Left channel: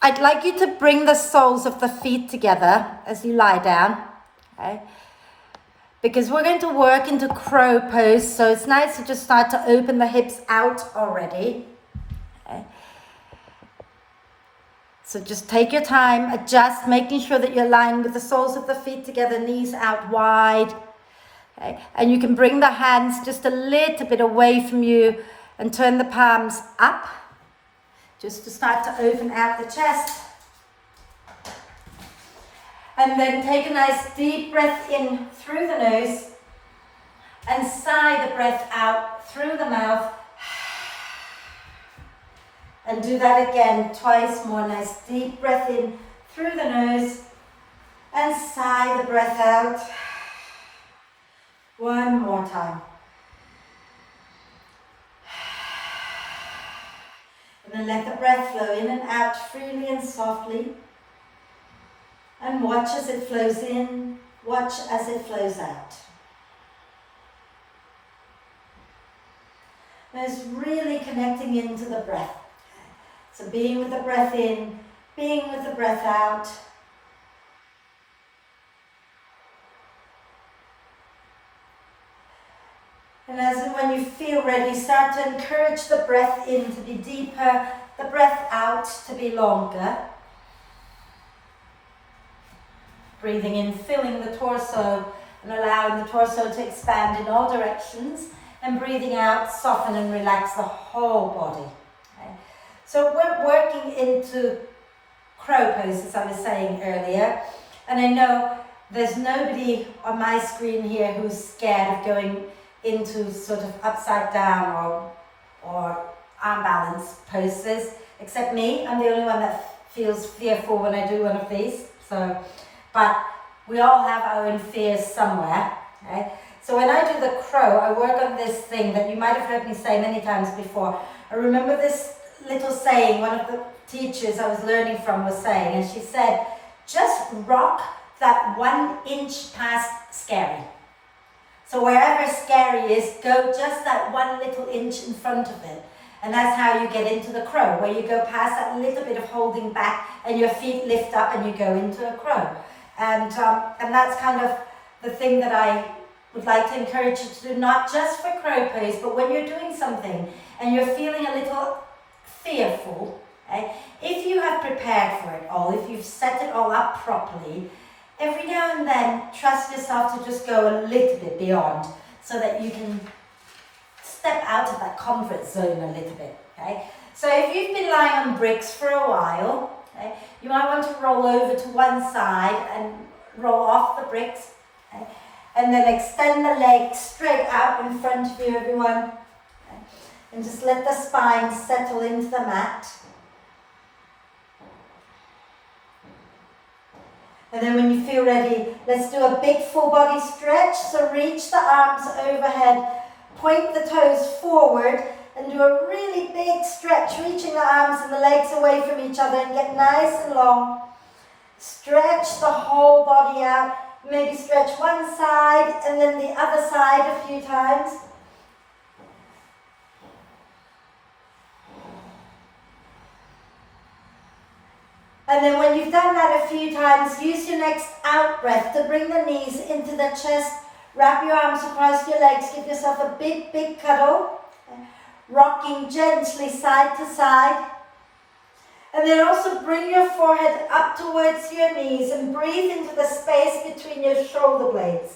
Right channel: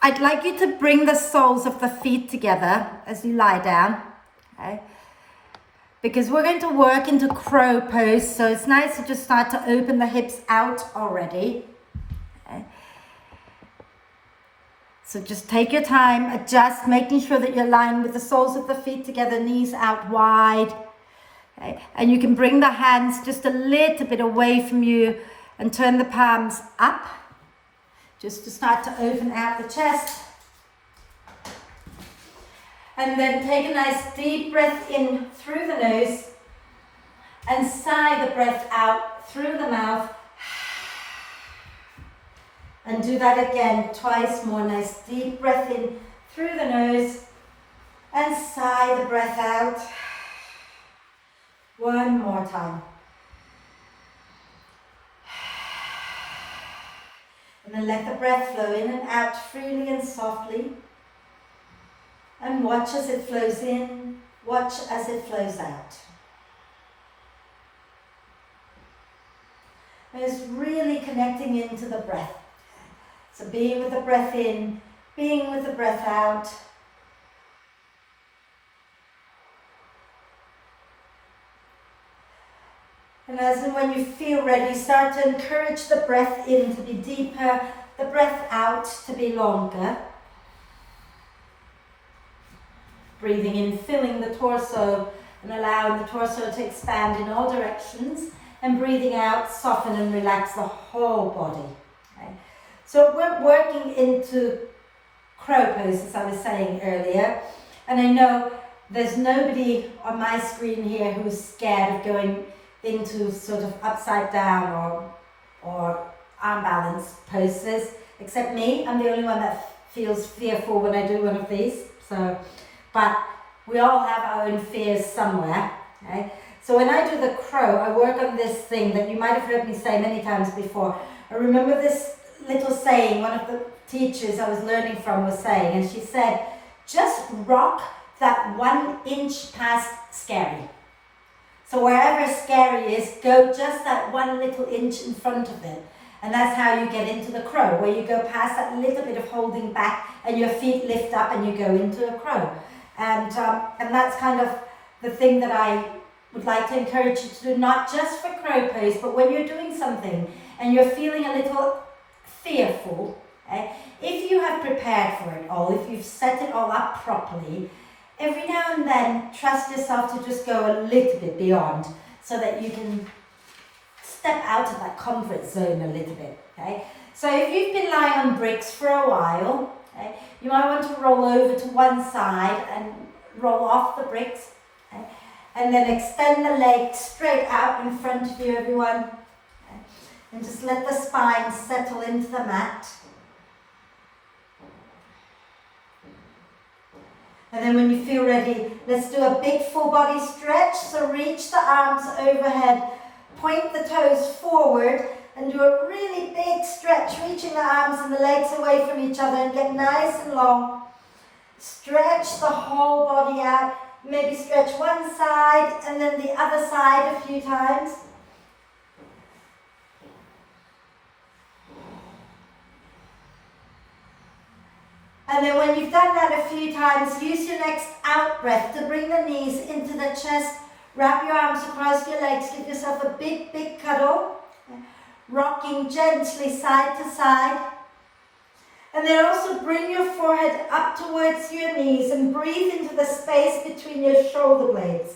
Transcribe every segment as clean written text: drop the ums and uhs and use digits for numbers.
I'd like you to bring the soles of the feet together as you lie down, okay? Because we're going to work into crow pose, so it's nice to just start to open the hips out already. Okay? So just take your time, adjust, making sure that you're lying with the soles of the feet together, knees out wide. Okay? And you can bring the hands just a little bit away from you and turn the palms up, just to start to open out the chest. And then take a nice deep breath in through the nose and sigh the breath out through the mouth. And do that again twice more. Nice deep breath in through the nose and sigh the breath out. One more time. And then let the breath flow in and out freely and softly. And watch as it flows in, watch as it flows out. And it's really connecting into the breath. So being with the breath in, being with the breath out. And as and when you feel ready, start to encourage the breath in to be deeper, the breath out to be longer. Breathing in, filling the torso and allowing the torso to expand in all directions. And breathing out, soften and relax the whole body. Okay? So we're working into crow pose, as I was saying earlier. And I know there's nobody on my screen here who's scared of going into sort of upside down or arm balance poses, except me. I'm the only one that feels fearful when I do one of these. But we all have our own fears somewhere. Okay? So when I do the crow, I work on this thing that you might have heard me say many times before. I remember this little saying one of the teachers I was learning from was saying, and she said, just rock that 1 inch past scary. So wherever scary is, go just that 1 little inch in front of it. And that's how you get into the crow, where you go past that little bit of holding back and your feet lift up and you go into a crow. And that's kind of the thing that I would like to encourage you to do, not just for crow pose, but when you're doing something and you're feeling a little fearful, okay? If you have prepared for it all, if you've set it all up properly, every now and then trust yourself to just go a little bit beyond so that you can step out of that comfort zone a little bit. Okay? So if you've been lying on bricks for a while, okay, you might want to roll over to one side and roll off the bricks. Okay? And then extend the legs straight out in front of you, everyone. Okay? And just let the spine settle into the mat. And then when you feel ready, let's do a big full body stretch. So reach the arms overhead, point the toes forward, and do a really big stretch, reaching the arms and the legs away from each other and get nice and long. Stretch the whole body out. Maybe stretch one side and then the other side a few times. And then when you've done that a few times, use your next out breath to bring the knees into the chest. Wrap your arms across your legs. Give yourself a big, big cuddle. Rocking gently side to side. And then also bring your forehead up towards your knees and breathe into the space between your shoulder blades.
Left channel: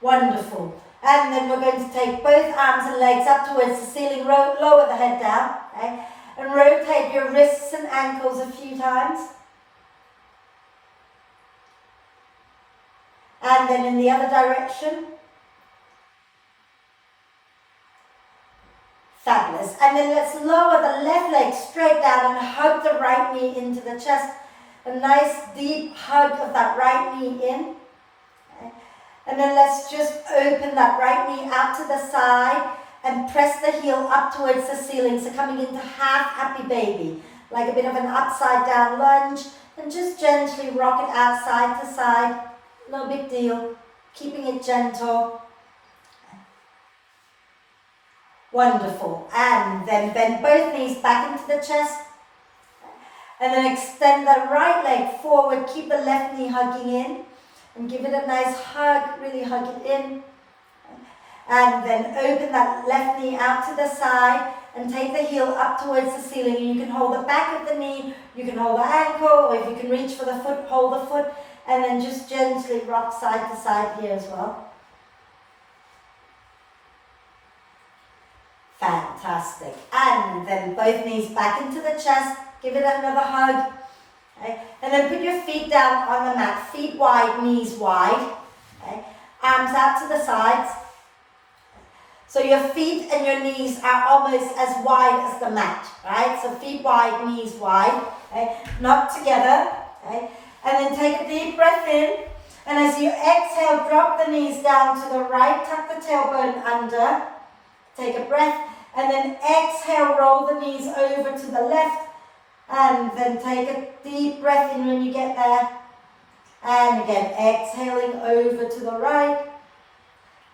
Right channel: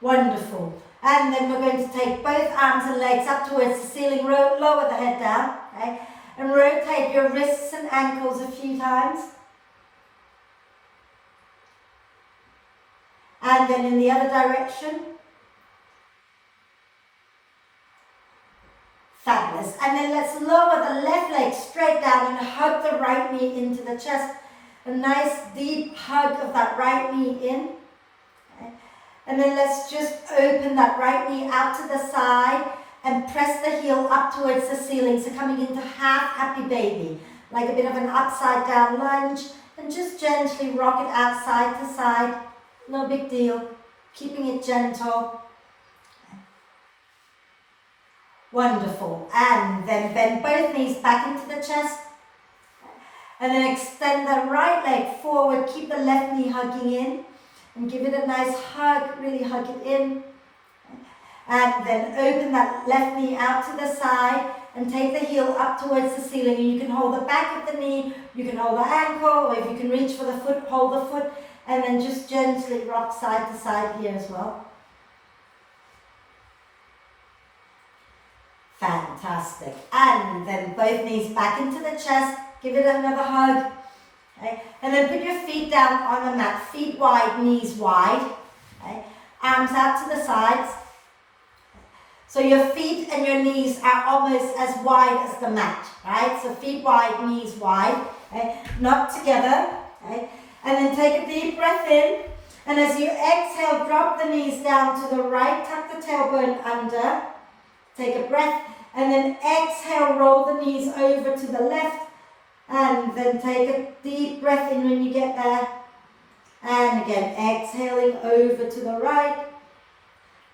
Wonderful. And then we're going to take both arms and legs up towards the ceiling, lower the head down, okay? And rotate your wrists and ankles a few times. And then in the other direction. Fabulous. And then let's lower the left leg straight down and hug the right knee into the chest. A nice deep hug of that right knee in. Okay. And then let's just open that right knee out to the side and press the heel up towards the ceiling. So coming into half happy baby, like a bit of an upside down lunge. And just gently rock it out side to side. No big deal. Keeping it gentle. Wonderful. And knees back into the chest. And then extend the right leg forward. Keep the left knee hugging in. And give it a nice hug. Really hug it in. And then open that left knee out to the side. And take the heel up towards the ceiling. And you can hold the back of the knee. You can hold the ankle. Or if you can reach for the foot, hold the foot. And then just gently rock side to side here as well. Fantastic. And then both knees back into the chest. Give it another hug. Okay. And then put your feet down on the mat. Feet wide, knees wide. Okay. Arms out to the sides. So your feet and your knees are almost as wide as the mat. Right? So feet wide, knees wide. Okay. Not together. Okay. And then take a deep breath in. And as you exhale, drop the knees down to the right. Tuck the tailbone under. Take a breath. And then exhale, roll the knees over to the left. And then take a deep breath in when you get there. And again, exhaling over to the right.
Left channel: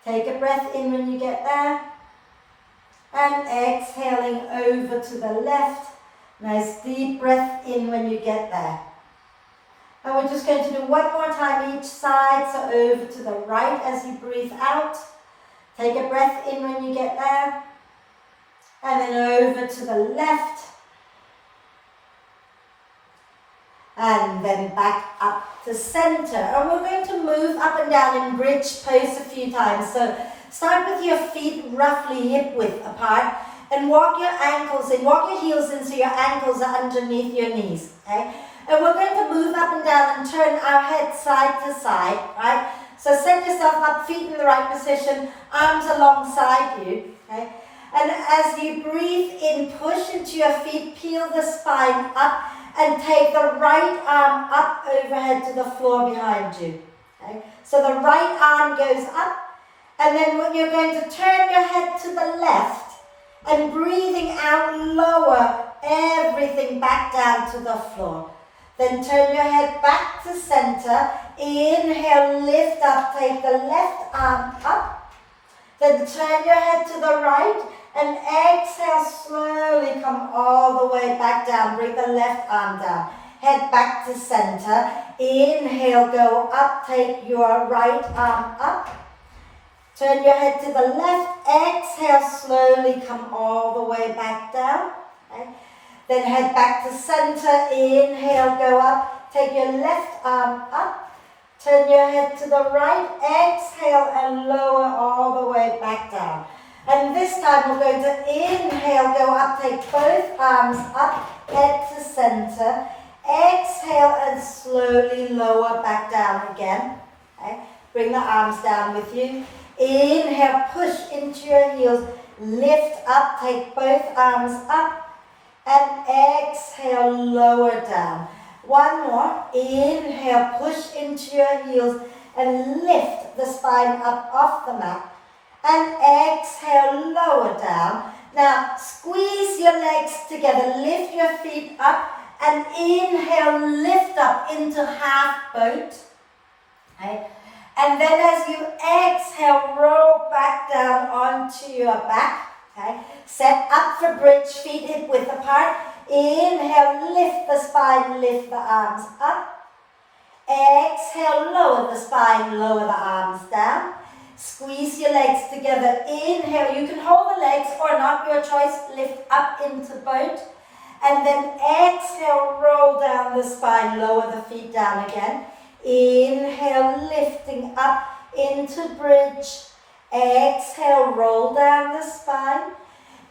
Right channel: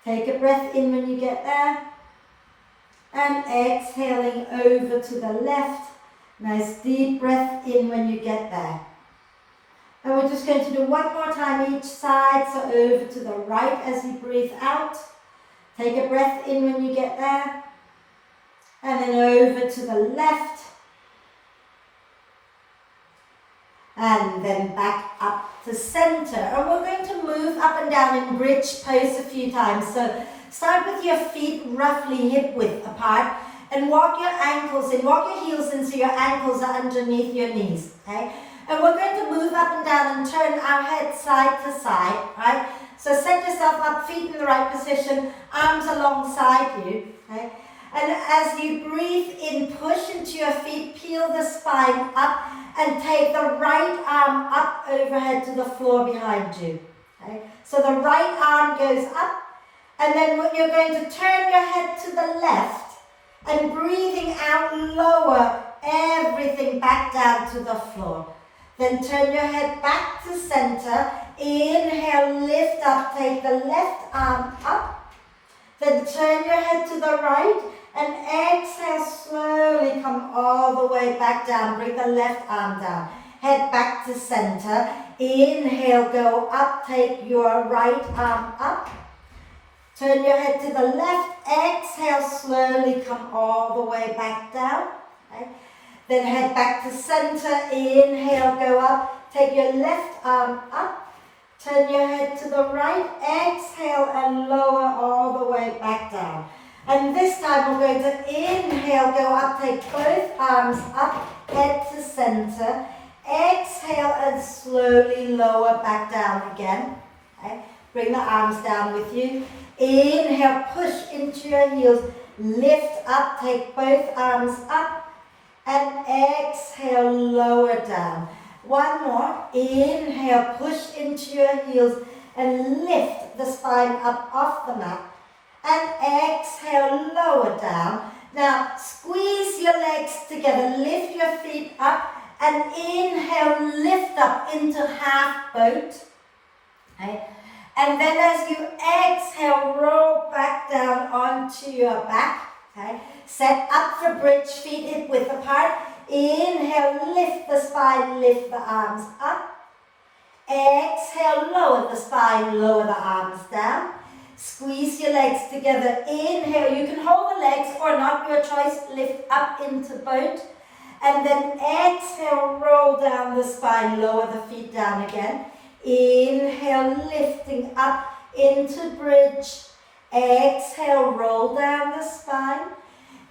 Take a breath in when you get there. And exhaling over to the left. Nice deep breath in when you get there. And we're just going to do one more time each side. So over to the right as you breathe out. Take a breath in when you get there. And then over to the left. And then back up to center. And we're going to move up and down in bridge pose a few times. So start with your feet roughly hip width apart. And walk your ankles in. Walk your heels in so your ankles are underneath your knees. Okay? And we're going to move up and down and turn our head side to side. Right? So set yourself up, feet in the right position, arms alongside you. Okay? And as you breathe in, push into your feet, peel the spine up, and take the right arm up overhead to the floor behind you. Okay? So the right arm goes up, and then when you're going to turn your head to the left, and breathing out, lower everything back down to the floor. Then turn your head back to center. Inhale, lift up, take the left arm up. Then turn your head to the right. And exhale, slowly come all the way back down. Bring the left arm down. Head back to center. Inhale, go up. Take your right arm up. Turn your head to the left. Exhale, slowly come all the way back down. Okay. Then head back to center. Inhale, go up. Take your left arm up. Turn your head to the right. Exhale and lower all the way back down. And this time we're going to inhale, go up, take both arms up, head to center. Exhale and slowly lower back down again. Okay. Bring the arms down with you. Inhale, push into your heels. Lift up, take both arms up. And exhale, lower down. One more. Inhale, push into your heels and lift the spine up off the mat. And exhale, lower down. Now, squeeze your legs together. Lift your feet up. And inhale, lift up into half boat. Okay. And then as you exhale, roll back down onto your back. Okay. Set up for bridge, feet hip width apart. Inhale, lift the spine, lift the arms up. Exhale, lower the spine, lower the arms down. Squeeze your legs together. Inhale, you can hold the legs or not, your choice. Lift up into boat. And then exhale, roll down the spine, lower the feet down again. Inhale, lifting up into bridge. Exhale, roll down the spine.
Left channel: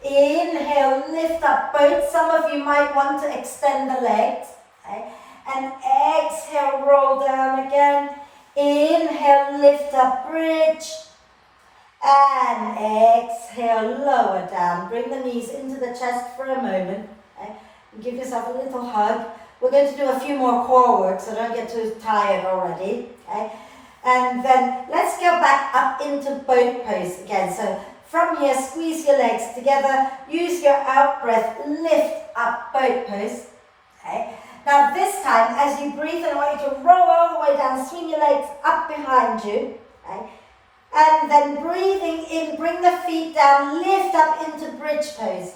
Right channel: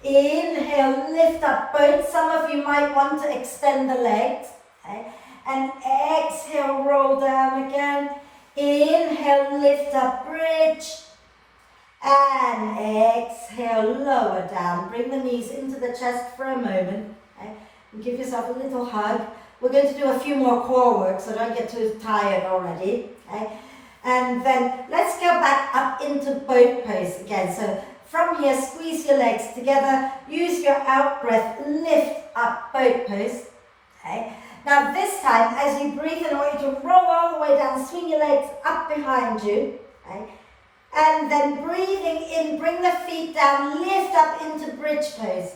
Inhale, lift up boat. Some of you might want to extend the legs. Okay? And exhale, roll down again. Inhale, lift up bridge. And exhale, lower down. Bring the knees into the chest for a moment. Okay? And give yourself a little hug. We're going to do a few more core work, so don't get too tired already. Okay? And then let's go back up into boat pose again. So from here, squeeze your legs together. Use your out breath. Lift up boat pose. Okay? Now this time, as you breathe in, I want you to roll all the way down, swing your legs up behind you. Okay? And then breathing in, bring the feet down, lift up into bridge pose.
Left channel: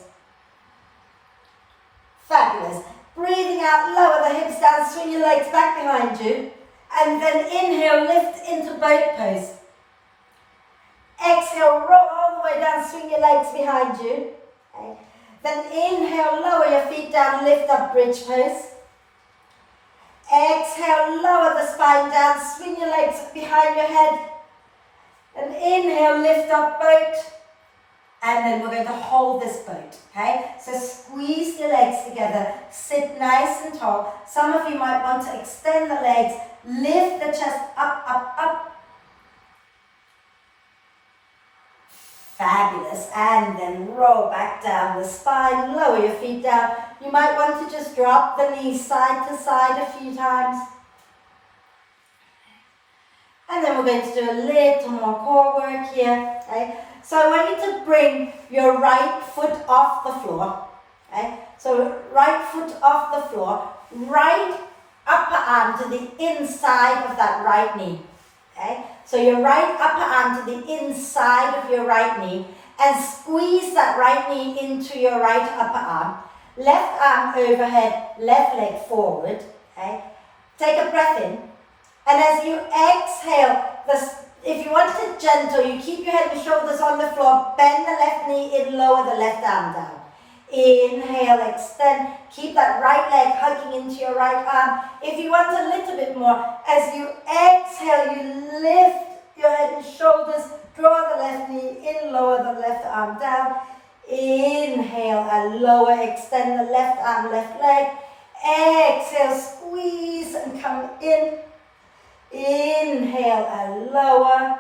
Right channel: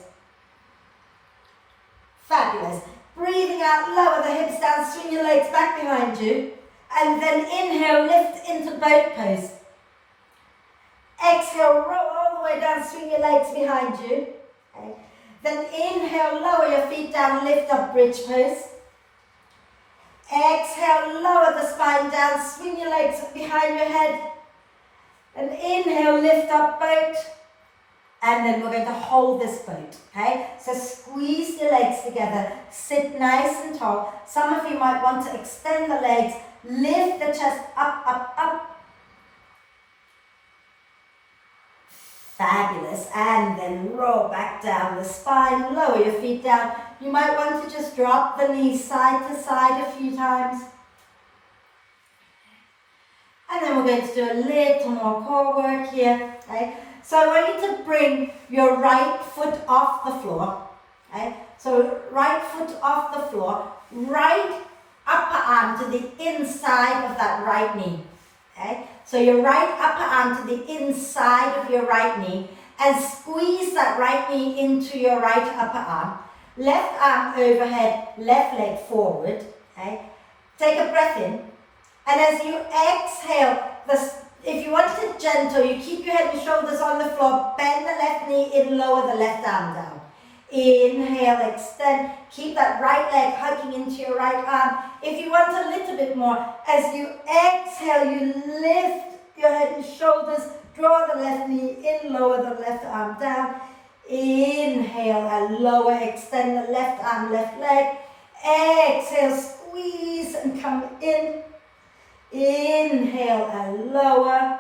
Fabulous. Breathing out, lower the hips down, swing your legs back behind you. And then inhale, lift into boat pose. Exhale, roll all the way down, swing your legs behind you. Okay. Then inhale, lower your feet down, lift up bridge pose. Exhale, lower the spine down, swing your legs behind your head. And inhale, lift up boat. And then we're going to hold this boat, okay? So squeeze your legs together, sit nice and tall. Some of you might want to extend the legs, lift the chest up, up, up. Fabulous. And then roll back down the spine, lower your feet down. You might want to just drop the knees side to side a few times. And then we're going to do a little more core work here, okay? So I want you to bring your right foot off the floor, okay? So right foot off the floor, right upper arm to the inside of that right knee, okay? So your right upper arm to the inside of your right knee and squeeze that right knee into your right upper arm. Left arm overhead, left leg forward, okay? Take a breath in. And as you exhale, if you want it gentle, you keep your head and shoulders on the floor, bend the left knee in, lower the left arm down. Inhale, extend, keep that right leg hugging into your right arm. If you want a little bit more, as you exhale, you lift your head and shoulders, draw the left knee in, lower the left arm down. Inhale and lower, extend the left arm, left leg. Exhale, squeeze and come in. Inhale and lower.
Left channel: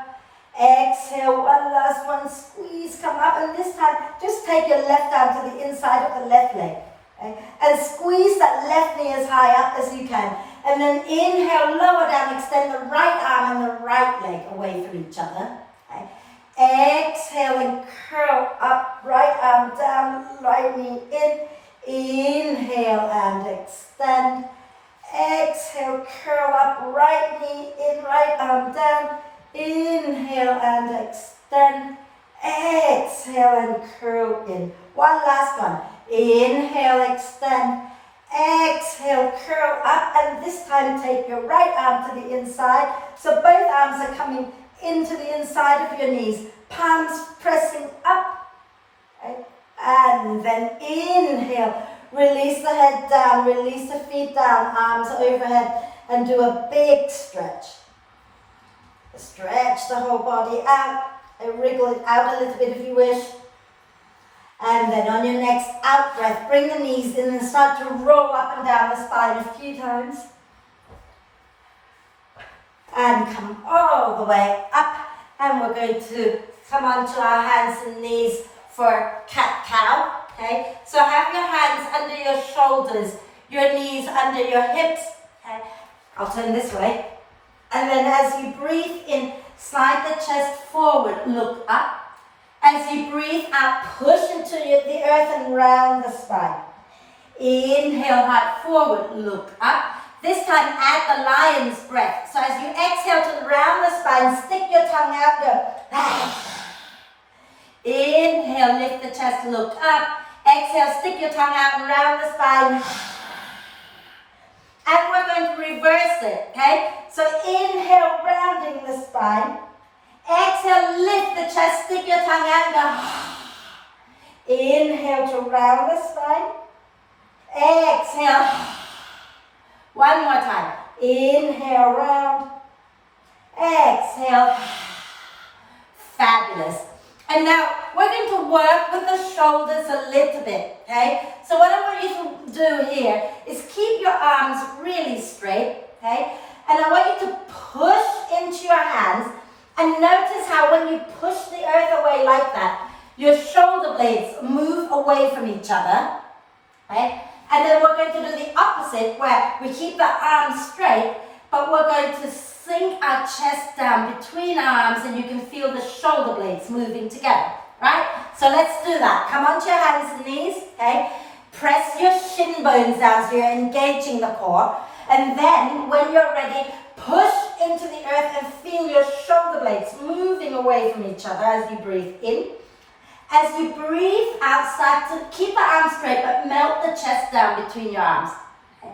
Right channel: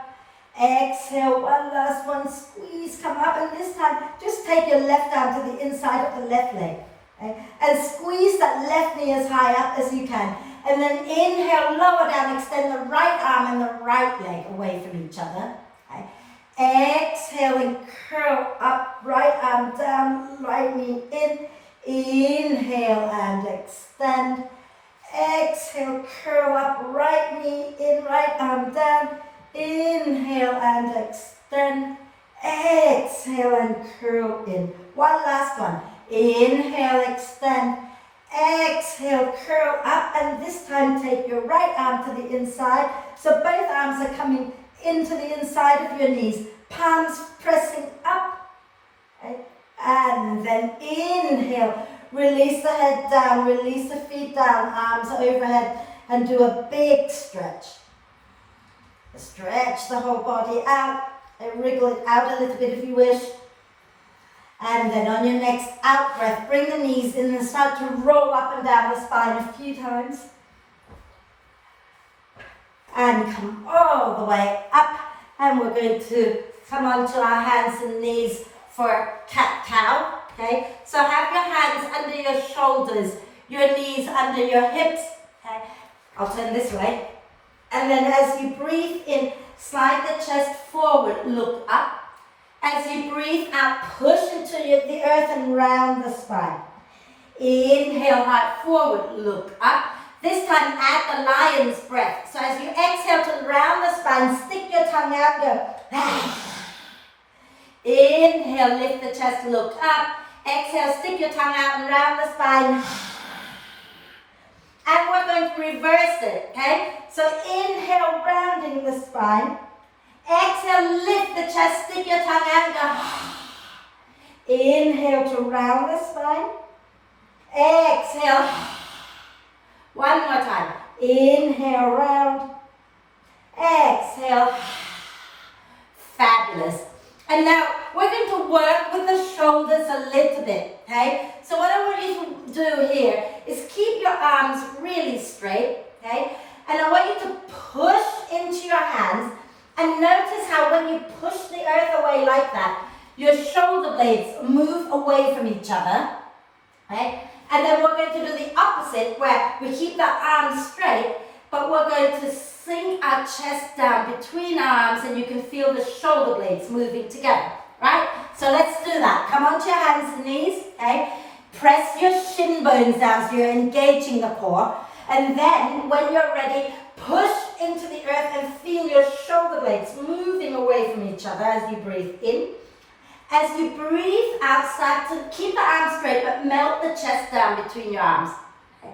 Exhale, one last one, squeeze, come up, and this time just take your left arm to the inside of the left leg, okay? And squeeze that left knee as high up as you can. And then inhale, lower down, extend the right arm and the right leg away from each other. Okay? Exhale and curl up, right arm down, right knee in. Inhale and extend. Exhale, curl up, right knee in, right arm down. Inhale and extend. Exhale and curl in. One last one. Inhale, extend. Exhale, curl up, and this time take your right arm to the inside. So both arms are coming into the inside of your knees. Palms pressing up. Okay. And then inhale. Release the head down, release the feet down, arms overhead, and do a big stretch. Stretch the whole body out, and wriggle it out a little bit if you wish. And then on your next out breath, bring the knees in and start to roll up and down the spine a few times. And come all the way up, and we're going to come onto our hands and knees for cat-cow. Okay, so have your hands under your shoulders, your knees under your hips. Okay, I'll turn this way. And then as you breathe in, slide the chest forward, look up. As you breathe out, push into the earth and round the spine. Inhale, heart forward, look up. This time add the lion's breath. So as you exhale to round the spine, stick your tongue out, go. Inhale, lift the chest, look up. Exhale, stick your tongue out and round the spine. And we're going to reverse it, okay? So inhale, rounding the spine. Exhale, lift the chest, stick your tongue out and go. Inhale to round the spine. Exhale. One more time. Inhale, round. Exhale. Fabulous. And now we're going to work with the shoulders a little bit, okay? So what I want you to do here is keep your arms really straight, okay? And I want you to push into your hands and notice how when you push the earth away like that, your shoulder blades move away from each other, okay? And then we're going to do the opposite where we keep the arms straight, but we're going to sink our chest down between our arms and you can feel the shoulder blades moving together, right? So let's do that. Come onto your hands and knees, okay? Press your shin bones down so you're engaging the core. And then when you're ready, push into the earth and feel your shoulder blades moving away from each other as you breathe in. As you breathe out, start to keep the arms arms straight, but melt the chest down between your arms. Okay.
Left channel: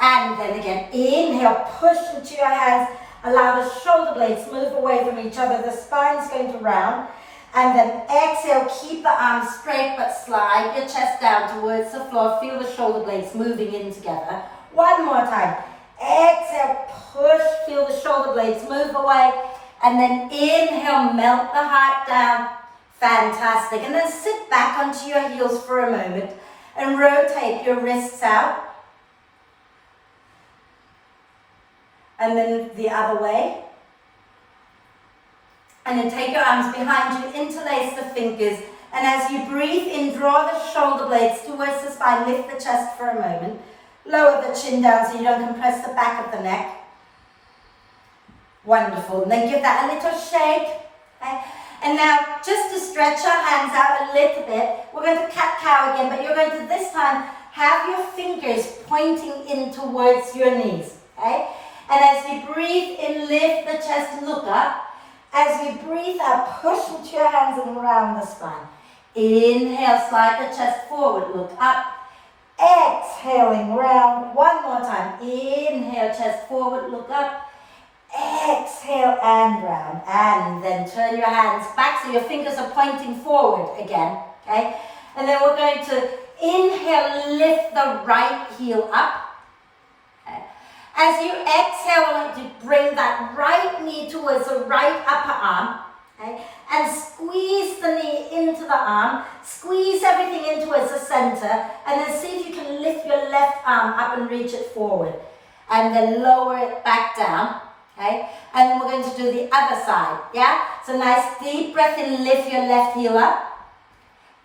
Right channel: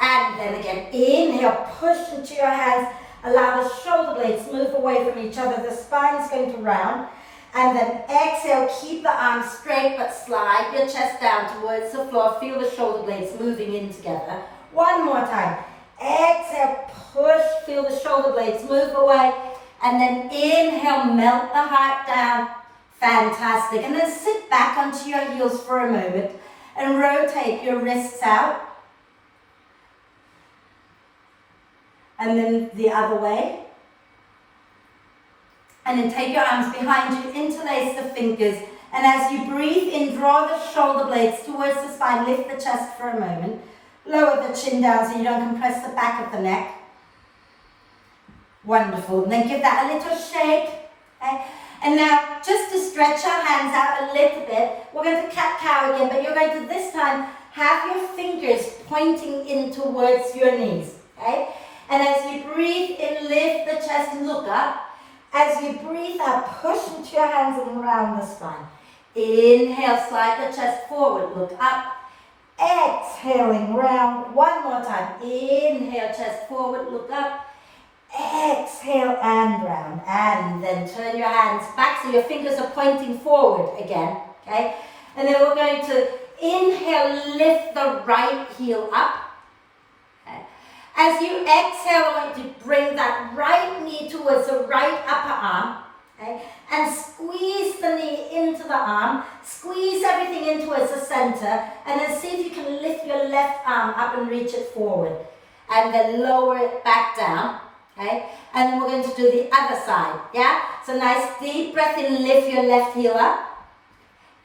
And then again, inhale, push into your hands, allow the shoulder blades move away from each other, the spine's going to round. And then exhale, keep the arms straight, but slide your chest down towards the floor. Feel the shoulder blades moving in together. One more time. Exhale, push, feel the shoulder blades move away. And then inhale, melt the heart down. Fantastic. And then sit back onto your heels for a moment and rotate your wrists out. And then the other way. And then take your arms behind you, interlace the fingers. And as you breathe in, draw the shoulder blades towards the spine, lift the chest for a moment. Lower the chin down so you don't compress the back of the neck. Wonderful. And then give that a little shake. Okay? And now, just to stretch our hands out a little bit, we're going to cat-cow again, but you're going to this time have your fingers pointing in towards your knees. Okay? And as you breathe in, lift the chest, look up. As you breathe out, push into your hands and round the spine. Inhale, slide the chest forward, look up. Exhaling, round. One more time. Inhale, chest forward, look up. Exhale and round. And then turn your hands back so your fingers are pointing forward again. Okay? And then we're going to inhale, lift the right heel up. As you exhale, I want you to bring that right knee towards the right upper arm, okay? And squeeze the knee into the arm, squeeze everything in towards the center, and then see if you can lift your left arm up and reach it forward. And then lower it back down, okay? And then we're going to do the other side, yeah? So nice deep breath in, lift your left heel up.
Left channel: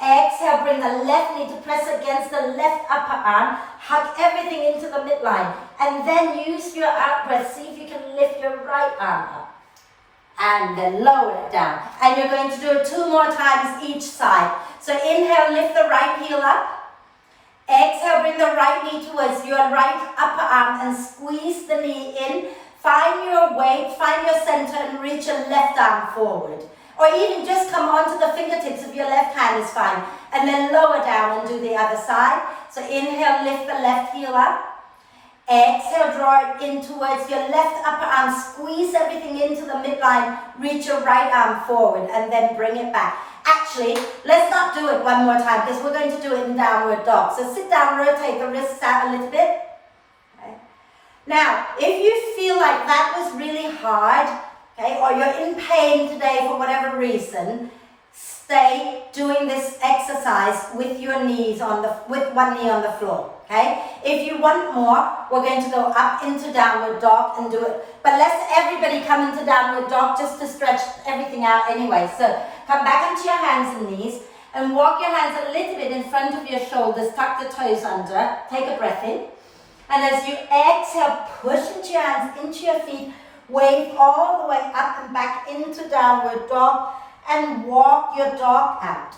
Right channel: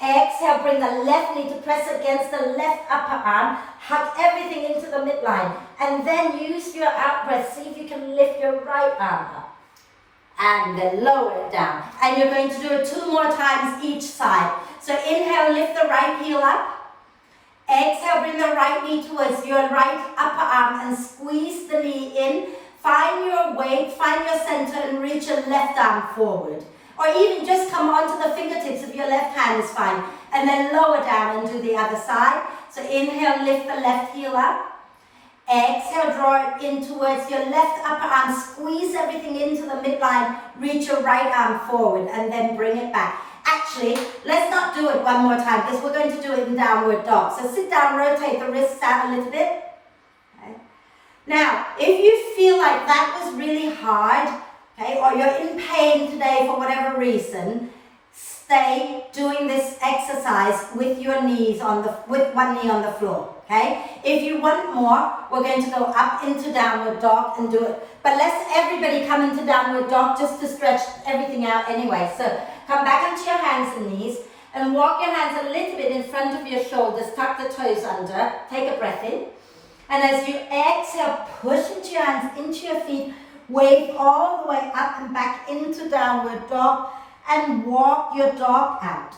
Exhale, bring the left knee to press against the left upper arm. Hug everything into the midline. And then use your out breath. See if you can lift your right arm up. And then lower it down. And you're going to do it 2 more times each side. So inhale, lift the right heel up. Exhale, bring the right knee towards your right upper arm and squeeze the knee in. Find your weight, find your center, and reach your left arm forward. Or even just come onto the fingertips of your left hand is fine. And then lower down and do the other side. So inhale, lift the left heel up. Exhale, draw it in towards your left upper arm. Squeeze everything into the midline. Reach your right arm forward and then bring it back. Actually, let's not do it one more time because we're going to do it in downward dog. So sit down, rotate the wrists out a little bit. Okay. Now, if you feel like that was really hard, okay, or you're in pain today for whatever reason, stay doing this exercise with your knees with one knee on the floor. Okay? If you want more, we're going to go up into downward dog and do it. But let's everybody come into downward dog just to stretch everything out anyway. So come back onto your hands and knees and walk your hands a little bit in front of your shoulders. Tuck the toes under. Take a breath in. And as you exhale, push into your hands, into your feet. Wave all the way up and back into downward dog and walk your dog out.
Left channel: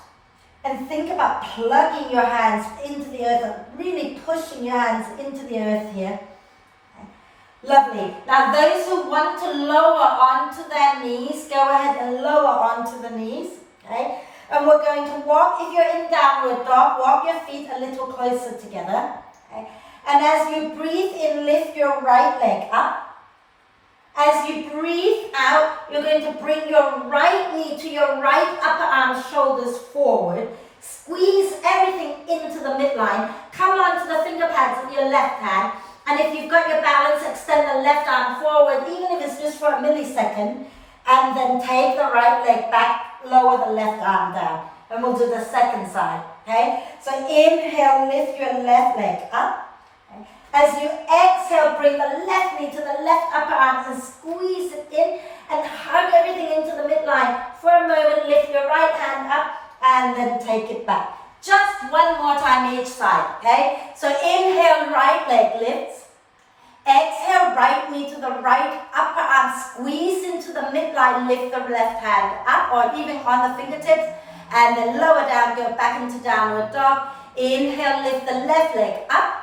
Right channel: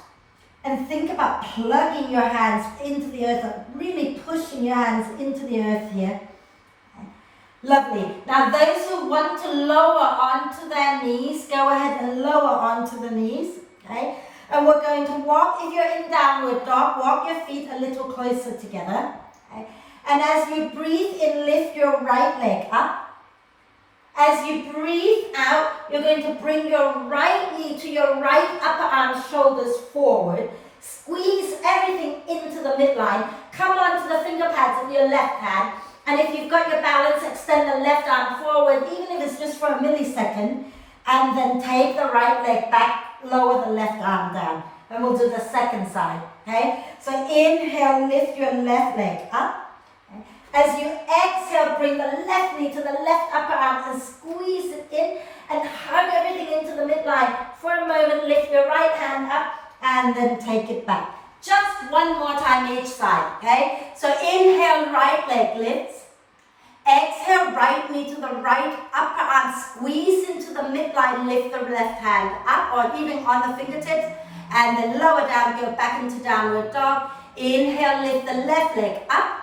And think about plugging your hands into the earth and really pushing your hands into the earth here. Okay. Lovely. Now those who want to lower onto their knees, go ahead and lower onto the knees. Okay. And we're going to walk, if you're in downward dog, walk your feet a little closer together. Okay. And as you breathe in, lift your right leg up. As you breathe out, you're going to bring your right knee to your right upper arm, shoulders forward. Squeeze everything into the midline. Come onto the finger pads of your left hand. And if you've got your balance, extend the left arm forward, even if it's just for a millisecond. And then take the right leg back, lower the left arm down. And we'll do the second side, okay? So inhale, lift your left leg up. As you exhale, bring the left knee to the left upper arm and squeeze it in and hug everything into the midline. For a moment, lift your right hand up and then take it back. Just one more time each side, okay? So inhale, right leg lifts. Exhale, right knee to the right upper arm. Squeeze into the midline, lift the left hand up or even on the fingertips. And then lower down, go back into downward dog. Inhale, lift the left leg up.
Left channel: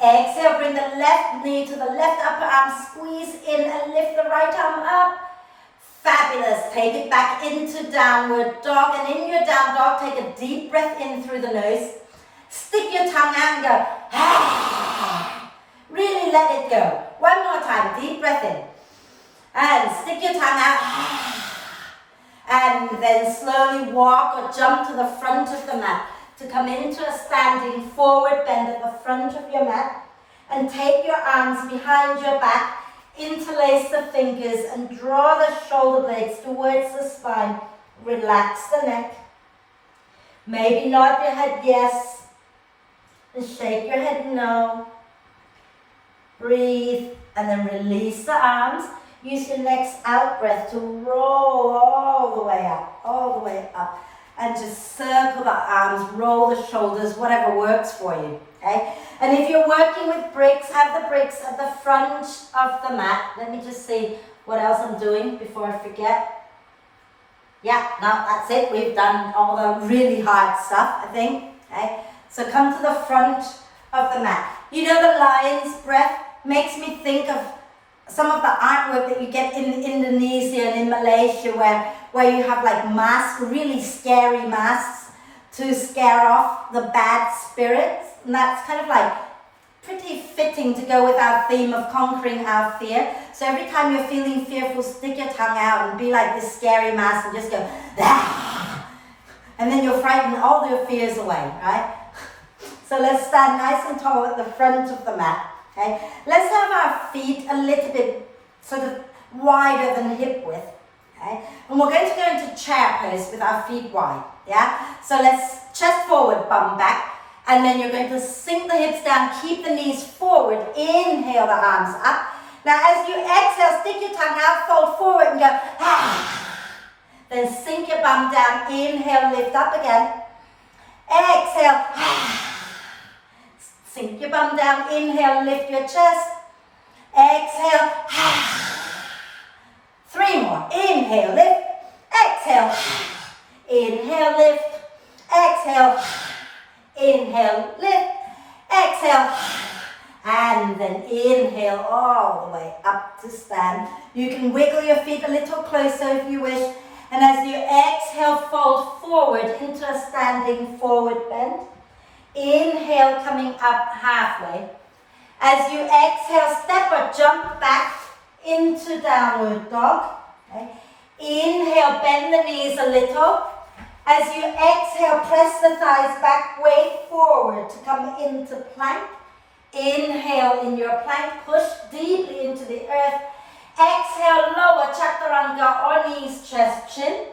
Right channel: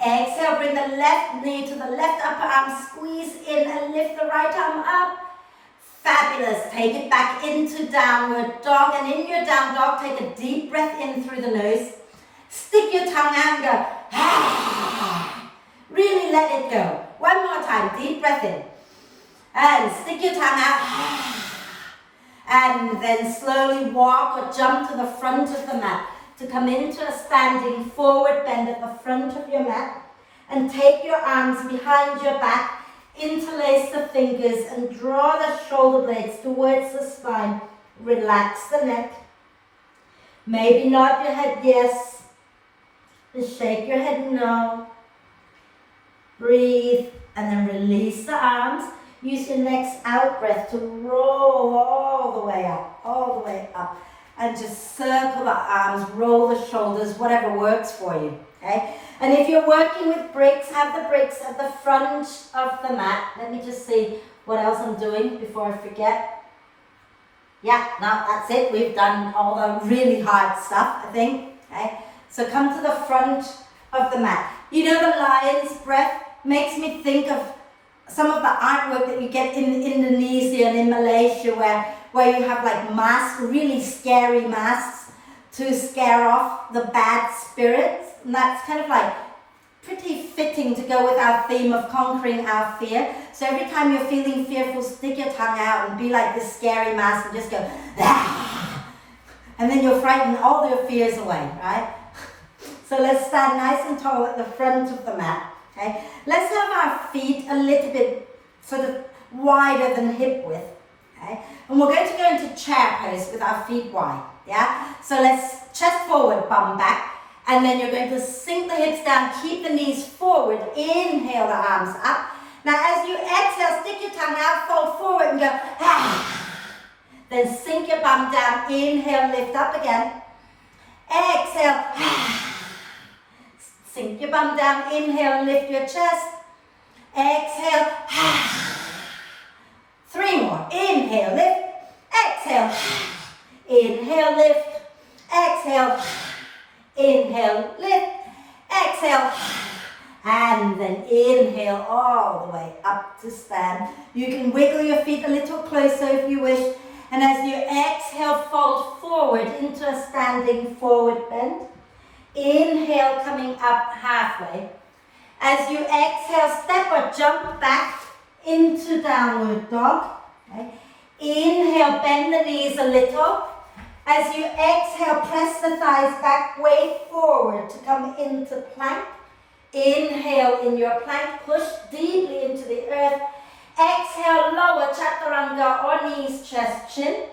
Exhale, bring the left knee to the left upper arm, squeeze in and lift the right arm up. Fabulous. Take it back into downward dog. And in your down dog, take a deep breath in through the nose. Stick tongue out and go, ah. Really let it go. One more time, deep breath in. And stick your tongue out. And then slowly walk or jump to the front of the mat to come into a standing forward bend at the front of your mat. And take your arms behind your back, interlace the fingers and draw the shoulder blades towards the spine. Relax the neck. Maybe nod your head yes. And shake your head no. Breathe and then release the arms. Use your next out breath to roll all the way up. And just circle the arms, roll the shoulders, whatever works for you, okay? And if you're working with bricks, have the bricks at the front of the mat. Let me just see what else I'm doing before I forget. Yeah, no, that's it. We've done all the really hard stuff, I think, okay? So come to the front of the mat. You know, the lion's breath makes me think of some of the artwork that you get in Indonesia and in Malaysia where you have like masks, really scary masks to scare off the bad spirits. And that's kind of like pretty fitting to go with our theme of conquering our fear. So every time you're feeling fearful, stick your tongue out and be like this scary mask and just go, ah! And then you'll frighten all your fears away, right? So let's stand nice and tall at the front of the mat. Okay. Let's have our feet a little bit sort of wider than hip width. Okay. And we're going to go into chair pose with our feet wide. Yeah. So let's chest forward, bum back. And then you're going to sink the hips down, keep the knees forward. Inhale the arms up. Now as you exhale, stick your tongue out, fold forward and go, ah. Then sink your bum down. Inhale, lift up again. Exhale, ah. Sink your bum down, inhale, lift your chest. Exhale. 3 more. Inhale, lift. Exhale. Inhale, lift. Exhale. Inhale, lift. Exhale. And then inhale all the way up to stand. You can wiggle your feet a little closer if you wish. And as you exhale, fold forward into a standing forward bend. Inhale, coming up halfway. As you exhale, step or jump back into downward dog. Okay. Inhale, bend the knees a little. As you exhale, press the thighs back, way forward to come into plank. Inhale in your plank, push deeply into the earth. Exhale, lower chaturanga or knees, chest, chin.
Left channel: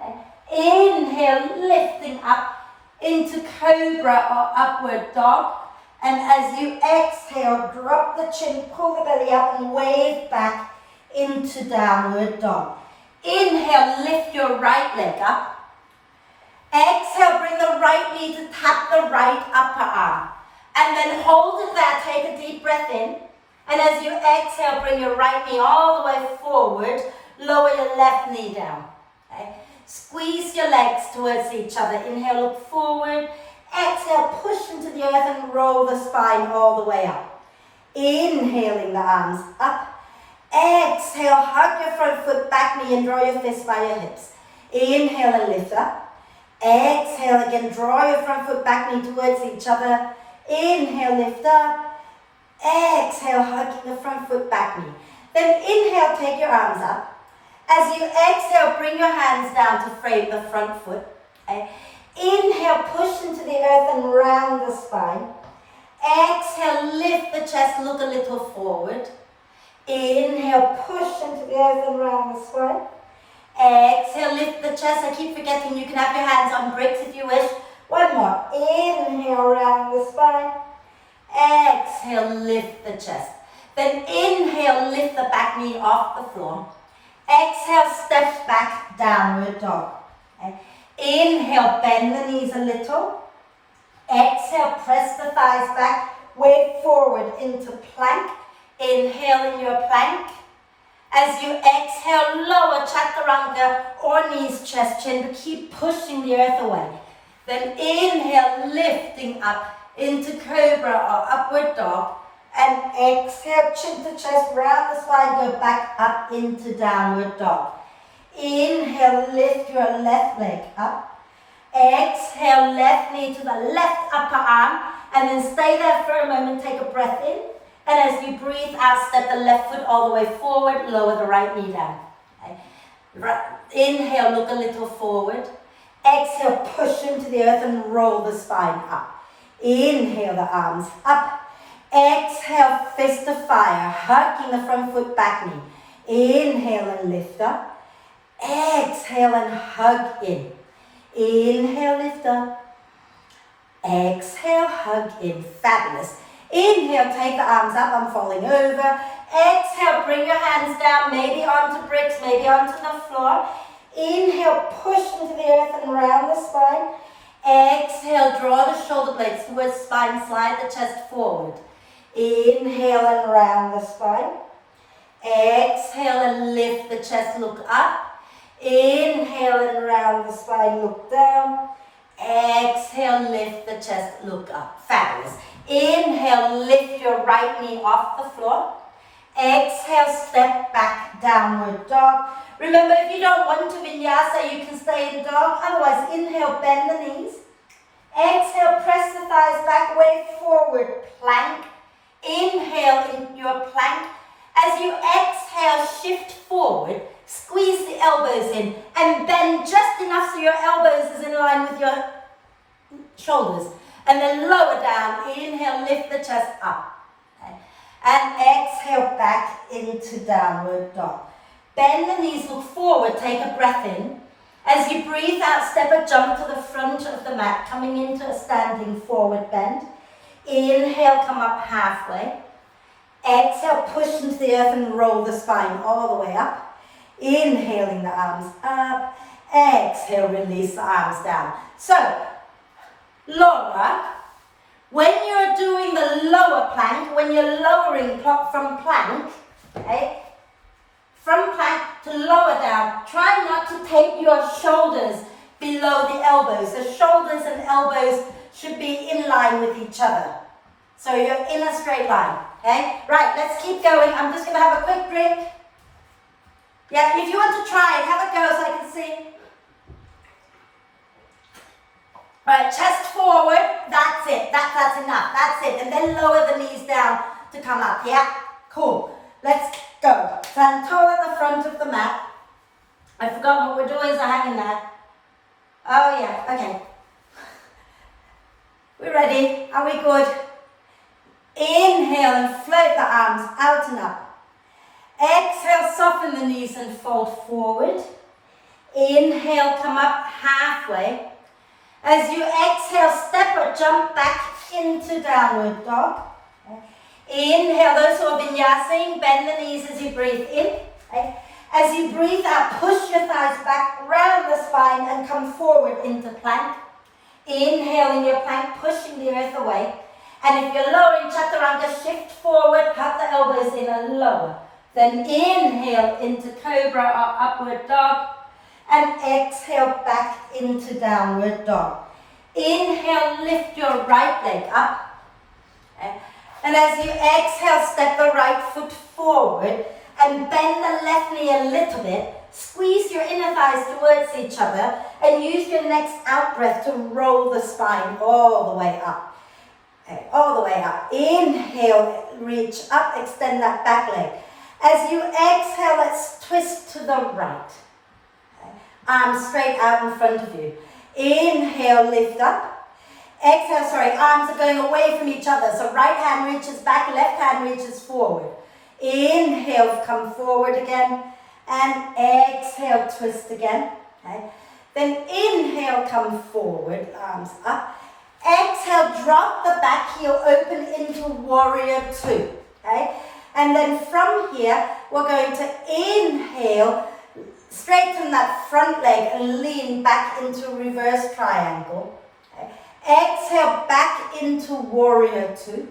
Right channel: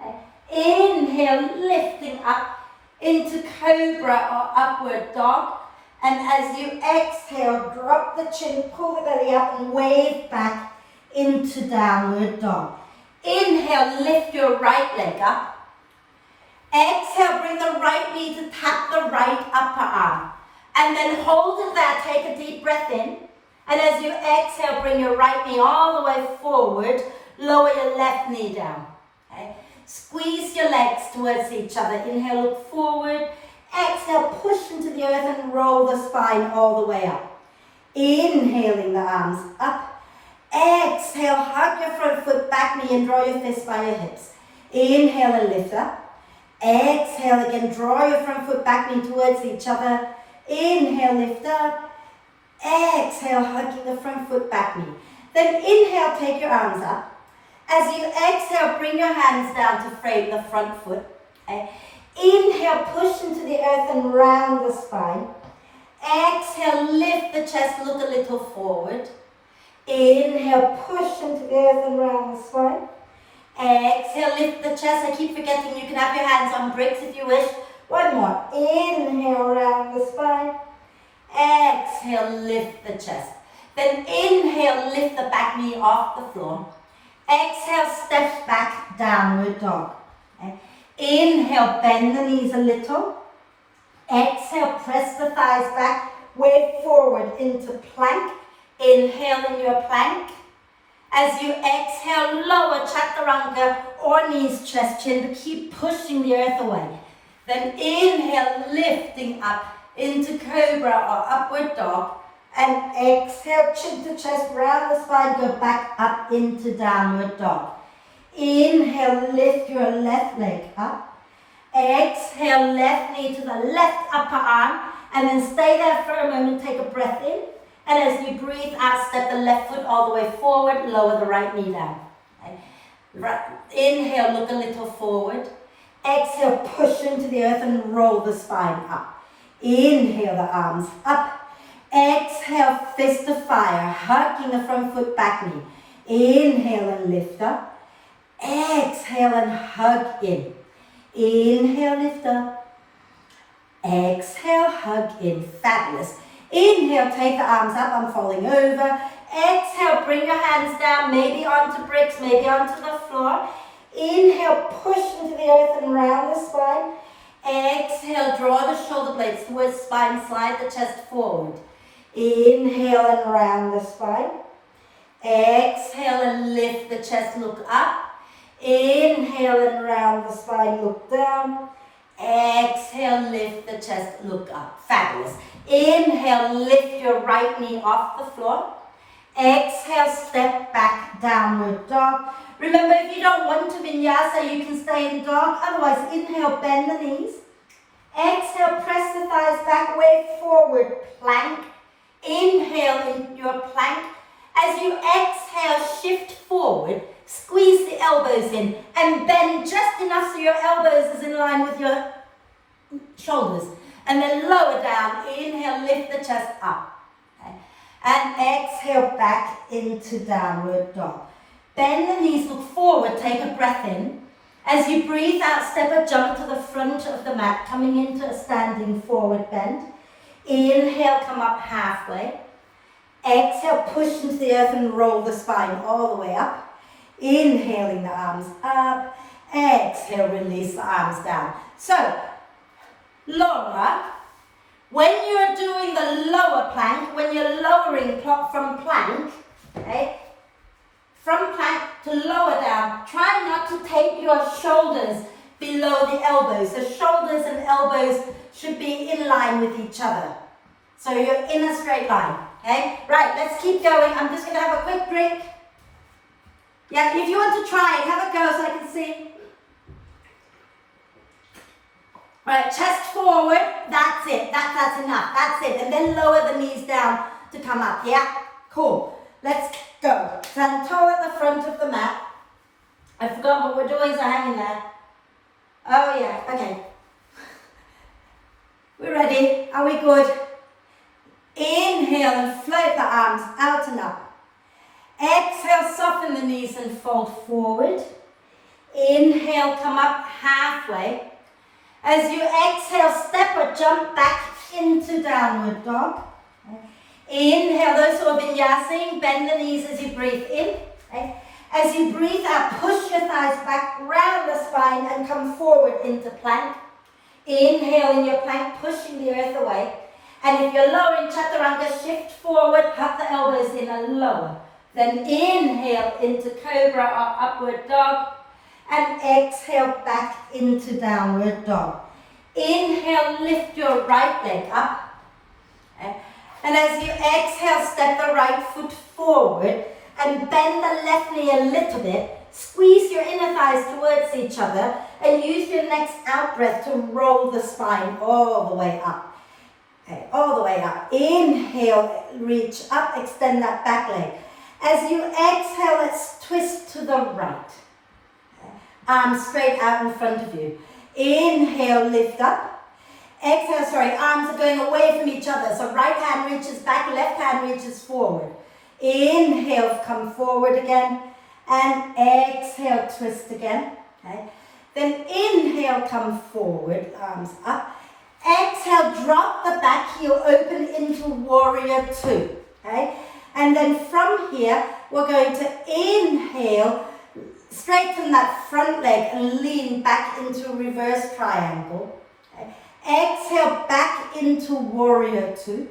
Okay. Inhale, lifting up into cobra or upward dog. And as you exhale, drop the chin, pull the belly up and wave back into downward dog. Inhale, lift your right leg up. Exhale, bring the right knee to tap the right upper arm. And then hold it there, take a deep breath in. And as you exhale, bring your right knee all the way forward, lower your left knee down. Okay? Squeeze your legs towards each other. Inhale, look forward. Exhale, push into the earth and roll the spine all the way up. Inhaling the arms up. Exhale, hug your front foot, back knee and draw your fists by your hips. Inhale and lift up. Exhale again, draw your front foot, back knee towards each other. Inhale, lift up. Exhale, hug the front foot, back knee. Then inhale, take your arms up. As you exhale, bring your hands down to frame the front foot. Okay. Inhale, push into the earth and round the spine. Exhale, lift the chest, look a little forward. Inhale, push into the earth and round the spine. Exhale, lift the chest. I keep forgetting you can have your hands on bricks if you wish. One more. Inhale, round the spine. Exhale, lift the chest. Then inhale, lift the back knee off the floor. Exhale, step back, downward dog. Okay. Inhale, bend the knees a little. Exhale, press the thighs back, wave forward into plank. Inhale in your plank. As you exhale, lower chaturanga or knees, chest, chin, but keep pushing the earth away. Then inhale, lifting up into cobra or upward dog. And exhale, chin to chest, round the spine, go back up into downward dog. Inhale, lift your left leg up. Exhale, left knee to the left upper arm. And then stay there for a moment, take a breath in. And as you breathe out, step the left foot all the way forward, lower the right knee down. Okay. Right. Inhale, look a little forward. Exhale, push into the earth and roll the spine up. Inhale, the arms up. Exhale, fist of fire, hugging the front foot, back knee. Inhale and lift up. Exhale and hug in. Inhale, lift up. Exhale, hug in. Fabulous. Inhale, take the arms up, I'm falling over. Exhale, bring your hands down, maybe onto bricks, maybe onto the floor. Inhale, push into the earth and round the spine. Exhale, draw the shoulder blades towards spine, slide the chest forward. Inhale and round the spine. Exhale and lift the chest, look up. Inhale and round the spine, look down. Exhale, lift the chest, look up. Fabulous. Inhale, lift your right knee off the floor. Exhale, step back, downward dog. Remember, if you don't want to vinyasa, you can stay in dog. Otherwise, inhale, bend the knees. Exhale, press the thighs back, wave forward, plank. Inhale in your plank. As you exhale, shift forward, squeeze the elbows in, and bend just enough so your elbows is in line with your shoulders. And then lower down, inhale, lift the chest up. Okay. And exhale, back into downward dog. Bend the knees, look forward, take a breath in. As you breathe out, step or jump to the front of the mat, coming into a standing forward bend. Inhale, come up halfway. Exhale, push into the earth and roll the spine all the way up. Inhaling the arms up. Exhale, release the arms down. So, Laura, when you're doing the lower plank, when you're lowering from plank, okay, from plank to lower down, try not to take your shoulders below the elbows. The shoulders and elbows should be in line with each other. So you're in a straight line, okay? Right, let's keep going. I'm just going to have a quick drink. Yeah, if you want to try it, have a go so I can see. Right, chest forward, that's it, that's enough, that's it. And then lower the knees down to come up, yeah? Cool, let's go. Stand tall at the front of the mat. I forgot what we're doing, so hang in there. Oh yeah, okay. We're ready, are we good? Inhale and float the arms out and up. Exhale, soften the knees and fold forward. Inhale, come up halfway. As you exhale, step or jump back into downward dog. Inhale, those who have been vinyasing, bend the knees as you breathe in. As you breathe out, push your thighs back, round the spine and come forward into plank. Inhale in your plank, pushing the earth away. And if you're lowering chaturanga, shift forward, hug the elbows in and lower. Then inhale into cobra or upward dog. And exhale back into downward dog. Inhale, lift your right leg up. Okay. And as you exhale, step the right foot forward and bend the left knee a little bit. Squeeze your inner thighs towards each other and use your next out breath to roll the spine all the way up. Okay, all the way up. Inhale, reach up, extend that back leg. As you exhale, let's twist to the right. Arms straight out in front of you. Inhale, lift up. Exhale, arms are going away from each other. So right hand reaches back, left hand reaches forward. Inhale, come forward again. And exhale, twist again. Okay. Then inhale, come forward, arms up. Exhale, drop the back heel, open into warrior two. Okay. And then from here, we're going to inhale, straighten that front leg and lean back into reverse triangle. Okay. Exhale, back into warrior two.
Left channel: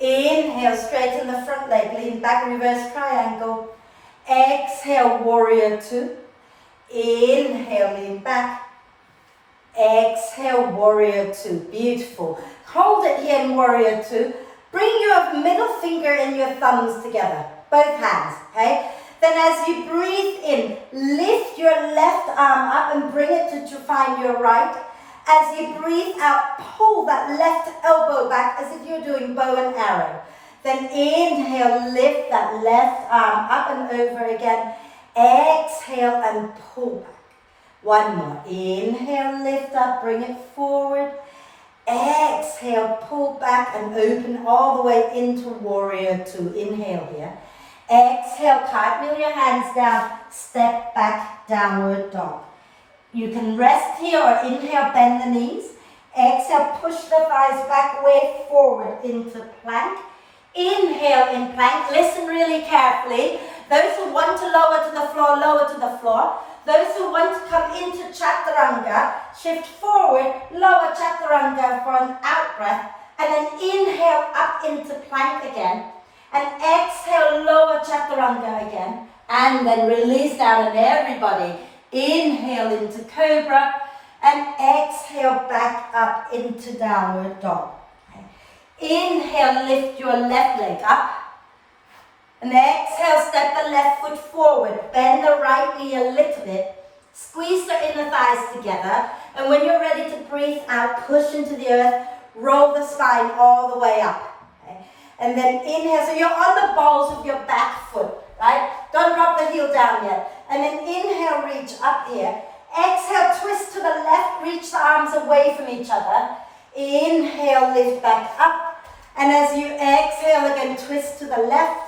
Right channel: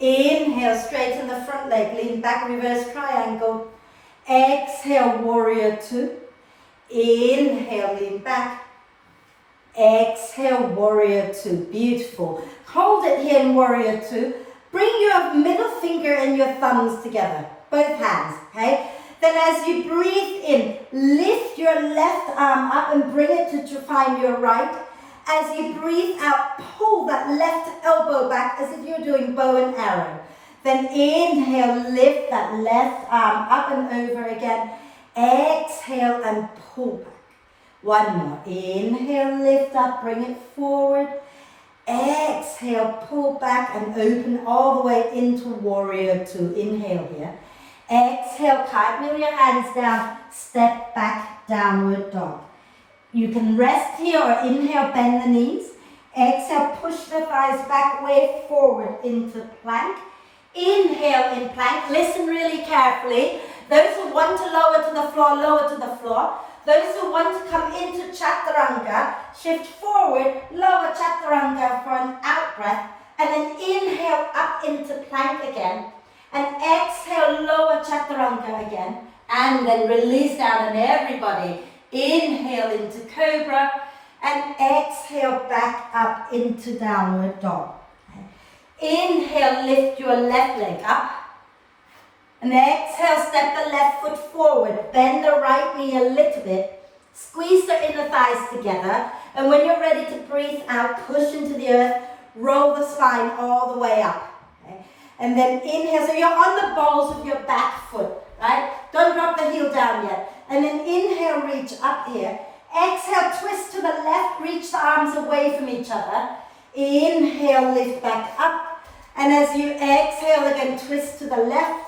Inhale, straighten the front leg, lean back, reverse triangle. Exhale, warrior two. Inhale, lean back. Exhale, warrior two. Beautiful. Hold it here in warrior two. Bring your middle finger and your thumbs together, both hands, okay? Then as you breathe in, lift your left arm up and bring it to find your right. As you breathe out, pull that left elbow back as if you're doing bow and arrow. Then inhale, lift that left arm up and over again. Exhale and pull back. One more. Inhale, lift up, bring it forward. Exhale, pull back and open all the way into warrior two. Inhale here. Exhale, cartwheel your hands down, step back, downward dog. You can rest here or inhale, bend the knees. Exhale, push the thighs back, way forward into plank. Inhale in plank. Listen really carefully. Those who want to lower to the floor, lower to the floor. Those who want to come into chaturanga, shift forward, lower chaturanga for an out breath, and then inhale up into plank again. And exhale, lower chaturanga again. And then release down, and everybody inhale into cobra and exhale back up into downward dog. Okay. Inhale, lift your left leg up. And exhale, step the left foot forward. Bend the right knee a little bit. Squeeze the inner thighs together. And when you're ready to breathe out, push into the earth. Roll the spine all the way up. Okay. And then inhale, so you're on the balls of your back foot, right? Don't drop the heel down yet. And then inhale, reach up here. Exhale, twist to the left, reach the arms away from each other. Inhale, lift back up. And as you exhale again, twist to the left.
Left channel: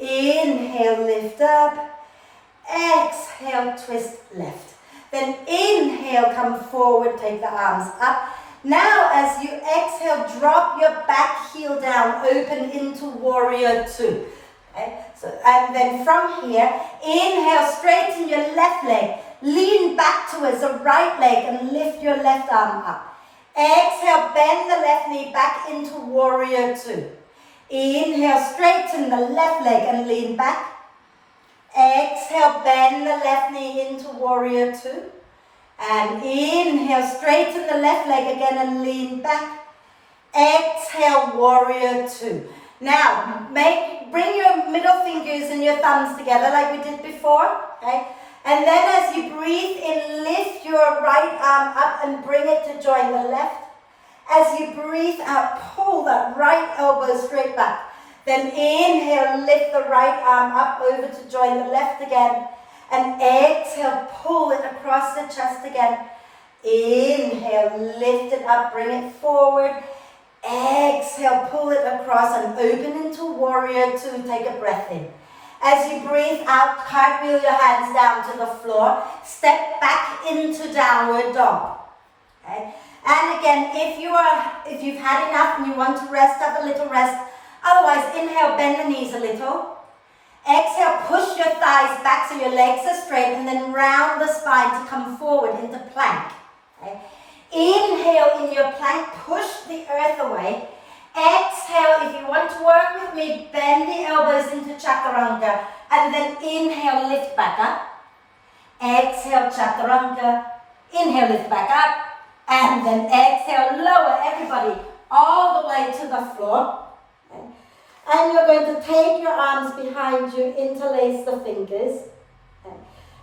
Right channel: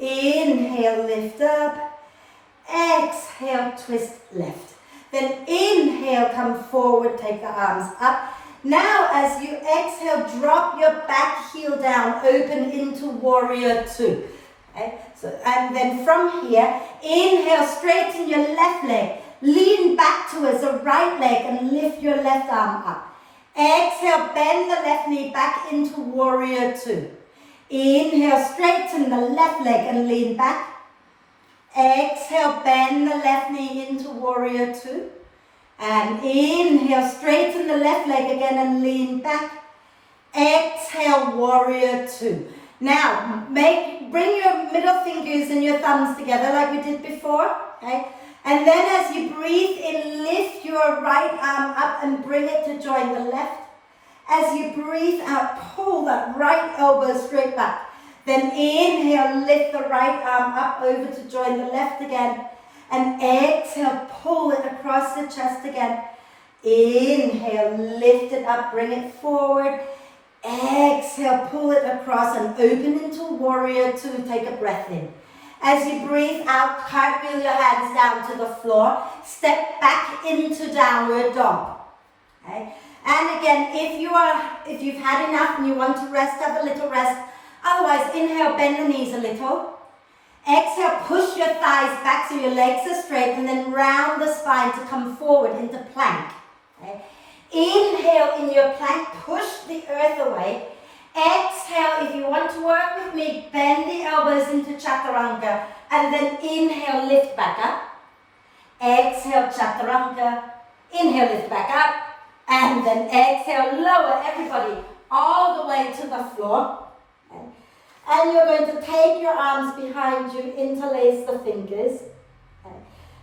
Inhale, lift up. Exhale, twist left. Then inhale, come forward, take the arms up. Now as you exhale, drop your back heel down, open into warrior two. Okay? So, and then from here, inhale, straighten your left leg. Lean back towards the right leg and lift your left arm up. Exhale, bend the left knee back into warrior two. Inhale, straighten the left leg and lean back. Exhale, bend the left knee into warrior two. And inhale, straighten the left leg again and lean back. Exhale, warrior two. Now, bring your middle fingers and your thumbs together like we did before. Okay? And then as you breathe in, lift your right arm up and bring it to join the left. As you breathe out, pull that right elbow straight back. Then inhale, lift the right arm up over to join the left again. And exhale, pull it across the chest again. Inhale, lift it up, bring it forward. Exhale, pull it across and open into warrior two. Take a breath in. As you breathe out, cartwheel your hands down to the floor. Step back into downward dog. Okay? And again, if you've had enough and you want to rest, have a little rest. Otherwise, inhale, bend the knees a little. Exhale, push your thighs back so your legs are straight, and then round the spine to come forward into plank. Okay? Inhale in your plank, push the earth away. Exhale, if you want to work with me, bend the elbows into chaturanga, and then inhale, lift back up. Exhale, chaturanga. Inhale, lift back up. And then exhale, lower everybody all the way to the floor. Okay. And you're going to take your arms behind you, interlace the fingers. Okay.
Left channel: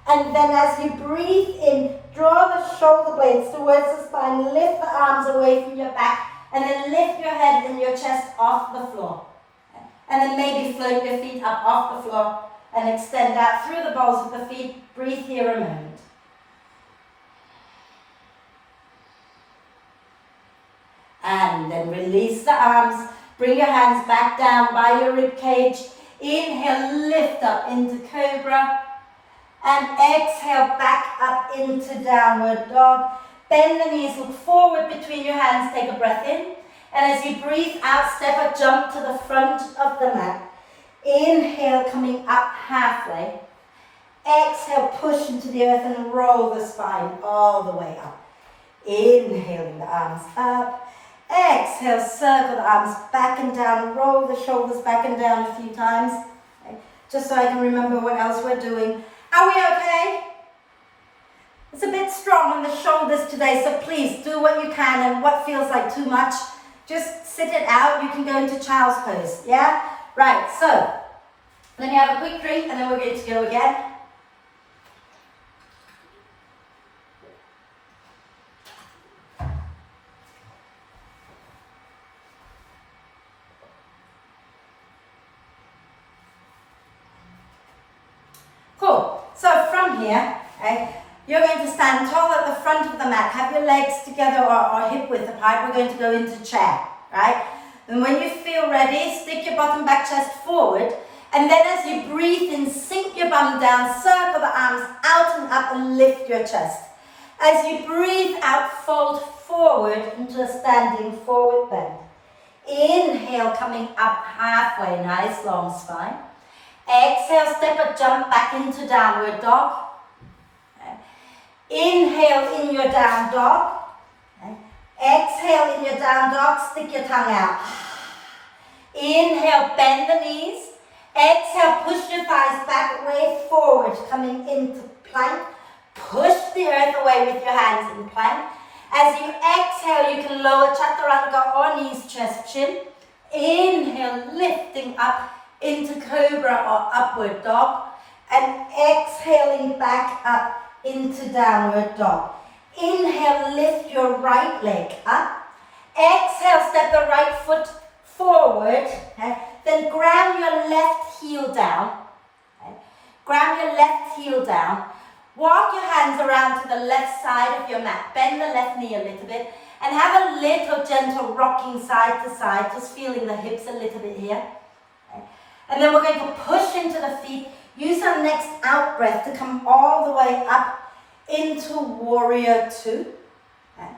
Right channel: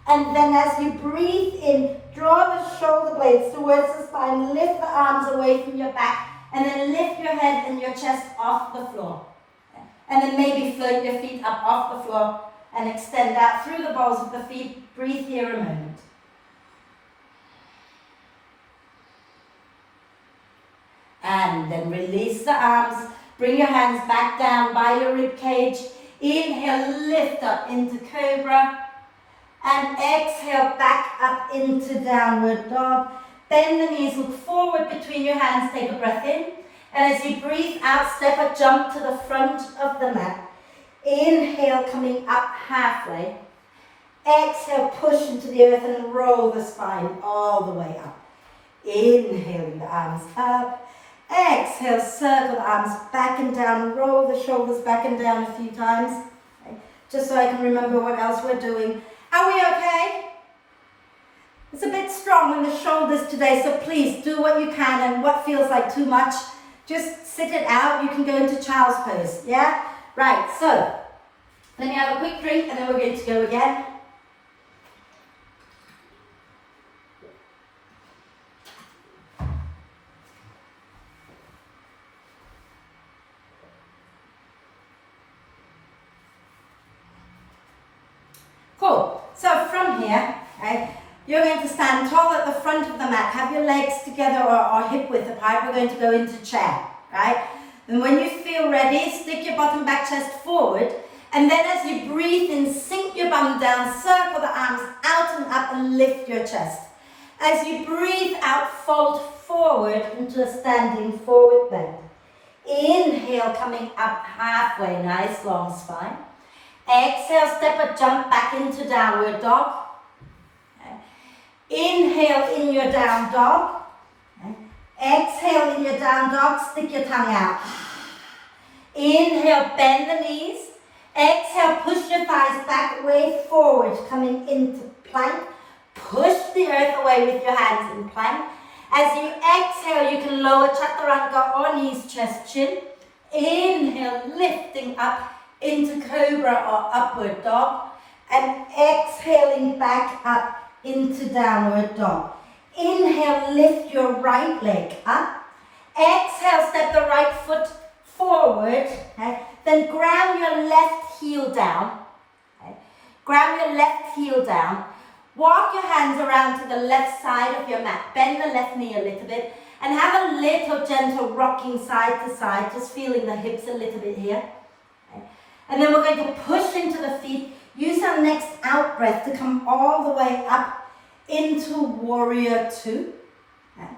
And then as you breathe in, draw the shoulder blades towards the spine, lift the arms away from your back, and then lift your head and your chest off the floor. Okay. And then maybe float your feet up off the floor and extend out through the balls of the feet. Breathe here a moment. And then release the arms. Bring your hands back down by your rib cage. Inhale, lift up into cobra. And exhale, back up into downward dog. Bend the knees, look forward between your hands, take a breath in. And as you breathe out, step a jump to the front of the mat. Inhale, coming up halfway. Exhale, push into the earth and roll the spine all the way up. Inhaling the arms up. Exhale, circle the arms back and down, roll the shoulders back and down a few times. Okay. Just so I can remember what else we're doing. Are we okay? It's a bit strong on the shoulders today, so please do what you can, and what feels like too much, just sit it out. You can go into child's pose, yeah? Right, so let me have a quick drink and then we're going to go again. from here, okay, you're going to stand tall at the front of the mat. Have your legs together or hip width apart. We're going to go into chair, right? And when you feel ready, stick your bottom back chest forward. And then as you breathe in, sink your bum down, circle the arms out and up and lift your chest. As you breathe out, fold forward into a standing forward bend. Inhale, coming up halfway, nice long spine. Exhale, step or jump back into downward dog. Okay. Inhale in your down dog. Okay. Exhale in your down dog, stick your tongue out. Inhale, bend the knees. Exhale, push your thighs back, way forward, coming into plank. Push the earth away with your hands in plank. As you exhale, you can lower chaturanga or knees, chest, chin. Inhale, lifting up into cobra or upward dog. And exhaling back up into downward dog. Inhale, lift your right leg up. Exhale, step the right foot forward. Okay. Then ground your left heel down. Okay. Grab your left heel down. Walk your hands around to the left side of your mat. Bend the left knee a little bit. And have a little gentle rocking side to side. Just feeling the hips a little bit here. Okay. And then we're going to push into the feet. Use our next out breath to come all the way up into warrior two. Okay.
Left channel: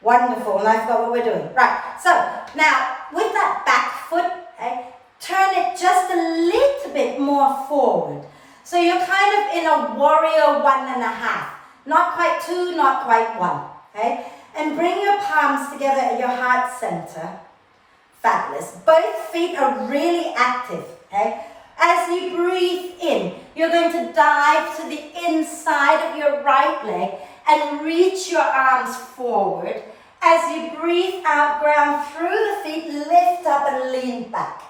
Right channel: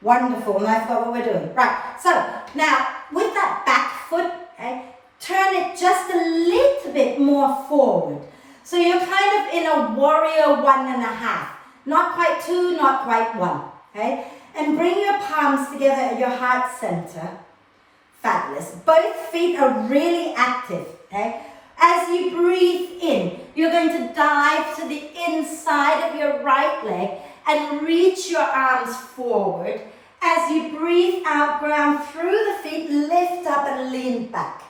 Wonderful. And that's what we're doing. Right. So now with that back foot, okay, turn it just a little bit more forward. So you're kind of in a warrior 1.5. Not quite 2, not quite 1. Okay? And bring your palms together at your heart center. Fabulous. Both feet are really active. Okay? As you breathe in, you're going to dive to the inside of your right leg and reach your arms forward. As you breathe out, ground through the feet, lift up and lean back.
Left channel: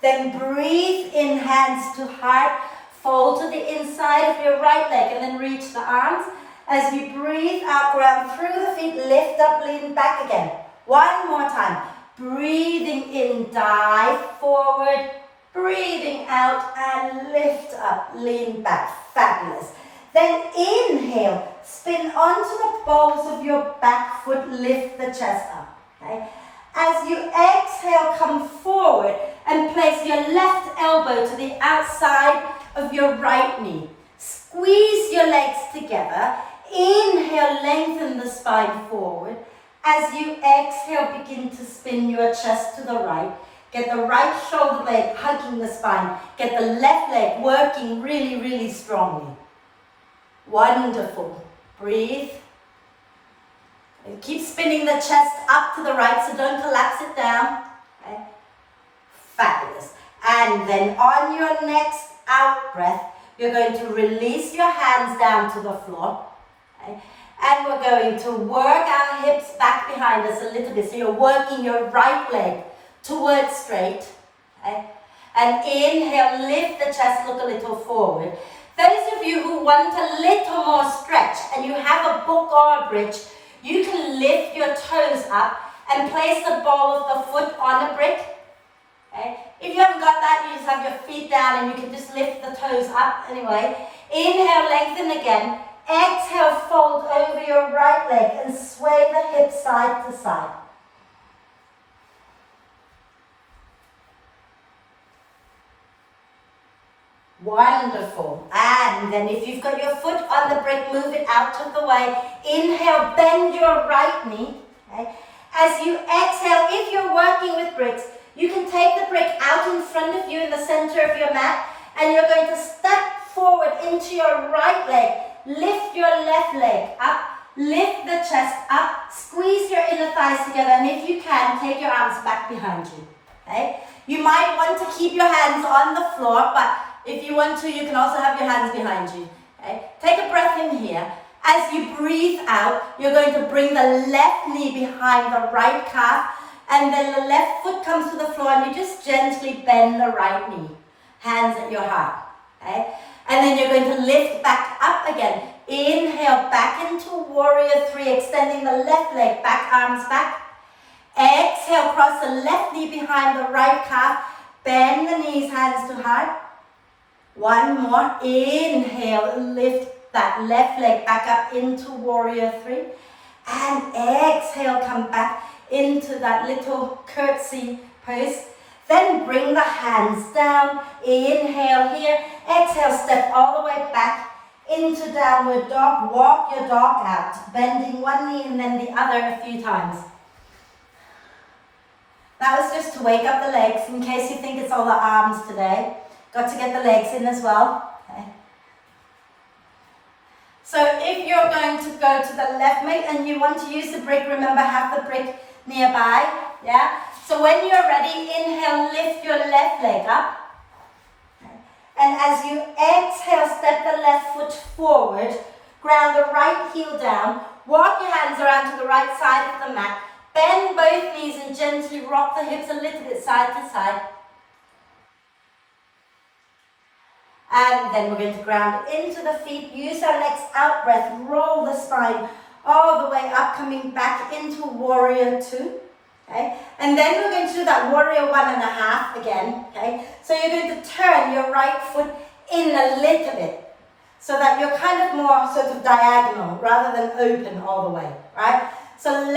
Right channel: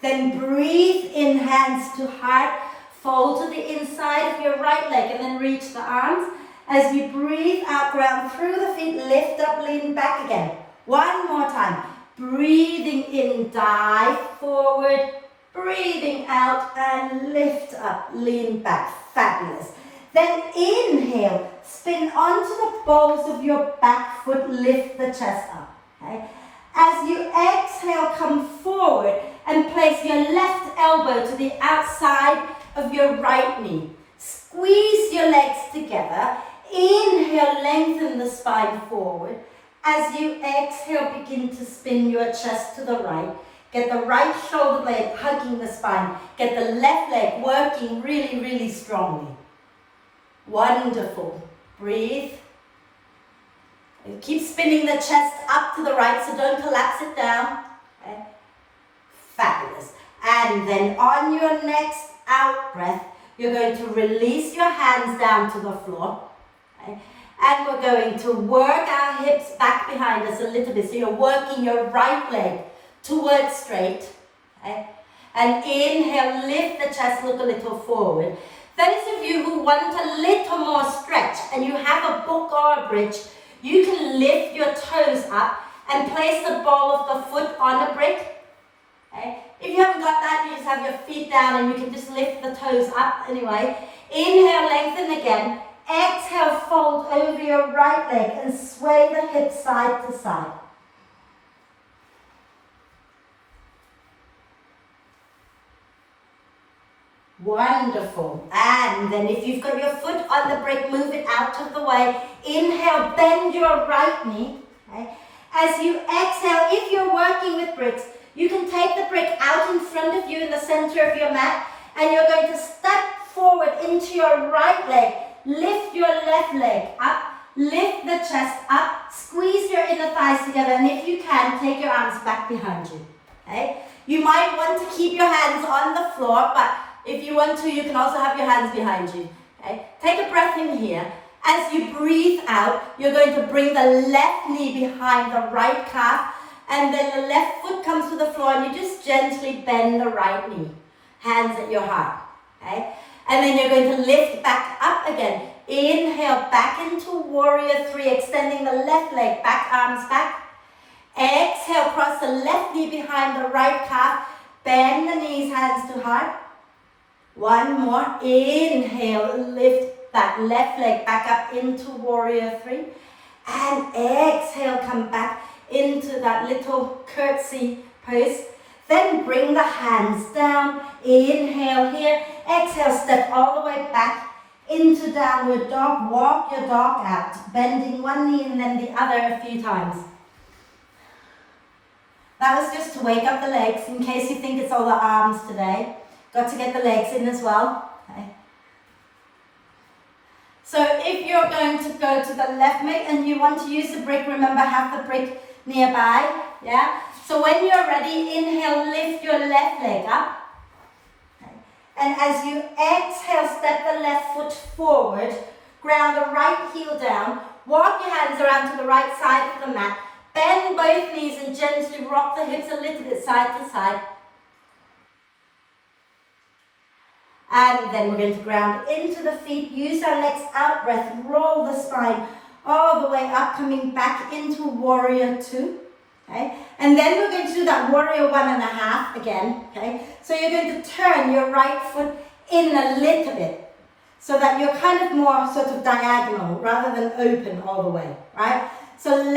Then breathe in, hands to heart. Fold to the inside of your right leg and then reach the arms. As you breathe out, ground through the feet, lift up, lean back again. One more time. Breathing in, dive forward. Breathing out and lift up, lean back. Fabulous. Then inhale, spin onto the balls of your back foot, lift the chest up. Okay? As you exhale, come forward and place your left elbow to the outside of your right knee. Squeeze your legs together. Inhale, lengthen the spine forward. As you exhale, begin to spin your chest to the right. Get the right shoulder blade hugging the spine. Get the left leg working really, really strongly. Wonderful. Breathe. And keep spinning the chest up to the right, so don't collapse it down. Okay. Fabulous. And then on your next out breath, you're going to release your hands down to the floor. Okay. And we're going to work our hips back behind us a little bit. So you're working your right leg towards straight. Okay. And inhale, lift the chest, look a little forward. Those of you who want a little more stretch and you have a book or a bridge, you can lift your toes up and place the ball of the foot on a brick. Okay. If you haven't got that, you just have your feet down and you can just lift the toes up anyway. Inhale, lengthen again. Exhale, fold over your right leg and sway the hips side to side. Wonderful. And then if you've got your foot on the brick, move it out of the way. Inhale, bend your right knee. Okay. As you exhale, if you're working with bricks, you can take the brick out in front of you in the center of your mat, and you're going to step forward into your right leg. Lift your left leg up, lift the chest up, squeeze your inner thighs together, and if you can, take your arms back behind you. Okay? You might want to keep your hands on the floor, but if you want to, you can also have your hands behind you. Okay? Take a breath in here. As you breathe out, you're going to bring the left knee behind the right calf, and then the left foot comes to the floor, and you just gently bend the right knee. Hands at your heart. Okay? And then you're going to lift back up again. Inhale, back into warrior 3, extending the left leg back, arms back. Exhale, cross the left knee behind the right calf. Bend the knees, hands to heart. One more. Inhale, lift that left leg back up into warrior three. And exhale, come back into that little curtsy pose. Then bring the hands down. Inhale here. Exhale, step all the way back into downward dog. Walk your dog out, bending one knee and then the other a few times. That was just to wake up the legs in case you think it's all the arms today. Got to get the legs in as well. Okay. So if you're going to go to the left mitt and you want to use the brick, remember have the brick nearby. Yeah. So when you're ready, inhale, lift your left leg up. Okay. And as you exhale, step the left foot forward, ground the right heel down, walk your hands around to the right side of the mat, bend both knees and gently rock the hips a little bit side to side. And then we're going to ground into the feet, use our next out breath, roll the spine all the way up, coming back into warrior two. Okay? And then we're going to do that warrior 1.5 again. Okay? So you're going to turn your right foot in a little bit so that you're kind of more sort of diagonal rather than open all the way, right? So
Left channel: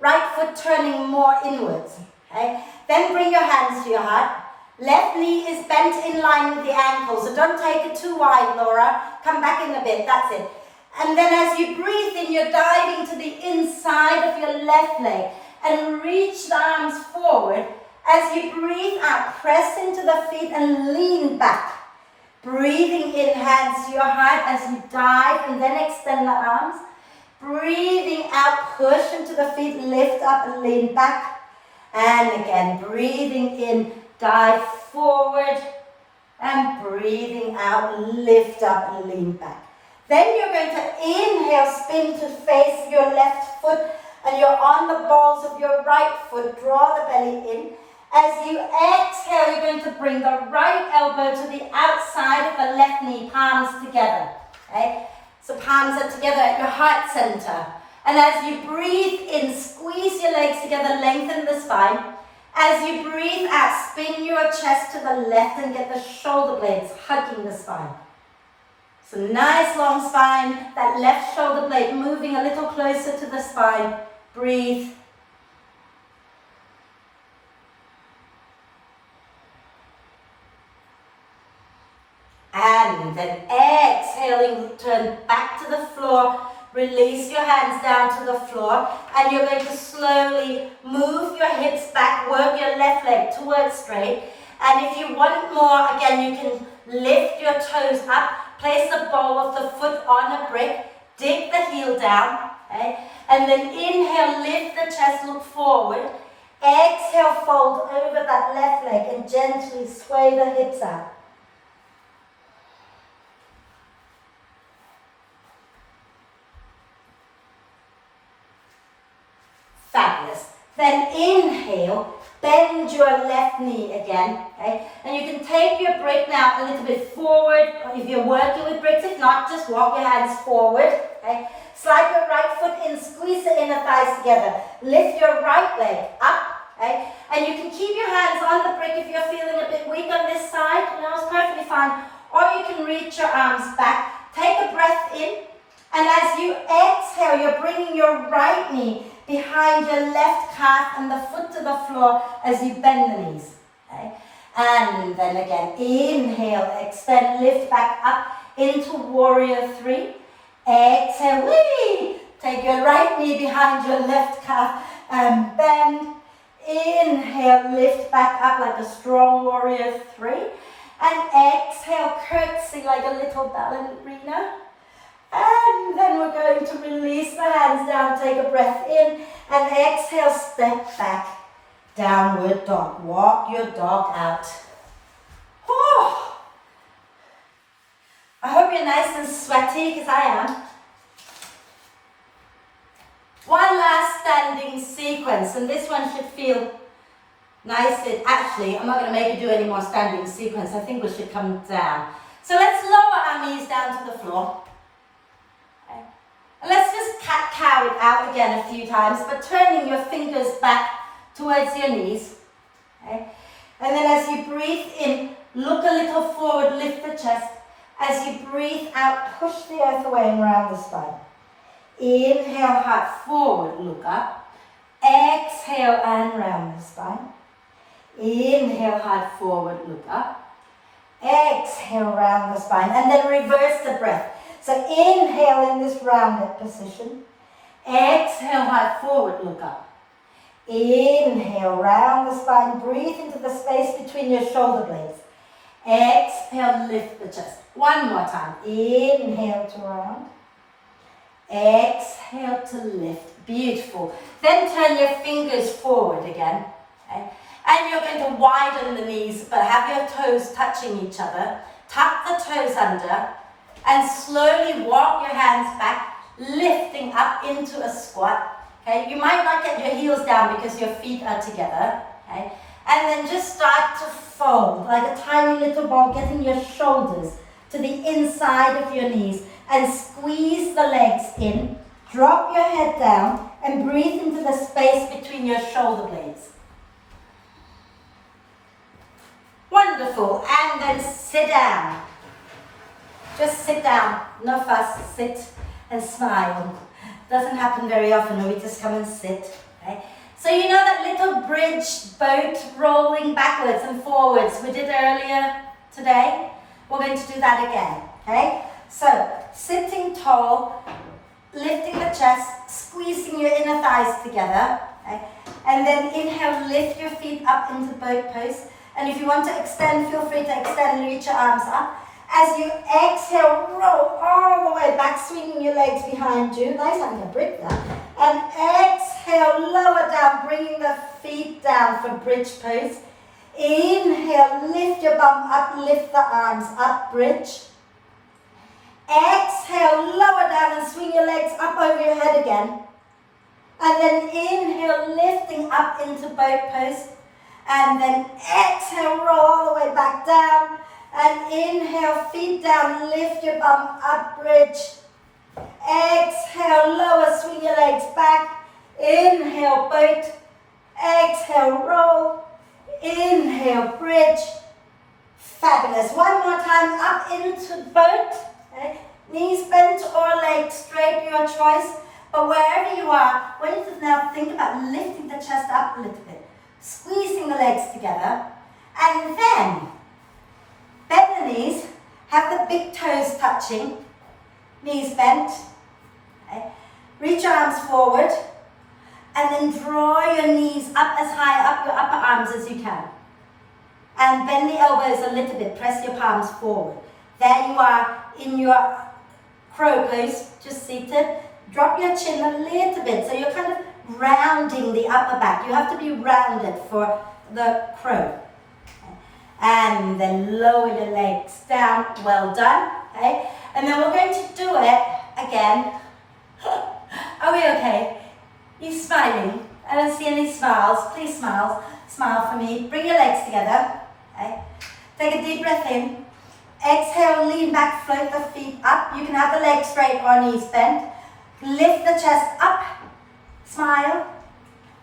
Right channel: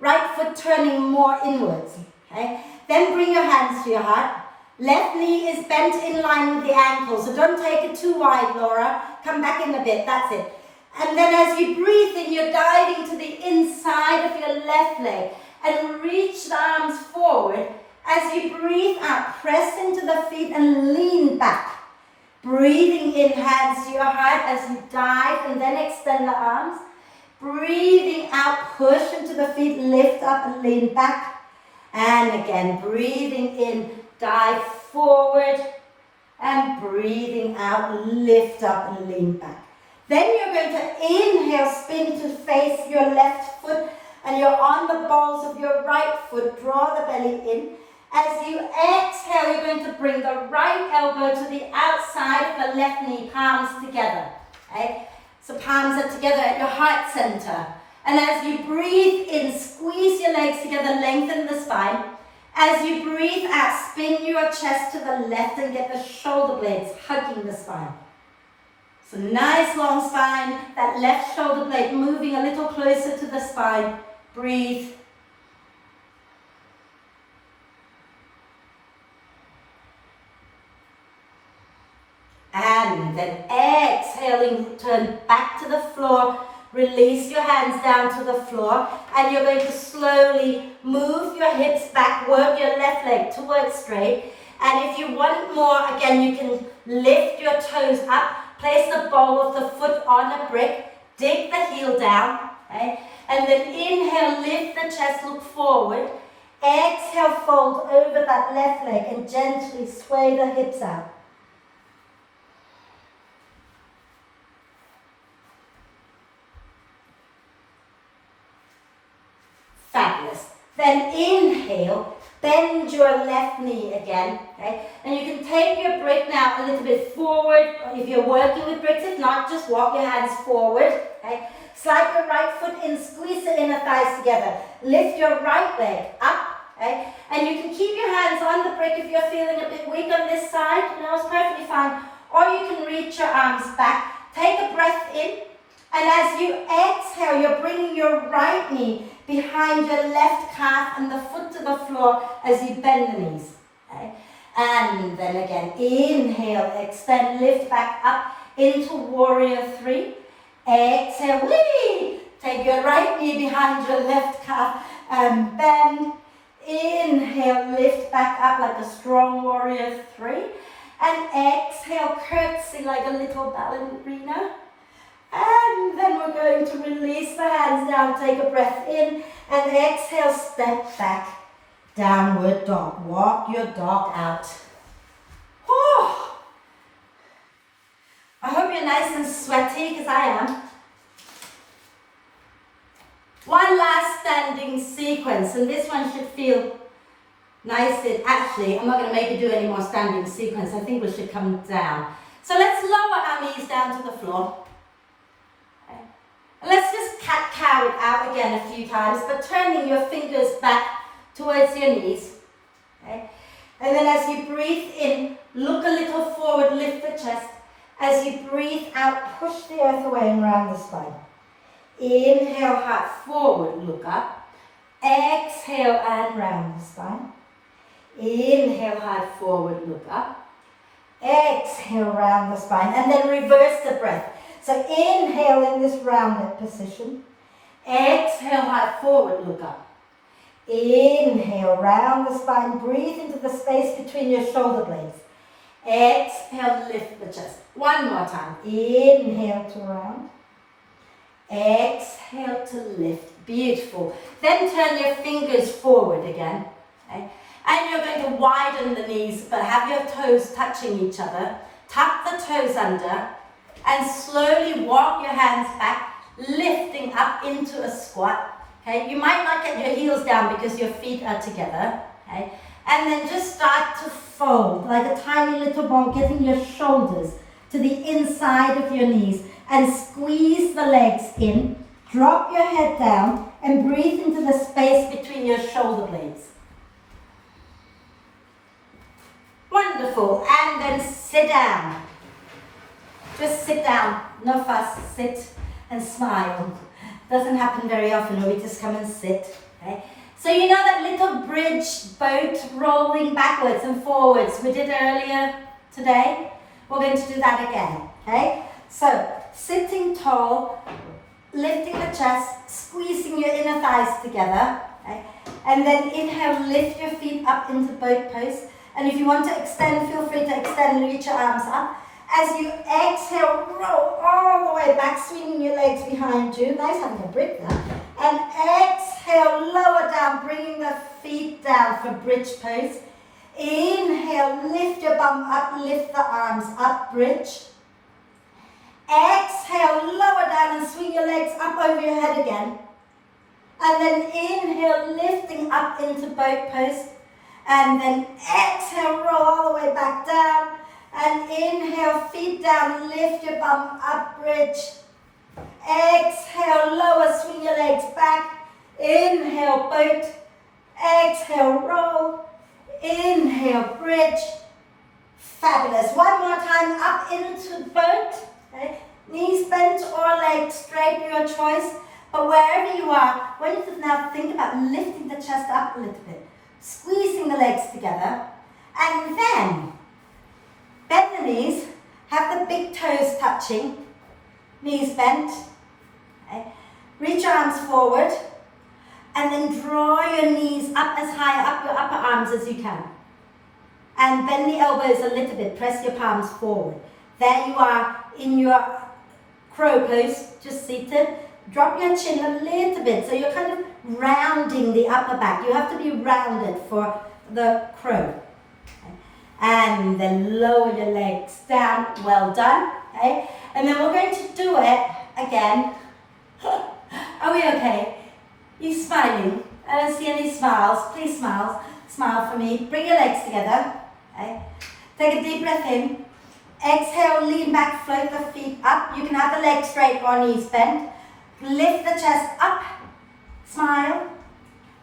right foot turning more inwards. Okay? Then bring your hands to your heart. Left knee is bent in line with the ankle, so don't take it too wide, Laura. Come back in a bit, that's it. And then as you breathe in, you're diving to the inside of your left leg and reach the arms forward. As you breathe out, press into the feet and lean back. Breathing in, hands to your heart as you dive and then extend the arms. Breathing out, push into the feet, lift up and lean back. And again, breathing in, dive forward, and breathing out, lift up and lean back. Then you're going to inhale, spin to face your left foot, and you're on the balls of your right foot. Draw the belly in. As you exhale, you're going to bring the right elbow to the outside of the left knee, palms together. Okay? So palms are together at your heart center. And as you breathe in, squeeze your legs together, lengthen the spine. As you breathe out, spin your chest to the left and get the shoulder blades hugging the spine. So nice long spine, that left shoulder blade moving a little closer to the spine. Breathe. And then exhaling, turn back to the floor. Release your hands down to the floor, and you're going to slowly move your hips back, work your left leg towards straight. And if you want more, again, you can lift your toes up, place the ball of the foot on a brick, dig the heel down, okay? And then inhale, lift the chest, look forward. Exhale, fold over that left leg and gently sway the hips out. Fabulous. Then inhale, bend your left knee again, okay? And you can take your brick now a little bit forward, if you're working with bricks. If not, just walk your hands forward, okay? Slide your right foot in, squeeze the inner thighs together. Lift your right leg up, okay? And you can keep your hands on the brick if you're feeling a bit weak on this side, it's perfectly fine. Or you can reach your arms back. Take a breath in, and as you exhale, you're bringing your right knee behind your left calf and the foot to the floor as you bend the knees. Okay? And then again, inhale, extend, lift back up into warrior three. Exhale, whee! Take your right knee behind your left calf and bend. Inhale, lift back up like a strong warrior three. And exhale, curtsy like a little ballerina. And then we're going to release the hands down, take a breath in, and exhale, step back, downward dog. Walk your dog out. Whew. I hope you're nice and sweaty, because I am. One last standing sequence, and this one should feel nice. Actually, I'm not going to make you do any more standing sequence. I think we should come down. So let's lower our knees down to the floor. And let's just cat-cow it out again a few times, but turning your fingers back towards your knees. Okay? And then as you breathe in, look a little forward, lift the chest. As you breathe out, push the earth away and round the spine. Inhale, heart forward, look up. Exhale and round the spine. Inhale, heart forward, look up. Exhale, round the spine. And then reverse the breath. So inhale in this rounded position. Exhale, heart forward, look up. Inhale, round the spine. Breathe into the space between your shoulder blades. Exhale, lift the chest. One more time. Inhale to round. Exhale to lift. Beautiful. Then turn your fingers forward again. Okay? And you're going to widen the knees, but have your toes touching each other. Tuck the toes under and slowly walk your hands back, lifting up into a squat. Okay? You might not get your heels down because your feet are together. Okay? And then just start to fold like a tiny little ball, getting your shoulders to the inside of your knees and squeeze the legs in. Drop your head down and breathe into the space between your shoulder blades. Wonderful. And then sit down. Just sit down. No fuss. Sit and smile. Doesn't happen very often when we just come and sit. Okay? So you know that little bridge boat rolling backwards and forwards we did earlier today? We're going to do that again, okay? So, sitting tall, lifting the chest, squeezing your inner thighs together, okay? And then inhale, lift your feet up into boat pose. And if you want to extend, feel free to extend, reach your arms up. As you exhale, roll all the way back, swinging your legs behind you. Nice having a break there. And exhale, lower down, bringing the feet down for bridge pose. Inhale, lift your bum up, lift the arms up, bridge. Exhale, lower down and swing your legs up over your head again. And then inhale, lifting up into boat pose. And then exhale, roll all the way back down. And inhale, feet down, lift your bum up, bridge. Exhale, lower, swing your legs back. Inhale, boat. Exhale, roll. Inhale, bridge. Fabulous. One more time, up into boat. Okay. Knees bent or legs straight, your choice. But wherever you are, I want you to now think about lifting the chest up a little bit. Squeezing the legs together. And then bend the knees. Have the big toes touching. Knees bent. Okay. Reach your arms forward. And then draw your knees up as high up your upper arms as you can. And bend the elbows a little bit. Press your palms forward. There you are in your crow pose, just seated. Drop your chin a little bit. So you're kind of rounding the upper back. You have to be rounded for the crow. Okay. And then lower your legs down. Well done. Okay. And then we're going to do it again. Are we okay? You smiling? I don't see any smiles. Please smile. Smile for me. Bring your legs together. Okay. Take a deep breath in. Exhale, lean back, float the feet up. You can have the legs straight or knees bent. Lift the chest up. Smile.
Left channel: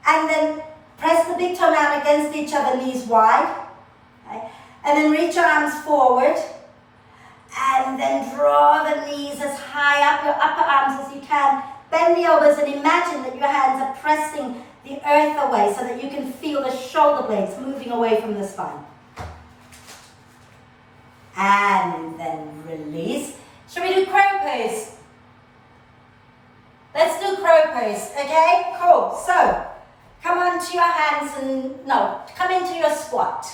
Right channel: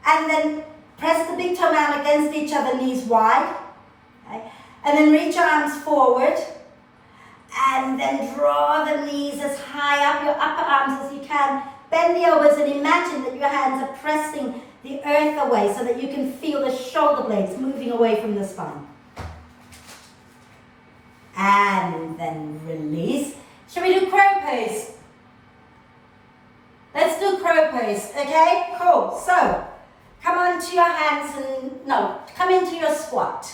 And then press the big toe down against each other, knees wide. Okay. And then reach your arms forward. And then draw the knees as high up your upper arms as you can. Bend the elbows and imagine that your hands are pressing the earth away so that you can feel the shoulder blades moving away from the spine. And then release. Shall we do crow pose? Let's do crow pose, okay? Cool. So, come onto your hands and, come into your squat.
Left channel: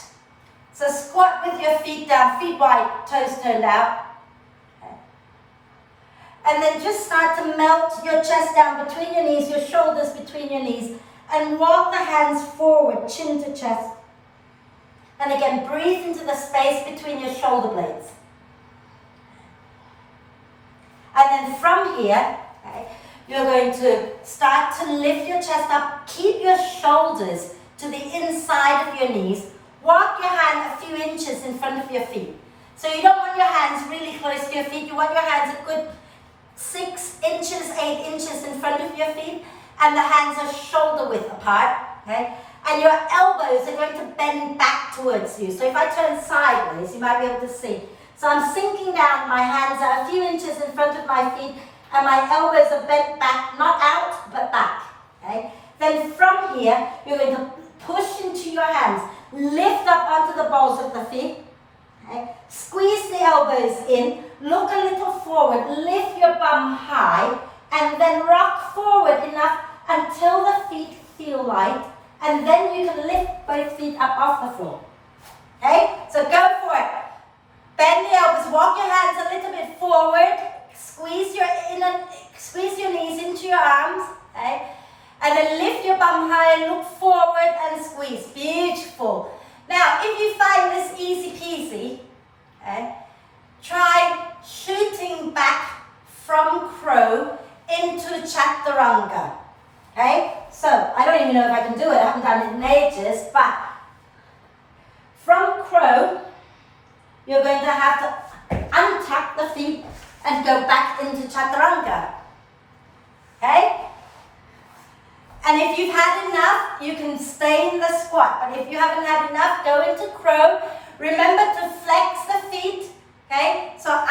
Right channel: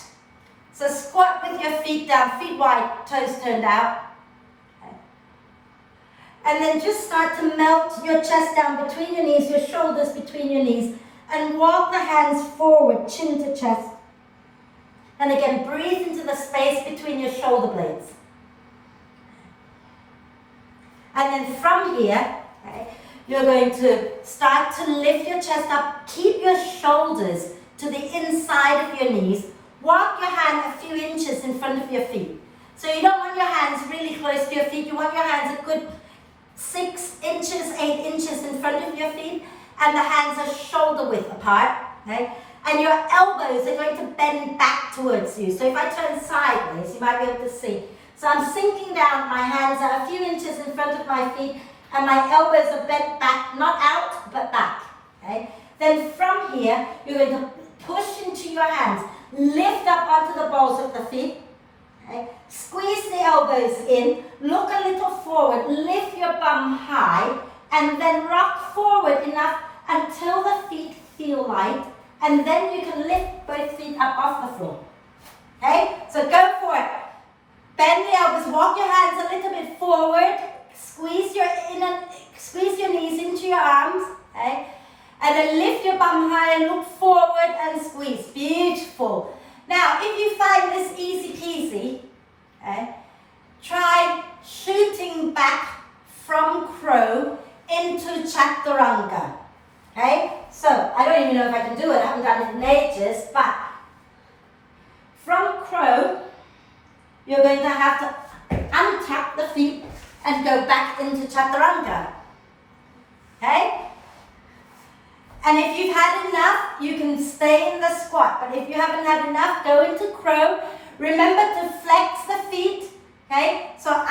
So squat with your feet down, feet wide, toes turned out. And then just start to melt your chest down between your knees, your shoulders between your knees, and walk the hands forward, chin to chest. And again, breathe into the space between your shoulder blades. And then from here, okay, you're going to start to lift your chest up, keep your shoulders to the inside of your knees, walk your hand a few inches in front of your feet. So you don't want your hands really close to your feet, you want your hands a good 6 inches, 8 inches in front of your feet, and the hands are shoulder width apart, okay? and your elbows are going to bend back towards you. So if I turn sideways, you might be able to see. So I'm sinking down, my hands are a few inches in front of my feet, and my elbows are bent back, not out, but back. Okay? Then from here, you're going to push into your hands, lift up onto the balls of the feet, okay? Squeeze the elbows in, look a little forward, lift your bum high, and then rock forward enough until the feet feel light, and then you can lift both feet up off the floor. Okay? So go for it. Bend the elbows, walk your hands a little bit forward, squeeze your knees into your arms, okay? And then lift your bum high and look forward and squeeze. Beautiful. Now, if you find this easy peasy, okay, try shooting back from crow into chaturanga. Okay? So, I don't even know if I can do it. I haven't done it in ages, but from crow, you're going to have to untuck the feet and go back into chaturanga. Okay? And if you've had enough, you can stay in the squat. But if you haven't had enough, go into crow. Remember to flex the feet. Okay? So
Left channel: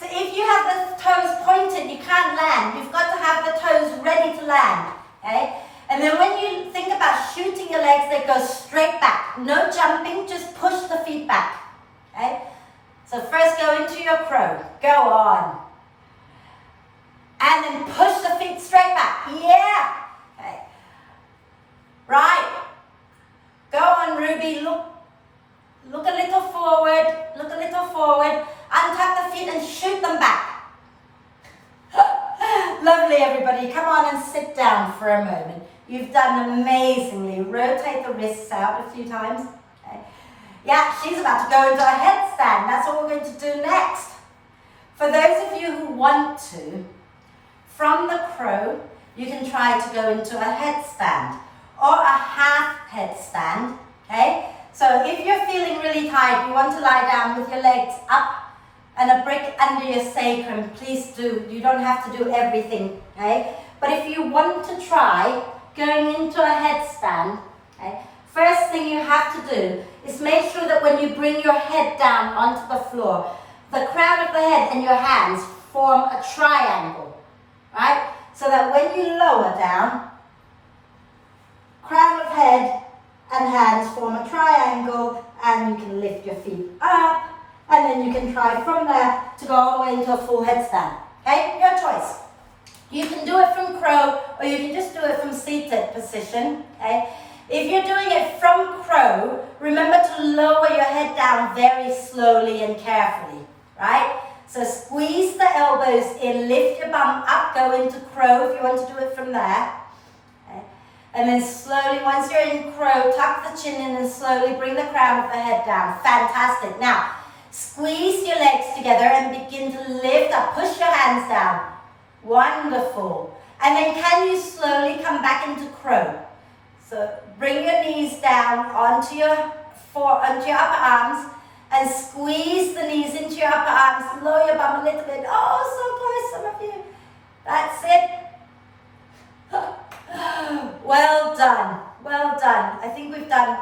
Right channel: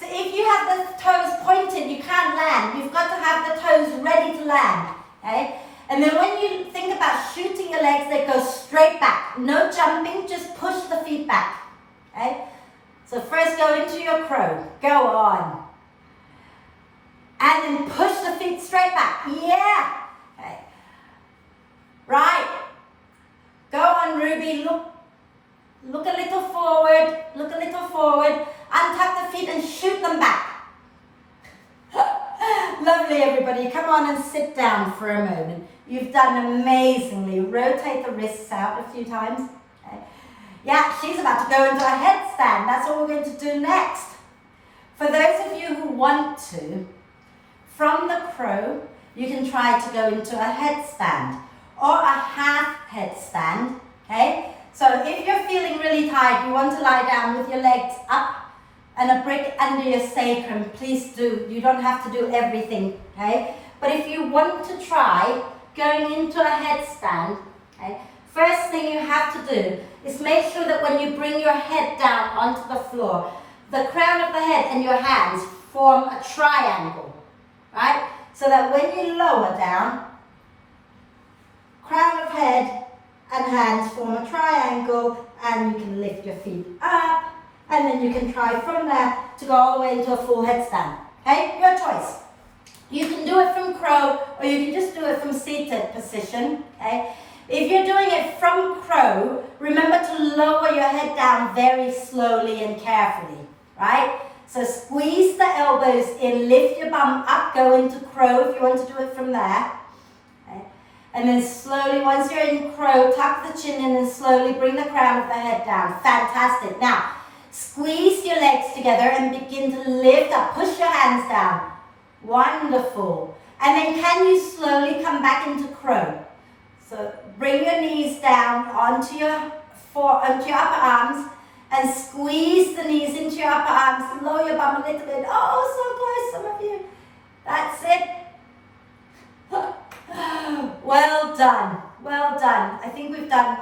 if you have the toes pointed, you can't land. You've got to have the toes ready to land. Okay? And then when you think about shooting your legs, they go straight back. No jumping, just push the feet back. Okay? So first go into your crow. Go on. And then push the feet straight back. Yeah. Okay. Right. Go on, Ruby. Look a little forward. Look a little forward. Untuck the feet and shoot them back. Lovely, everybody. Come on and sit down for a moment. You've done amazingly. Rotate the wrists out a few times. Okay. Yeah, she's about to go into a headstand. That's what we're going to do next. For those of you who want to, from the crow, you can try to go into a headstand or a half headstand, okay? So if you're feeling really tired, you want to lie down with your legs up and a brick under your sacrum, please do. You don't have to do everything, okay? But if you want to try going into a headstand, okay, first thing you have to do is make sure that when you bring your head down onto the floor, the crown of the head and your hands form a triangle, right? So that when you lower down, crown of head and hands form a triangle, and you can lift your feet up, and then you can try from there to go all the way into a full headstand. Okay, your choice. You can do it from crow, or you can just do it from seated position. Okay, if you're doing it from crow, remember to lower your head down very slowly and carefully, right? So squeeze the elbows in, lift your bum up, go into crow if you want to do it from there. Okay. And then slowly, once you're in crow, tuck the chin in and slowly bring the crown of the head down. Fantastic. Now, squeeze your legs together and begin to lift up. Push your hands down. Wonderful. And then can you slowly come back into crow? So bring your knees down onto your upper arms, and squeeze the knees into your upper arms. Lower your bum a little bit. Oh, so close, some of you. That's it. Well done. Well done. I think we've done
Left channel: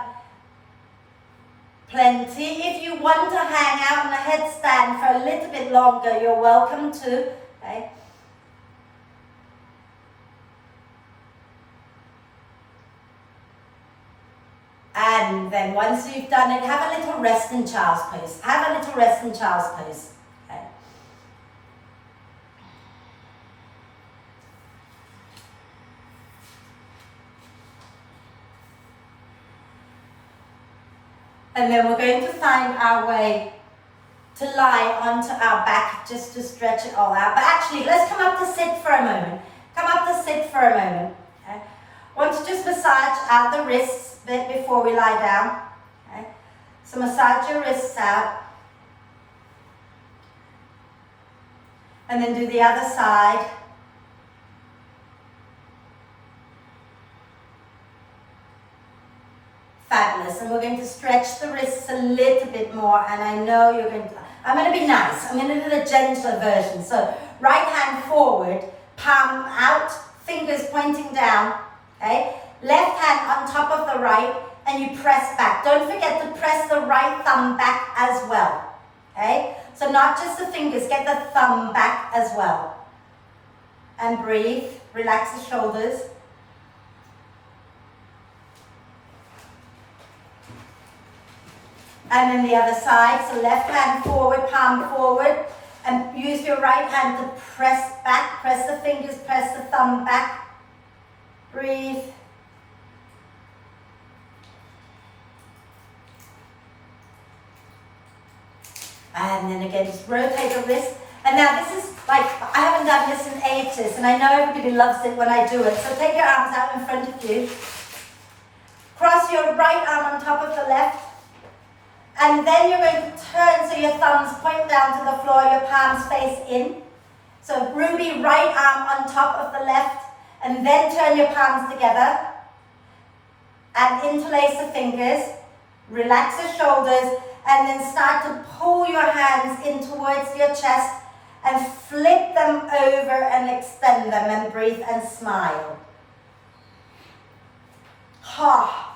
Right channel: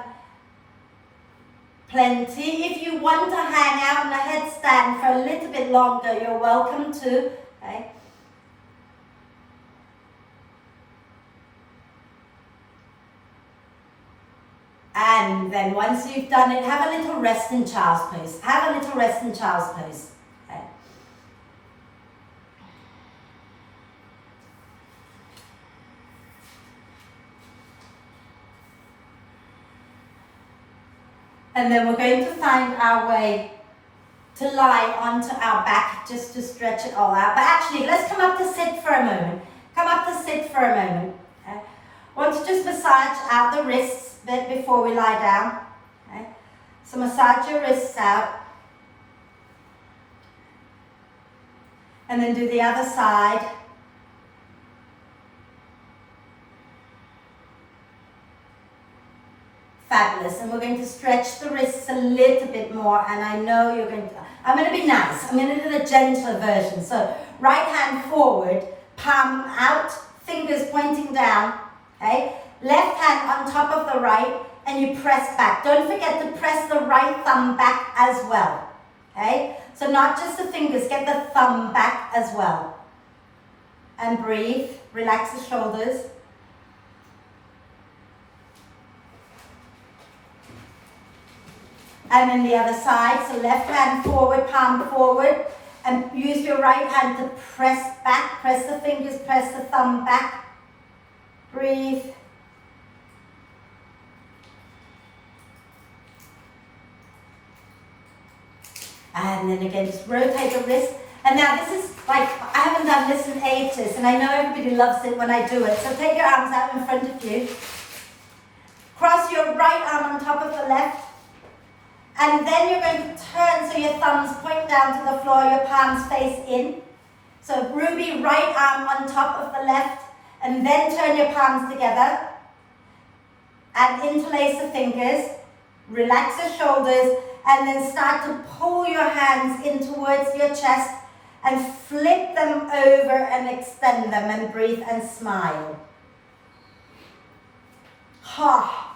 plenty. If you want to hang out in a headstand for a little bit longer, you're welcome to. Okay? And then once you've done it, have a little rest in child's pose. Have a little rest in child's pose. Okay. And then we're going to find our way to lie onto our back just to stretch it all out. But actually, let's come up to sit for a moment. Come up to sit for a moment. Okay. Want to just massage out the wrists a bit before we lie down. Okay. So massage your wrists out. And then do the other side. Fabulous. And we're going to stretch the wrists a little bit more. And I know you're going to, I'm going to be nice. I'm going to do the gentler version. So right hand forward, palm out, fingers pointing down. Okay. Left hand on top of the right, and you press back. Don't forget to press the right thumb back as well. Okay? So not just the fingers, get the thumb back as well. And breathe, relax the shoulders. And then the other side, so left hand forward, palm forward, and use your right hand to press back, press the fingers, press the thumb back. Breathe. And then again, just rotate the wrist. And now this is like, I haven't done this in ages, and I know everybody loves it when I do it. So take your arms out in front of you. Cross your right arm on top of the left. And then you're going to turn so your thumbs point down to the floor, your palms face in. So ruby right arm on top of the left, and then turn your palms together. And interlace the fingers, relax your shoulders, and then start to pull your hands in towards your chest and flip them over and extend them and breathe and smile. Ha.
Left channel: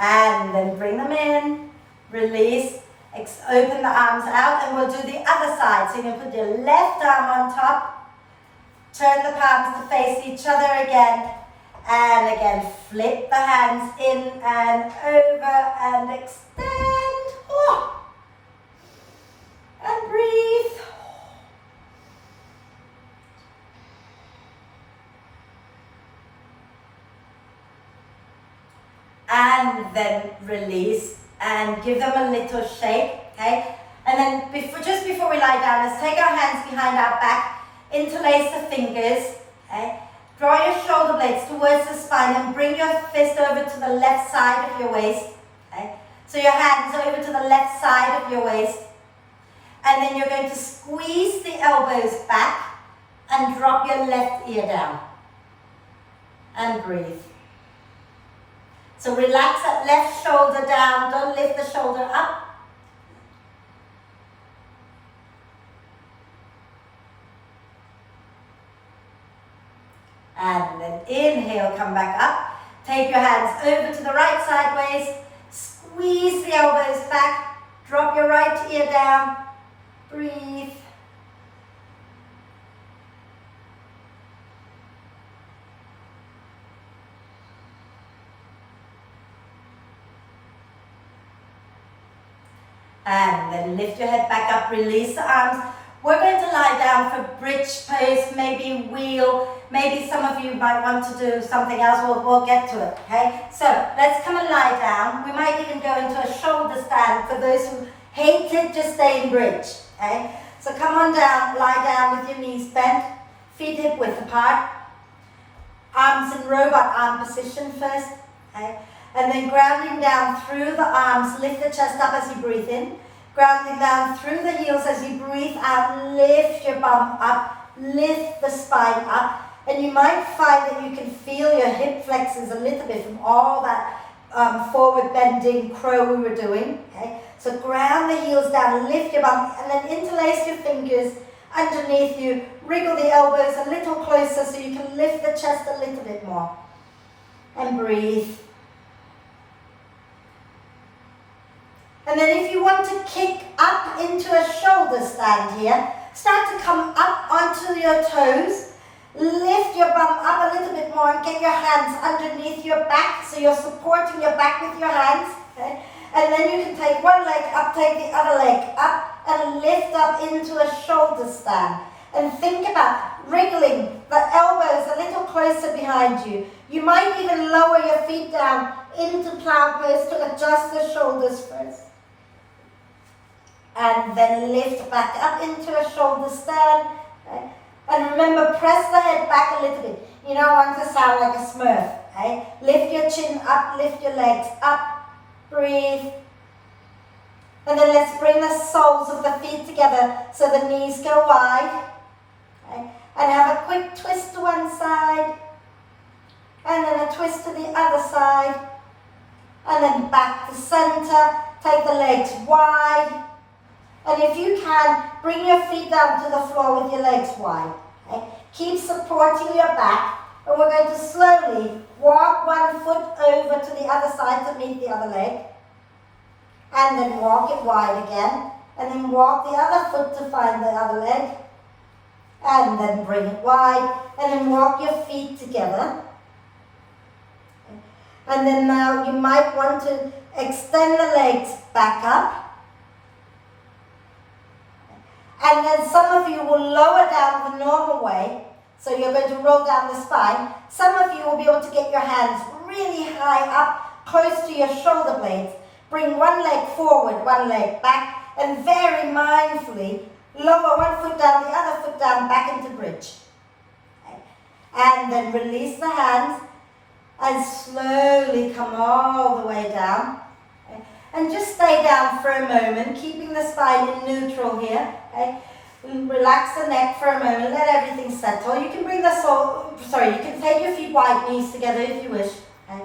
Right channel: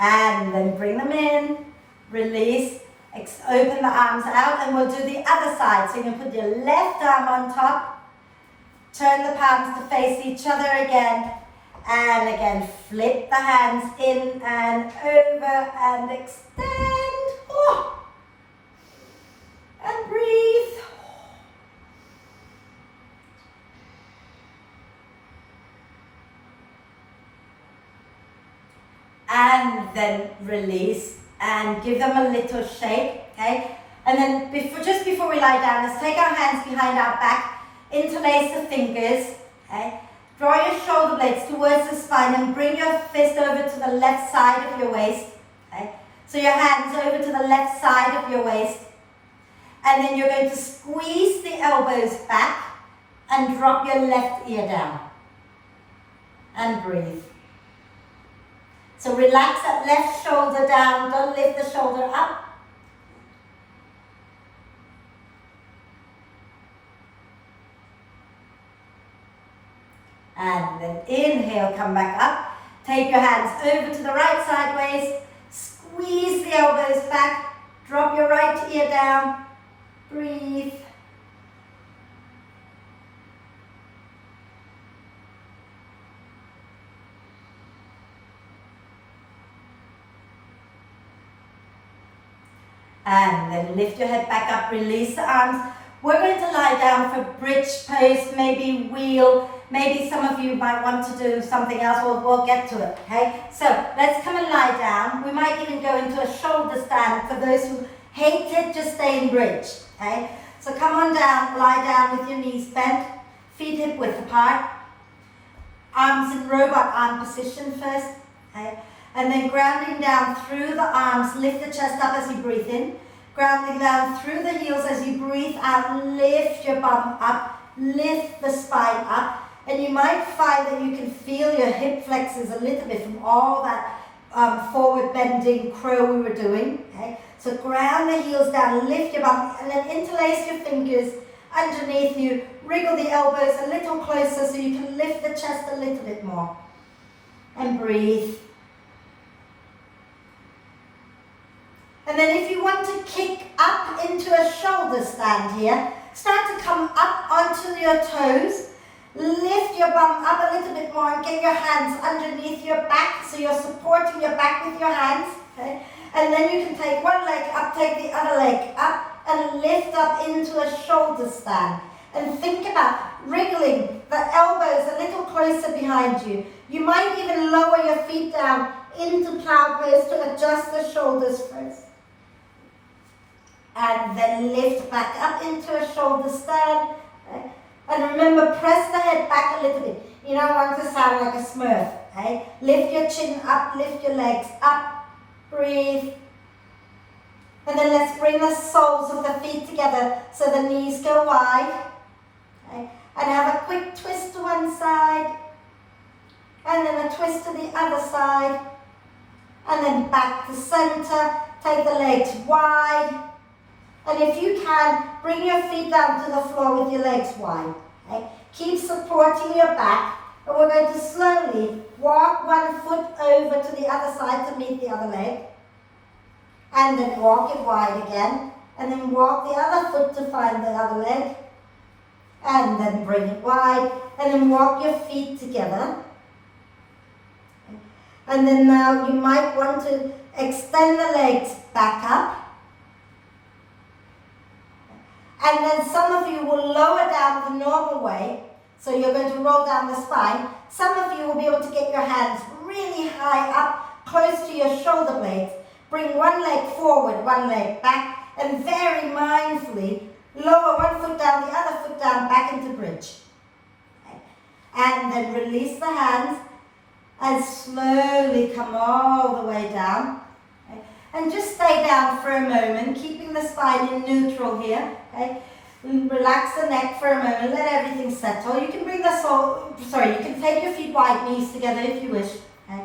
And then bring them in, release, open the arms out, and we'll do the other side. So you can put your left arm on top, turn the palms to face each other again, and again, flip the hands in and over and extend. Oh. And breathe. And then release and give them a little shake, okay? And then just before we lie down, let's take our hands behind our back, interlace the fingers, okay? Draw your shoulder blades towards the spine and bring your fist over to the left side of your waist, okay? So your hands over to the left side of your waist. And then you're going to squeeze the elbows back and drop your left ear down. And breathe. So relax that left shoulder down, don't lift the shoulder up. And then inhale, come back up. Take your hands over to the right sideways, squeeze the elbows back, drop your right ear down, breathe. And then lift your head back up, release the arms. We're going to lie down for bridge pose, maybe wheel, maybe some of you might want to do something else, we'll get to it, okay? So let's come and lie down. We might even go into a shoulder stand for those who hate it, just stay in bridge, okay? So come on down, lie down with your knees bent, feet hip width apart, arms in robot arm position first, okay? And then grounding down through the arms, lift the chest up as you breathe in. Grounding down through the heels as you breathe out, lift your bum up, lift the spine up. And you might find that you can feel your hip flexors a little bit from all that forward bending crow we were doing. Okay? So ground the heels down, lift your bum, and then interlace your fingers underneath you. Wriggle the elbows a little closer so you can lift the chest a little bit more. And breathe. And then if you want to kick up into a shoulder stand here, start to come up onto your toes, lift your bum up a little bit more and get your hands underneath your back, so you're supporting your back with your hands, okay? And then you can take one leg up, take the other leg up, and lift up into a shoulder stand. And think about wriggling the elbows a little closer behind you. You might even lower your feet down into plow pose to adjust the shoulders first. And then lift back up into a shoulder stand. Okay? And remember, press the head back a little bit. You don't want to sound like a Smurf. Okay? Lift your chin up, lift your legs up, breathe. And then let's bring the soles of the feet together so the knees go wide. Okay? And have a quick twist to one side. And then a twist to the other side. And then back to center. Take the legs wide. And if you can, bring your feet down to the floor with your legs wide. Okay? Keep supporting your back, and we're going to slowly walk one foot over to the other side to meet the other leg, and then walk it wide again, and then walk the other foot to find the other leg, and then bring it wide, and then walk your feet together. And then now you might want to extend the legs back up. And then some of you will lower down the normal way, so you're going to roll down the spine. Some of you will be able to get your hands really high up, close to your shoulder blades. Bring one leg forward, one leg back, and very mindfully lower one foot down, the other foot down, back into bridge. Okay. And then release the hands, and slowly come all the way down. Okay. And just stay down for a moment, keeping the spine in neutral here. Okay. Relax the neck for a moment, let everything settle. You can bring the you can take your feet wide, knees together if you wish. Okay.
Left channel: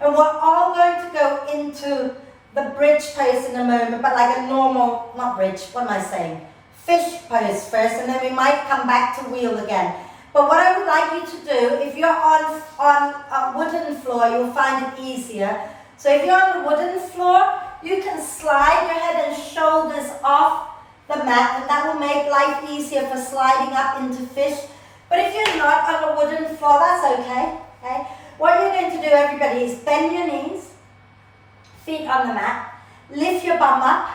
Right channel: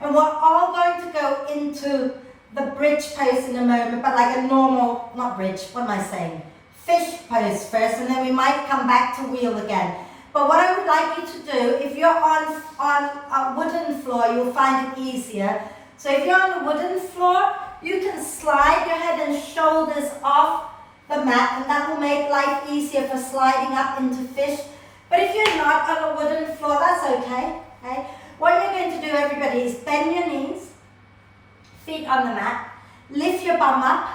And we're all going to go into the bridge pose in a moment, but like a normal, not bridge, what am I saying? Fish pose first, and then we might come back to wheel again. But what I would like you to do, if you're on a wooden floor, you'll find it easier. So if you're on a wooden floor, you can slide your head and shoulders off the mat, and that will make life easier for sliding up into fish. But if you're not on a wooden floor, that's okay. Okay? What you're going to do, everybody, is bend your knees, feet on the mat, lift your bum up,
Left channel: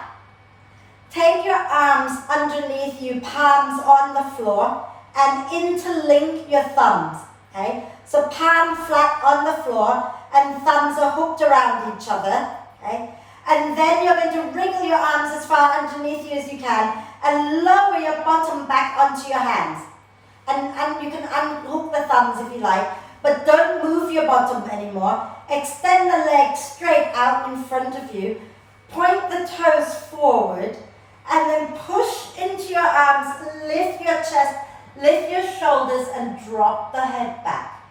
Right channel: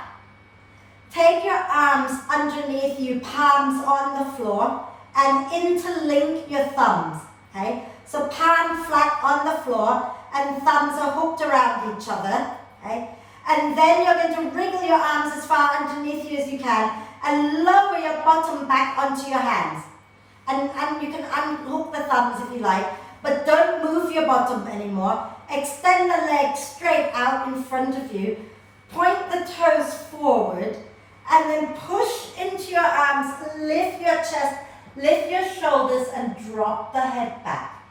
take your arms underneath you, palms on the floor, and interlink your thumbs. Okay? So palm flat on the floor, and thumbs are hooked around each other. Okay? And then you're going to wriggle your arms as far underneath you as you can, and lower your bottom back onto your hands. And you can unhook the thumbs if you like, but don't move your bottom anymore. Extend the legs straight out in front of you. Point the toes forward, and then push into your arms, lift your chest, lift your shoulders, and drop the head back.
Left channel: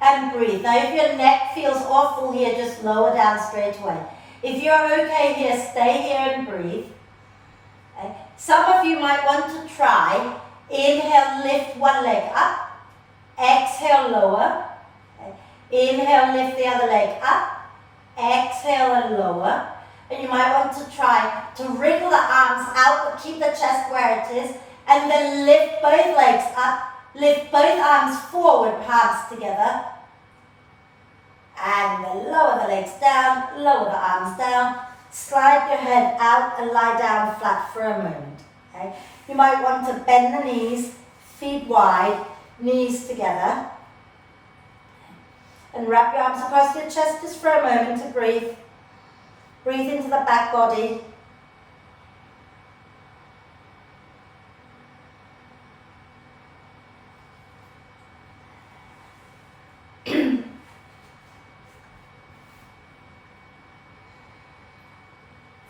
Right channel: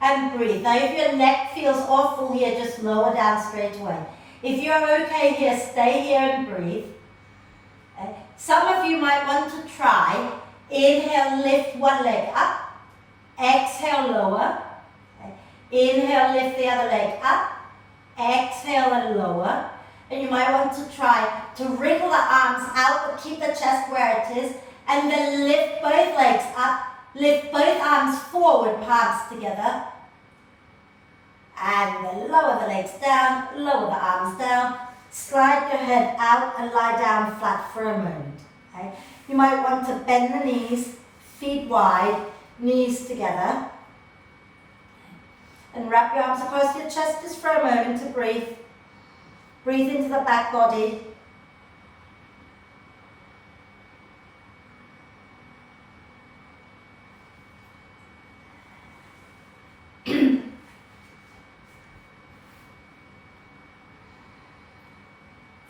And breathe. Now if your neck feels awful here, just lower down straight away. If you're okay here, stay here and breathe. Okay. Some of you might want to try. Inhale, lift one leg up. Exhale, lower. Okay. Inhale, lift the other leg up. Exhale and lower. And you might want to try to wriggle the arms out, but keep the chest where it is. And then lift both legs up. Lift both arms forward, palms together. And then lower the legs down, lower the arms down, slide your head out and lie down flat for a moment. Okay? You might want to bend the knees, feet wide, knees together. And wrap your arms across your chest just for a moment to breathe. Breathe into the back body.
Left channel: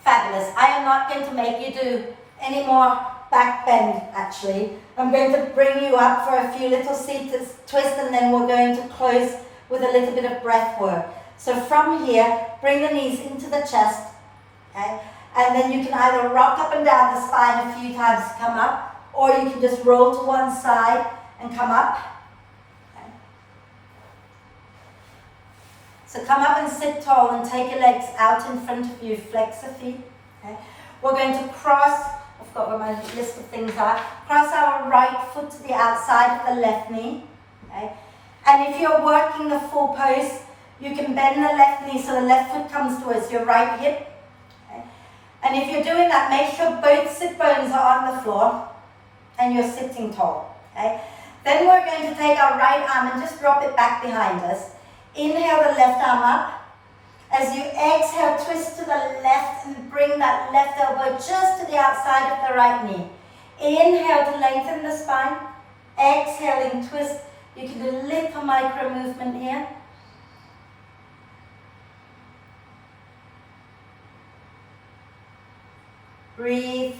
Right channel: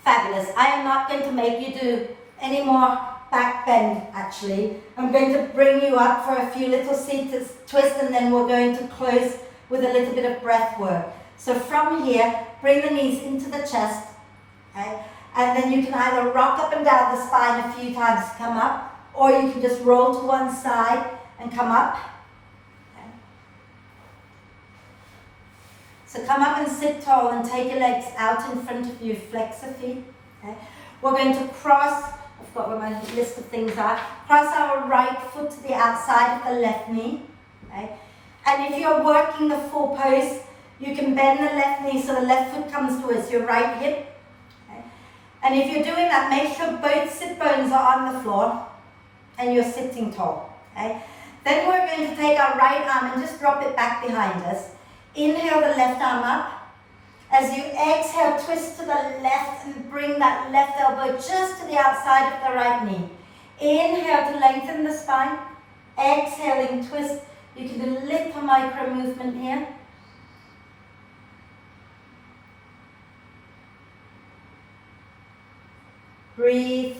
Fabulous. I am not going to make you do any more back bend actually. I'm going to bring you up for a few little seated twists, and then we're going to close with a little bit of breath work. So from here, bring the knees into the chest, okay? And then you can either rock up and down the spine a few times to come up, or you can just roll to one side and come up. Okay? So come up and sit tall and take your legs out in front of you, flex the feet. Okay? We're going to cross, I've got where my list of things are, cross our right foot to the outside of the left knee. Okay? And if you're working the full pose, you can bend the left knee so the left foot comes towards your right hip. Okay? And if you're doing that, make sure both sit bones are on the floor and you're sitting tall. Okay? Then we're going to take our right arm and just drop it back behind us. Inhale the left arm up. As you exhale, twist to the left and bring that left elbow just to the outside of the right knee. Inhale to lengthen the spine. Exhaling, twist. You can do a little micro movement here. Breathe.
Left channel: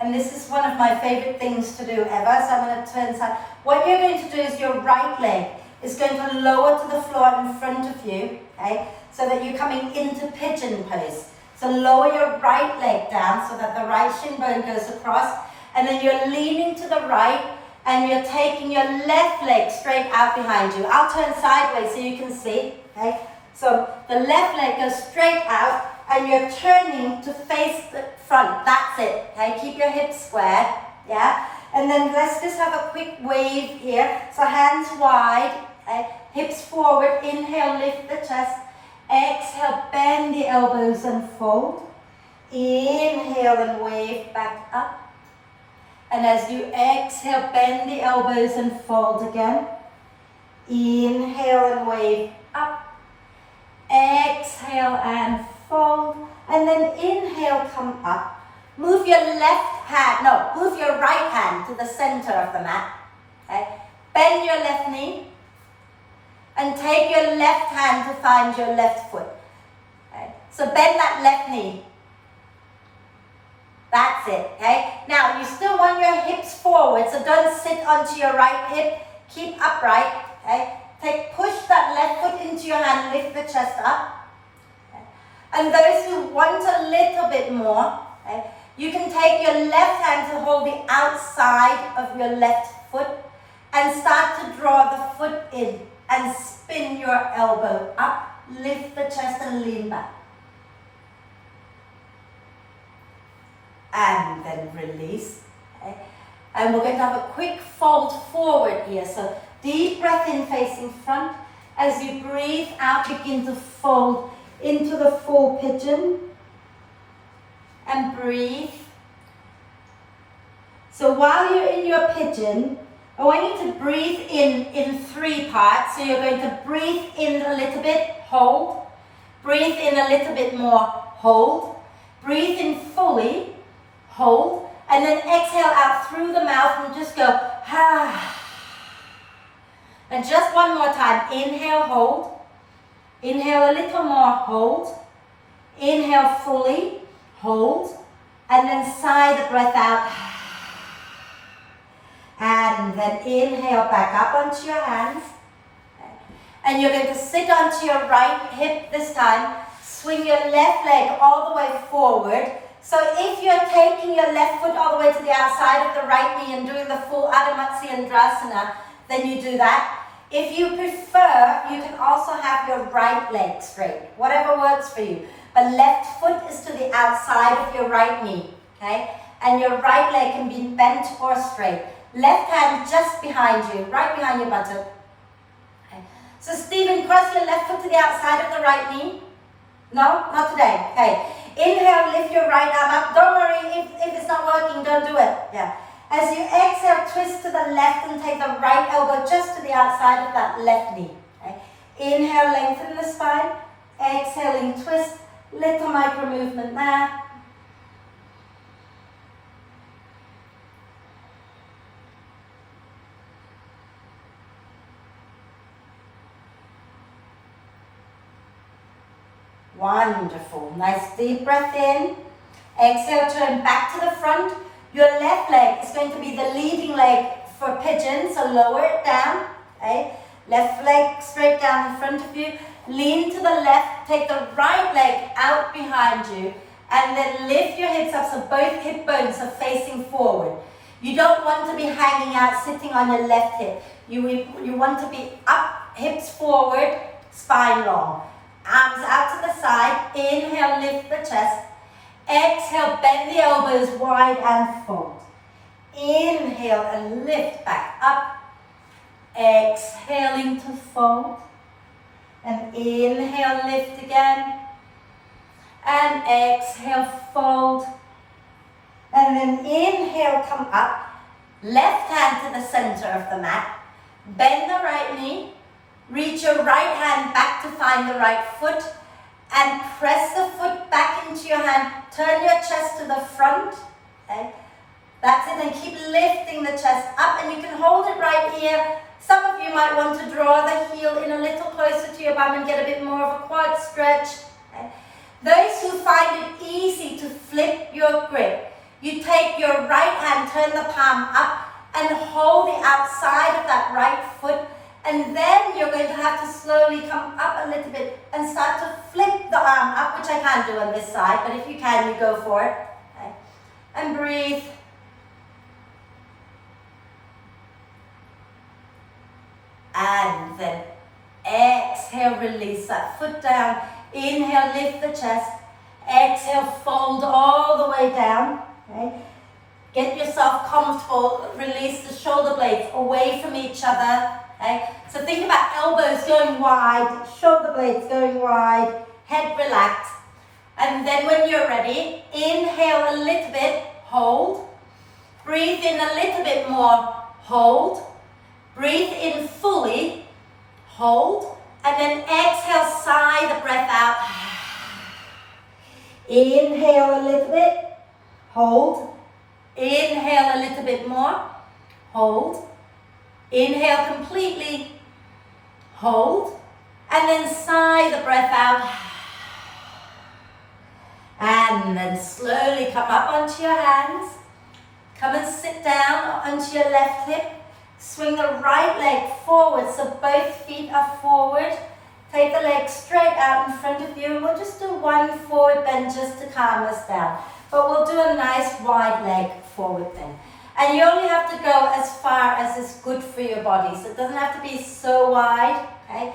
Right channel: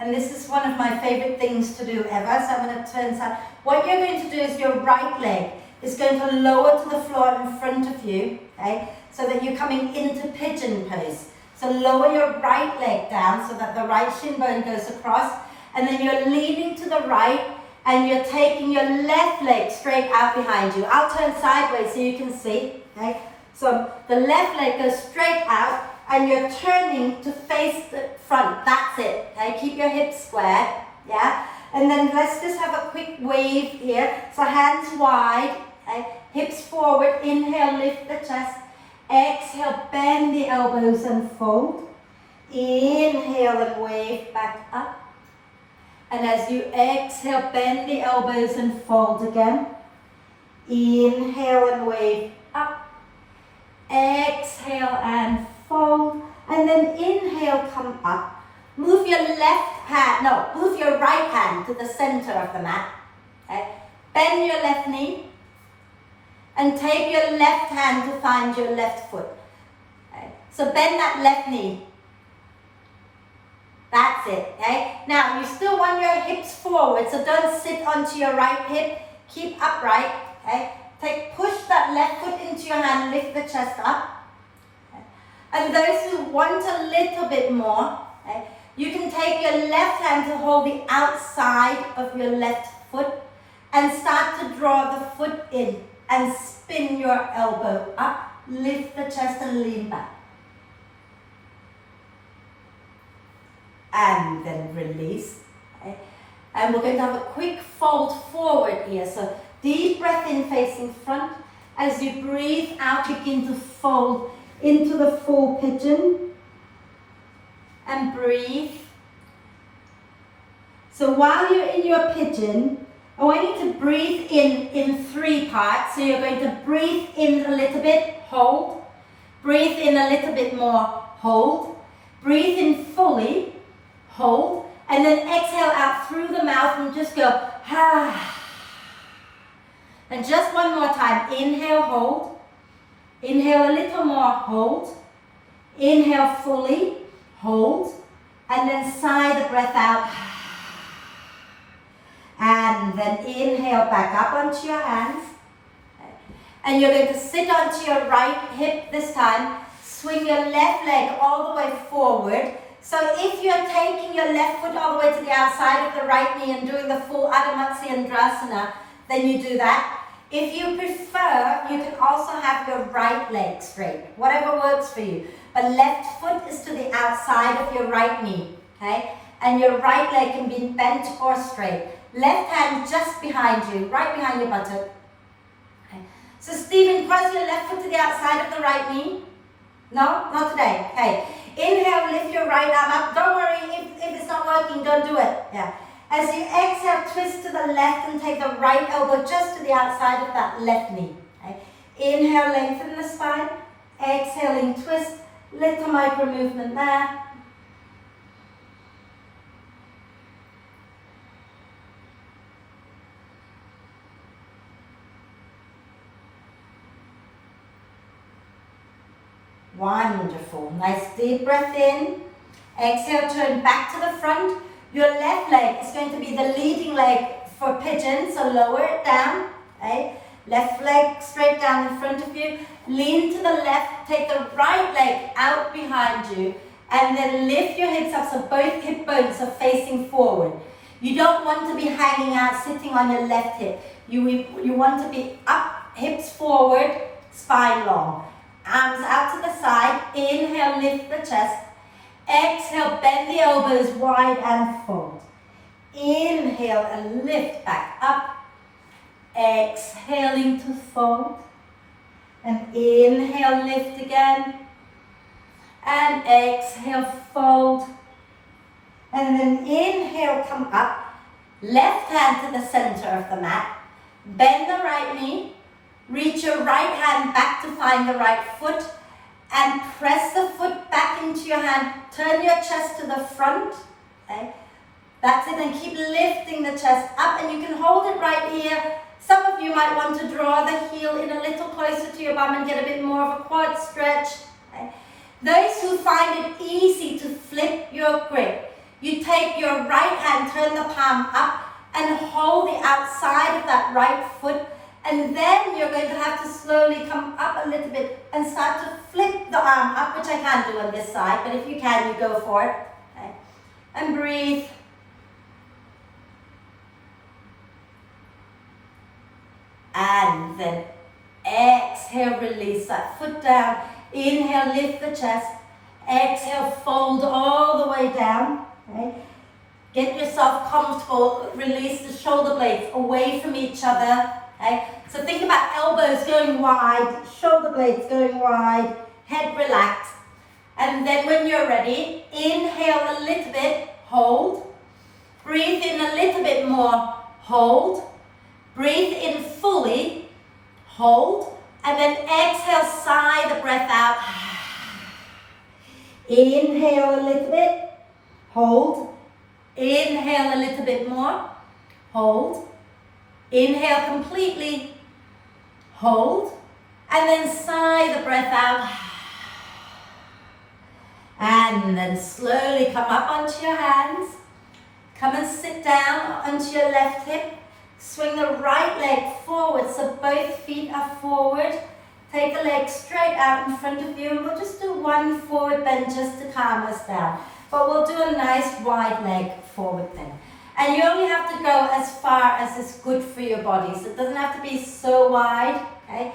And this is one of my favorite things to do ever, so I'm going to turn side. What you're going to do is your right leg is going to lower to the floor in front of you, okay, so that you're coming into pigeon pose. So So lower your right leg down so that the right shin bone goes across, and then you're leaning to the right and you're taking your left leg straight out behind you. I'll turn sideways so you can see, okay? So the left leg goes straight out and you're turning to face the front. That's it, okay? Keep your hips square, yeah? And then let's just have a quick wave here. So hands wide, okay? Hips forward, inhale, lift the chest. Exhale, bend the elbows and fold. Inhale and wave back up. And as you exhale, bend the elbows and fold again. Inhale and wave up. Exhale and fold. And then inhale, come up. Move your move your right hand to the center of the mat. Okay? Bend your left knee. And take your left hand to find your left foot. Okay? So bend that left knee. That's it, okay? Now, you still want your hips forward, so don't sit onto your right hip. Keep upright, okay? Push that left foot into your hand, lift the chest up. Okay? And those who want a little bit more, okay, you can take your left hand to hold the outside of your left foot and start to draw the foot in. And spin your elbow up, lift the chest and lean back. And then release. Okay? And we're going to have a quick fold forward here. So deep breath in facing front. As you breathe out, begin to fold into the full pigeon. And breathe. So while you're in your pigeon, I want you to breathe in 3 parts. So you're going to breathe in a little bit, hold. Breathe in a little bit more, hold. Breathe in fully, hold. And then exhale out through the mouth and just go, ah. And just one more time. Inhale, hold. Inhale a little more, hold. Inhale fully, hold. And then sigh the breath out. And then inhale back up onto your hands. And you're going to sit onto your right hip this time. Swing your left leg all the way forward. So if you're taking your left foot all the way to the outside of the right knee and doing the full Adho Matsyendrasana, then you do that. If you prefer, you can also have your right leg straight, whatever works for you. But left foot is to the outside of your right knee, okay? And your right leg can be bent or straight. Left hand just behind you, right behind your buttock. Okay. So Stephen, cross your left foot to the outside of the right knee. No, not today. Okay. Inhale, lift your right arm up. Don't worry if it's not working, don't do it. Yeah. As you exhale, twist to the left and take the right elbow just to the outside of that left knee. Okay. Inhale, lengthen the spine. Exhaling, twist. Little micro movement there. Wonderful. Nice deep breath in. Exhale, turn back to the front. Your left leg is going to be the leading leg for pigeon, so lower it down. Okay? Left leg straight down in front of you. Lean to the left, take the right leg out behind you, and then lift your hips up so both hip bones are facing forward. You don't want to be hanging out, sitting on your left hip. You want to be up, hips forward, spine long. Arms out to the side. Inhale, lift the chest. Exhale, bend the elbows wide and fold. Inhale and lift back up. Exhaling to fold. And inhale, lift again. And exhale, fold. And then inhale, come up. Left hand to the center of the mat. Bend the right knee. Reach your right hand back to find the right foot and press the foot back into your hand. Turn your chest to the front. Okay? That's it, and keep lifting the chest up, and you can hold it right here. Some of you might want to draw the heel in a little closer to your bum and get a bit more of a quad stretch. Okay? Those who find it easy to flip your grip, you take your right hand, turn the palm up, and hold the outside of that right foot And then you're going to have to slowly come up a little bit and start to flip the arm up, which I can't do on this side, but if you can, you go for it. Okay. And breathe. And then exhale, release that foot down. Inhale, lift the chest. Exhale, fold all the way down. Okay. Get yourself comfortable. Release the shoulder blades away from each other. Okay. So think about elbows going wide, shoulder blades going wide, head relaxed. And then when you're ready, inhale a little bit, hold. Breathe in a little bit more, hold. Breathe in fully, hold. And then exhale, sigh the breath out. Inhale a little bit, hold. Inhale a little bit more, hold. Inhale completely, hold. And then sigh the breath out. And then slowly come up onto your hands. Come and sit down onto your left hip. Swing the right leg forward so both feet are forward. Take the leg straight out in front of you, and we'll just do one forward bend just to calm us down. But we'll do a nice wide leg forward bend. And you only have to go as far as is good for your body. So it doesn't have to be so wide, okay?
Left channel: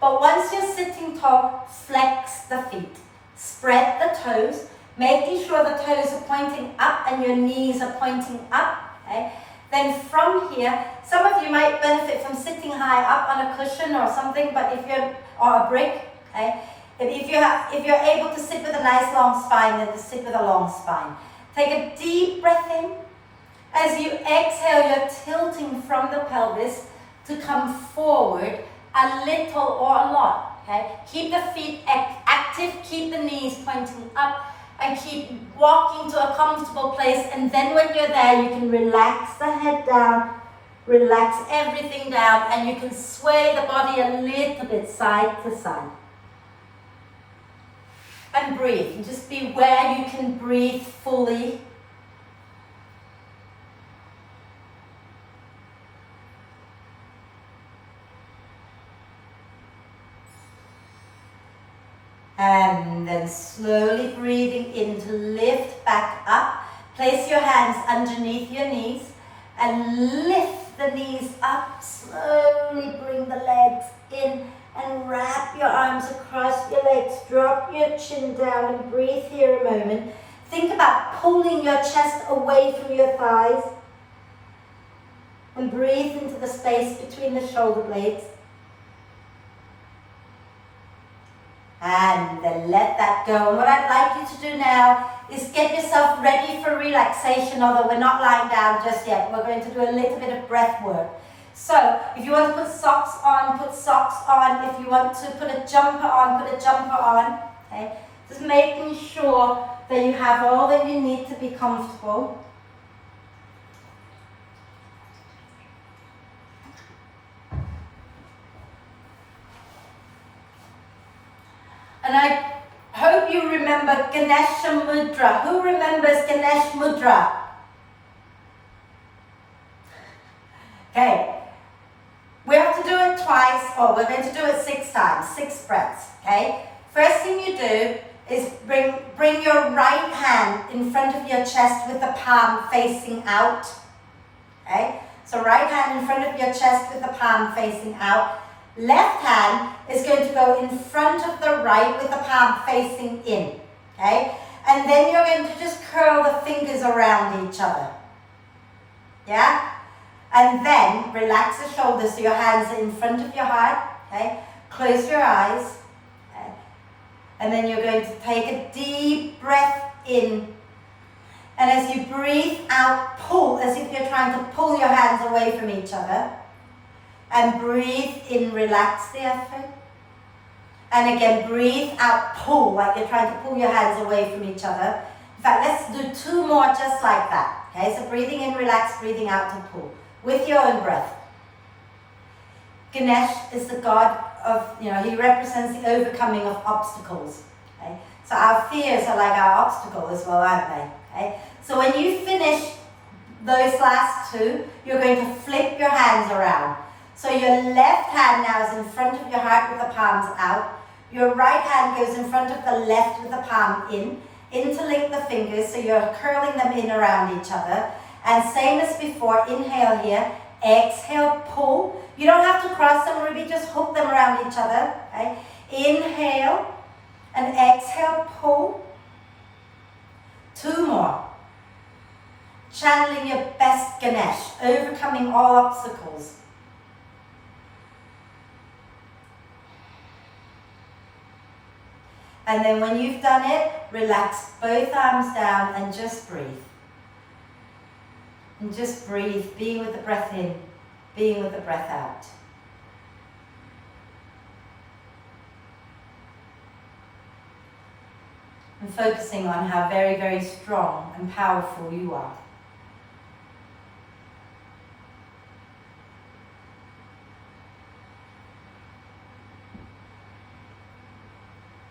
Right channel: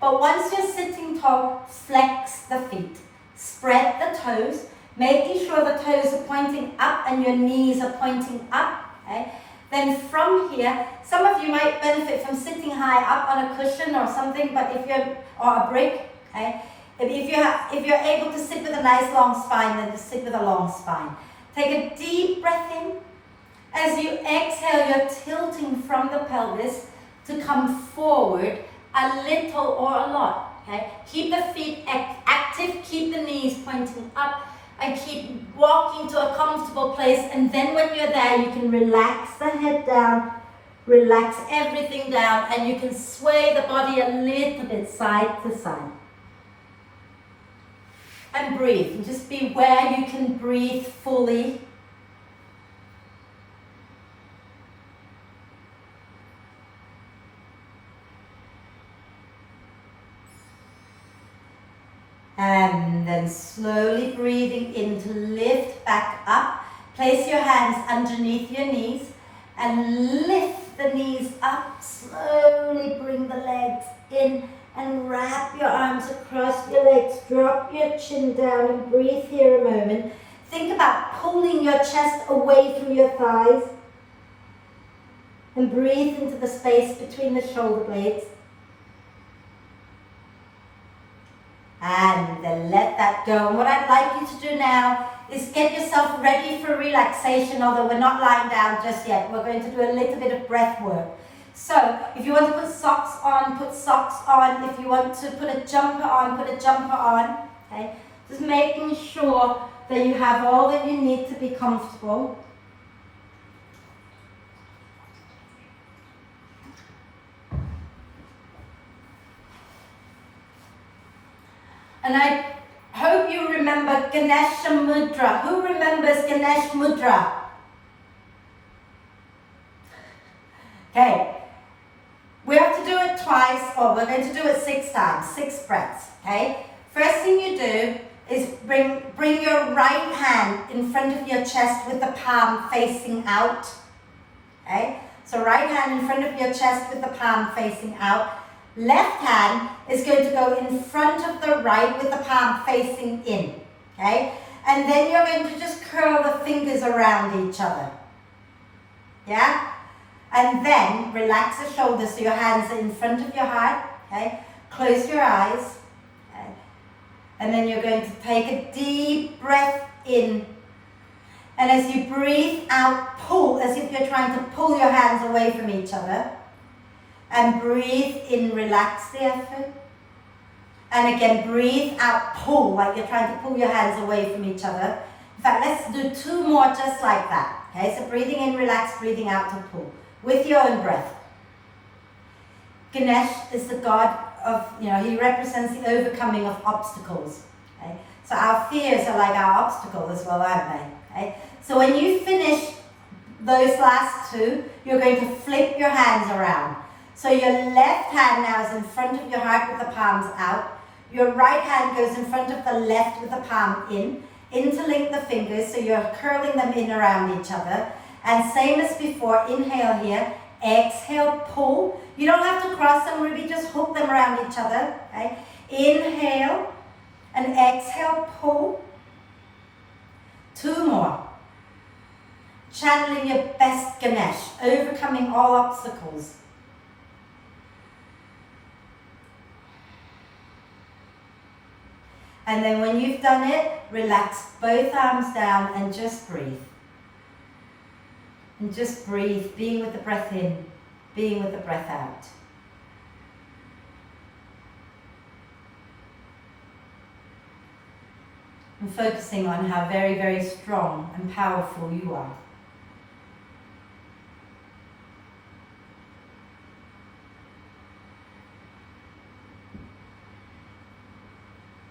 But once you're sitting tall, flex the feet. Spread the toes, making sure the toes are pointing up and your knees are pointing up, okay? Then from here, some of you might benefit from sitting high up on a cushion or something, but if you're, or a brick, okay? If you're able to sit with a nice long spine, then just sit with a long spine. Take a deep breath in. As you exhale, you're tilting from the pelvis to come forward a little or a lot, okay? Keep the feet active, keep the knees pointing up, and keep walking to a comfortable place. And then when you're there, you can relax the head down, relax everything down, and you can sway the body a little bit side to side. And breathe. And just be where you can breathe fully. And then slowly breathing in to lift back up. Place your hands underneath your knees and lift the knees up. Slowly bring the legs in and wrap your arms across your legs. Drop your chin down and breathe here a moment. Think about pulling your chest away from your thighs. And breathe into the space between the shoulder blades. And then let that go. And what I'd like you to do now is get yourself ready for relaxation, although we're not lying down just yet. We're going to do a little bit of breath work. So if you want to put socks on, put socks on. If you want to put a jumper on, put a jumper on. Okay? Just making sure that you have all that you need to be comfortable. And I hope you remember Ganesha Mudra. Who remembers Ganesh Mudra? Okay. We have to do it twice, or we're going to do it 6 times, 6 breaths. Okay. First thing you do is bring your right hand in front of your chest with the palm facing out. Okay. So right hand in front of your chest with the palm facing out. Left hand is going to go in front of the right with the palm facing in, okay? And then you're going to just curl the fingers around each other, yeah? And then relax the shoulders so your hands are in front of your heart, okay? Close your eyes, okay? And then you're going to take a deep breath in. And as you breathe out, pull, as if you're trying to pull your hands away from each other. And breathe in, relax the effort. And again, breathe out, pull, like you're trying to pull your hands away from each other. In fact, let's do 2 more just like that. Okay, so breathing in, relax, breathing out to pull. With your own breath. Ganesh is the god of, he represents the overcoming of obstacles. Okay? So our fears are like our obstacle as well, aren't they? Okay? So when you finish those last 2, you're going to flip your hands around. So your left hand now is in front of your heart with the palms out. Your right hand goes in front of the left with the palm in. Interlink the fingers so you're curling them in around each other. And same as before, inhale here, exhale, pull. You don't have to cross them, Ruby, just hook them around each other. Okay? Inhale and exhale, pull. 2 more. Channeling your best Ganesh, overcoming all obstacles. And then when you've done it, relax both arms down and just breathe. And just breathe, being with the breath in, being with the breath out. And focusing on how very, very strong and powerful you are.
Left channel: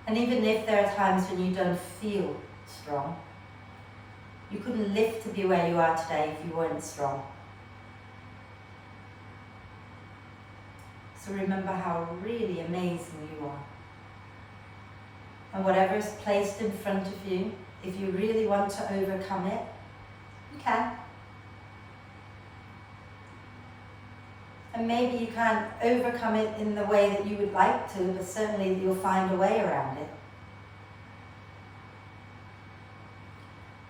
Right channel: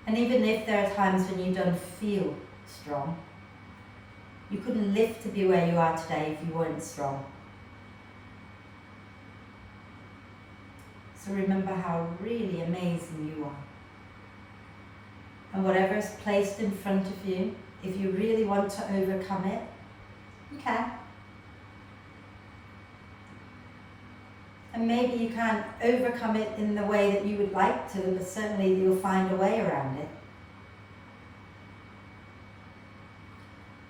And even if there are times when you don't feel strong, you couldn't live to be where you are today if you weren't strong. So remember how really amazing you are. And whatever is placed in front of you, if you really want to overcome it, you can. And maybe you can't overcome it in the way that you would like to, but certainly you'll find a way around it.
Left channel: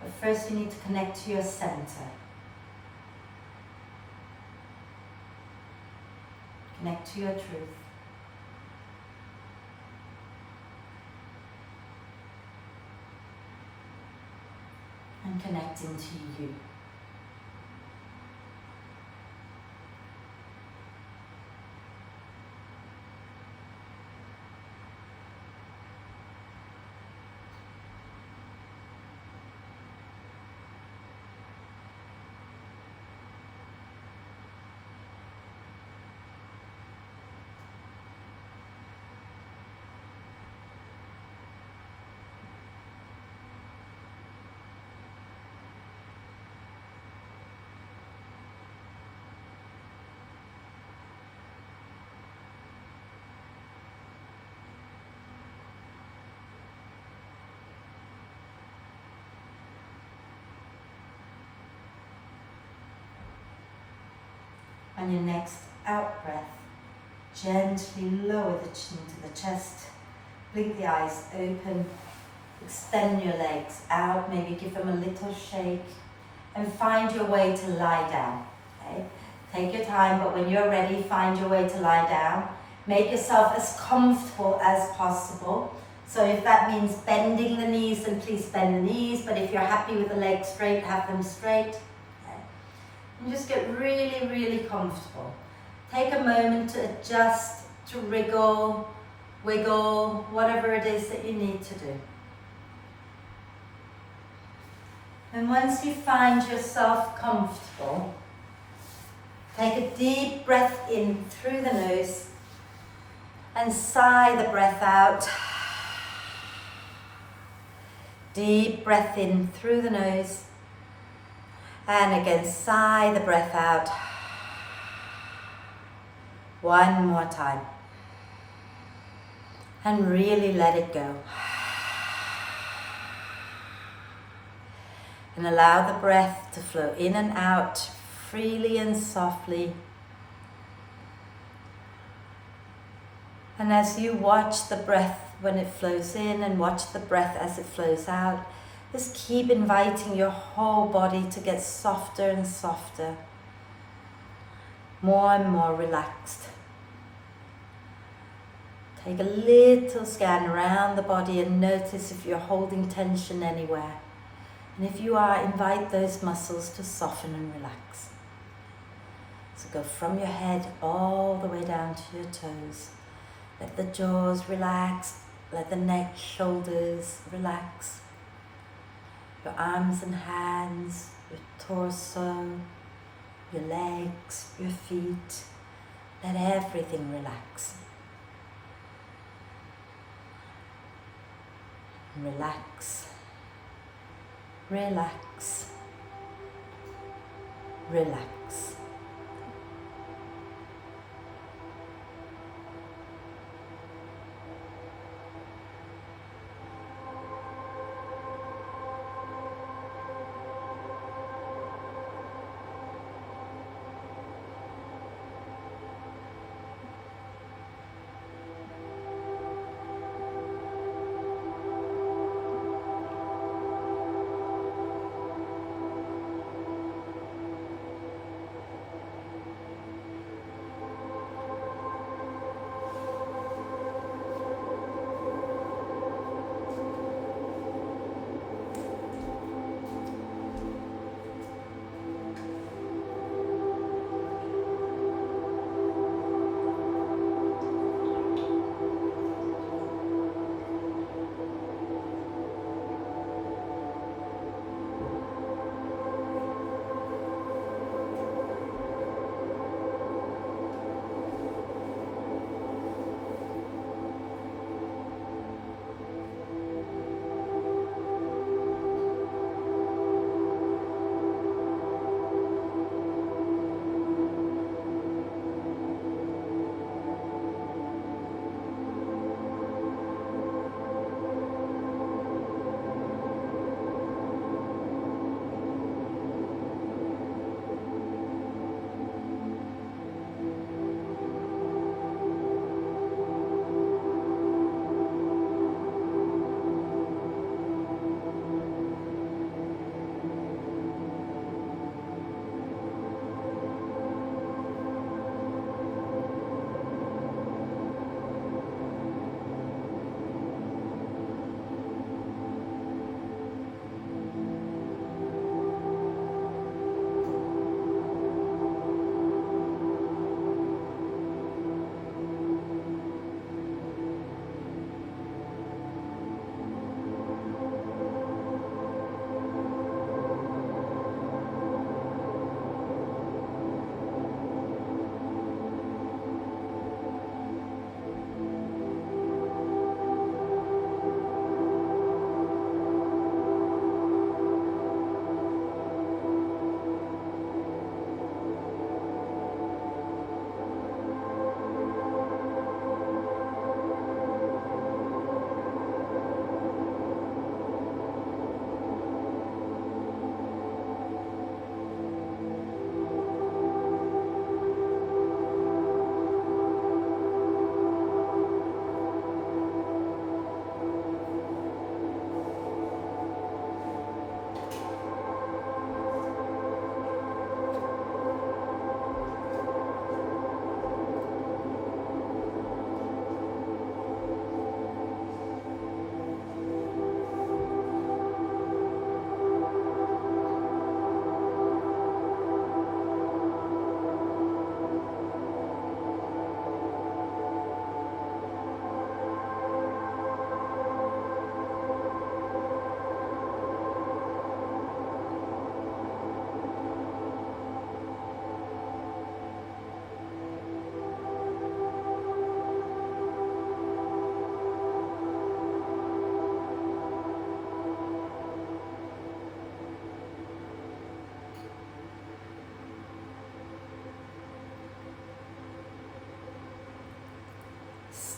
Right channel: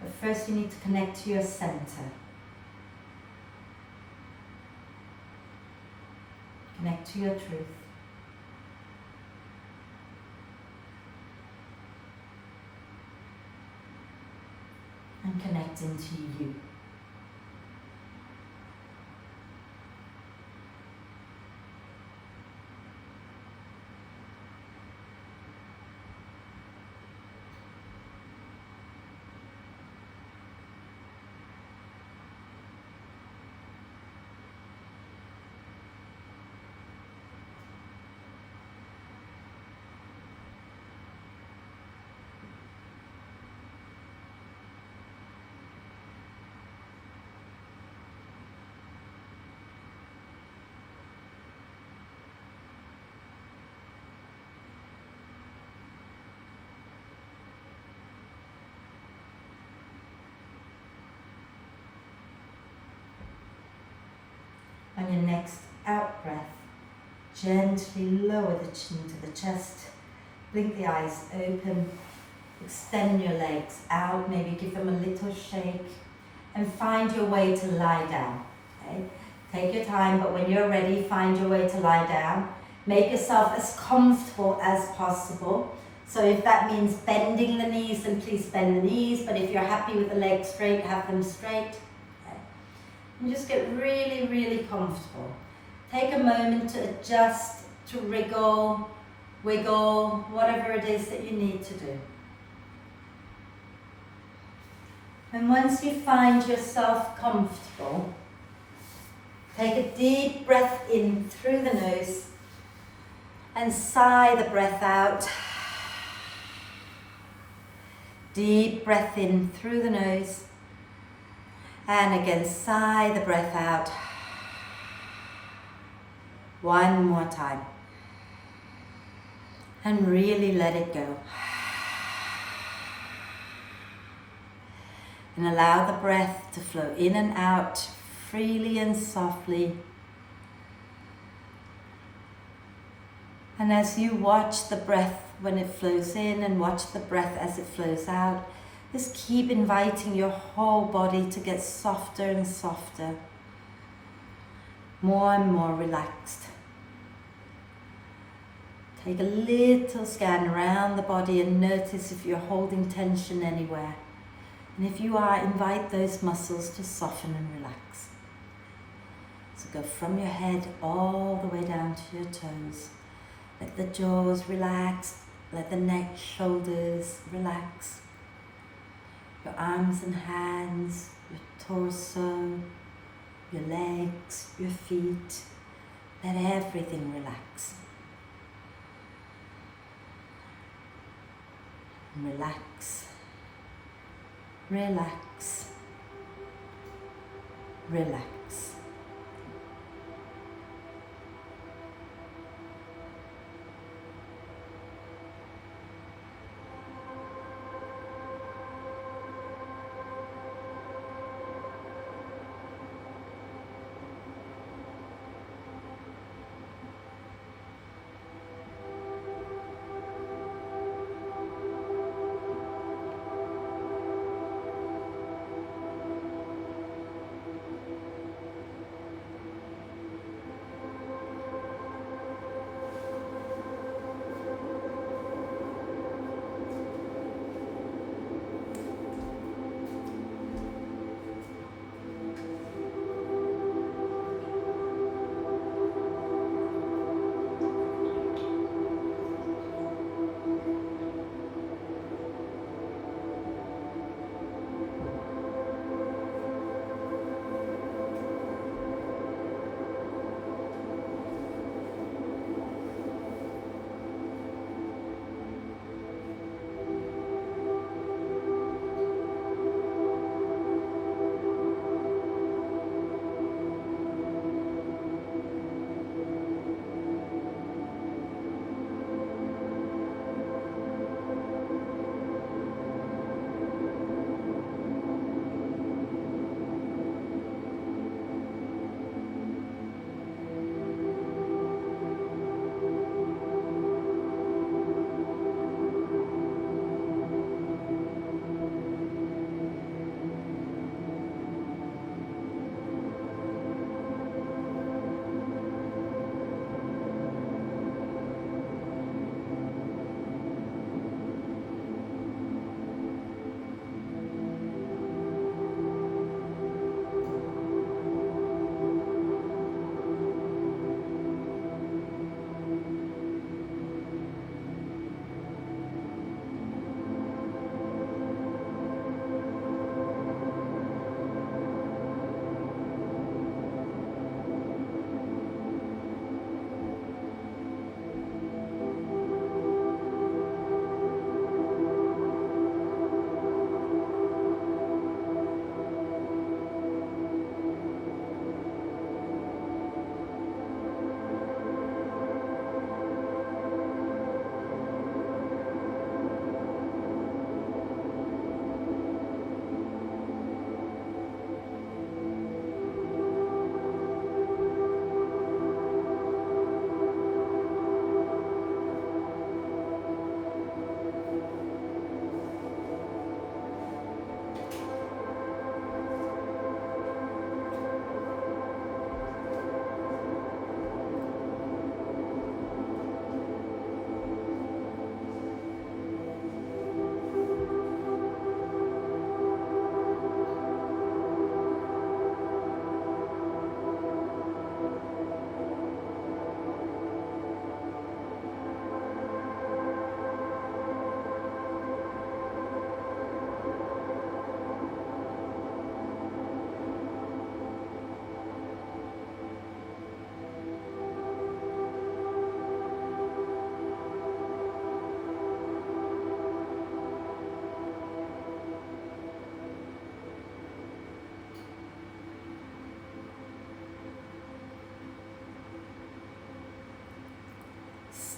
But first you need to connect to your center. Connect to your truth. And connect into you. On your next out breath, gently lower the chin to the chest, blink the eyes open, extend your legs out, maybe give them a little shake, and find your way to lie down. Okay? Take your time, but when you're ready, find your way to lie down. Make yourself as comfortable as possible. So if that means bending the knees, then please bend the knees, but if you're happy with the legs straight, have them straight. And just get really, really comfortable. Take a moment to adjust, to wriggle, wiggle, whatever it is that you need to do. And once you find yourself comfortable, take a deep breath in through the nose and sigh the breath out. Deep breath in through the nose. And again, sigh the breath out. One more time. And really let it go. And allow the breath to flow in and out freely and softly. And as you watch the breath when it flows in and watch the breath as it flows out, just keep inviting your whole body to get softer and softer, more and more relaxed. Take a little scan around the body and notice if you're holding tension anywhere. And if you are, invite those muscles to soften and relax. So go from your head all the way down to your toes. Let the jaws relax, let the neck, shoulders relax. Your arms and hands, your torso, your legs, your feet. Let everything relax. Relax, relax, relax.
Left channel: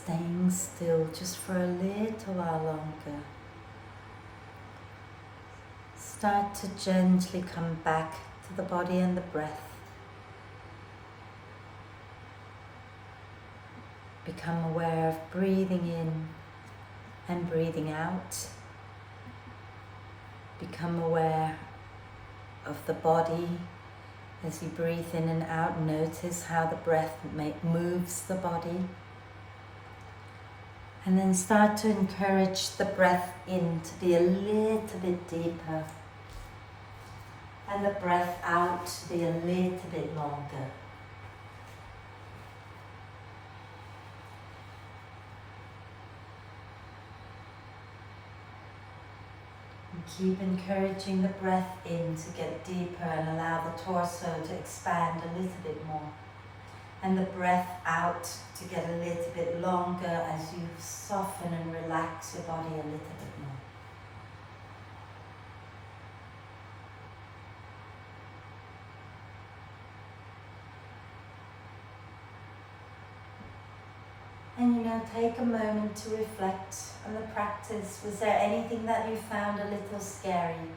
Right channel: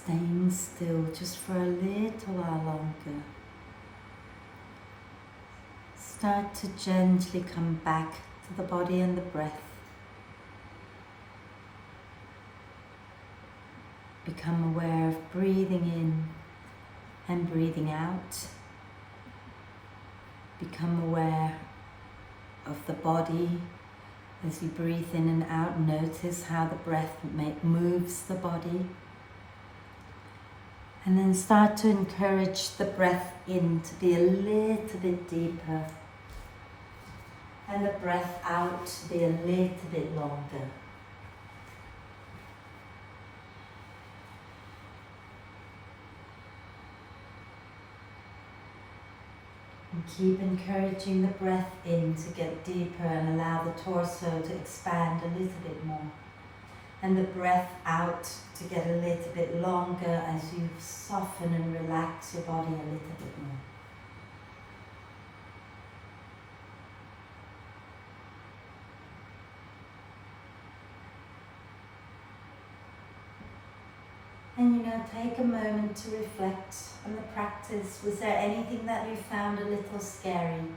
staying still just for a little while longer. Start to gently come back to the body and the breath. Become aware of breathing in and breathing out. Become aware of the body as you breathe in and out. Notice how the breath moves the body. And then start to encourage the breath in to be a little bit deeper. And the breath out to be a little bit longer. And keep encouraging the breath in to get deeper and allow the torso to expand a little bit more. And the breath out to get a little bit longer as you soften and relax your body a little bit more. And you now take a moment to reflect on the practice. Was there anything that you found a little scary?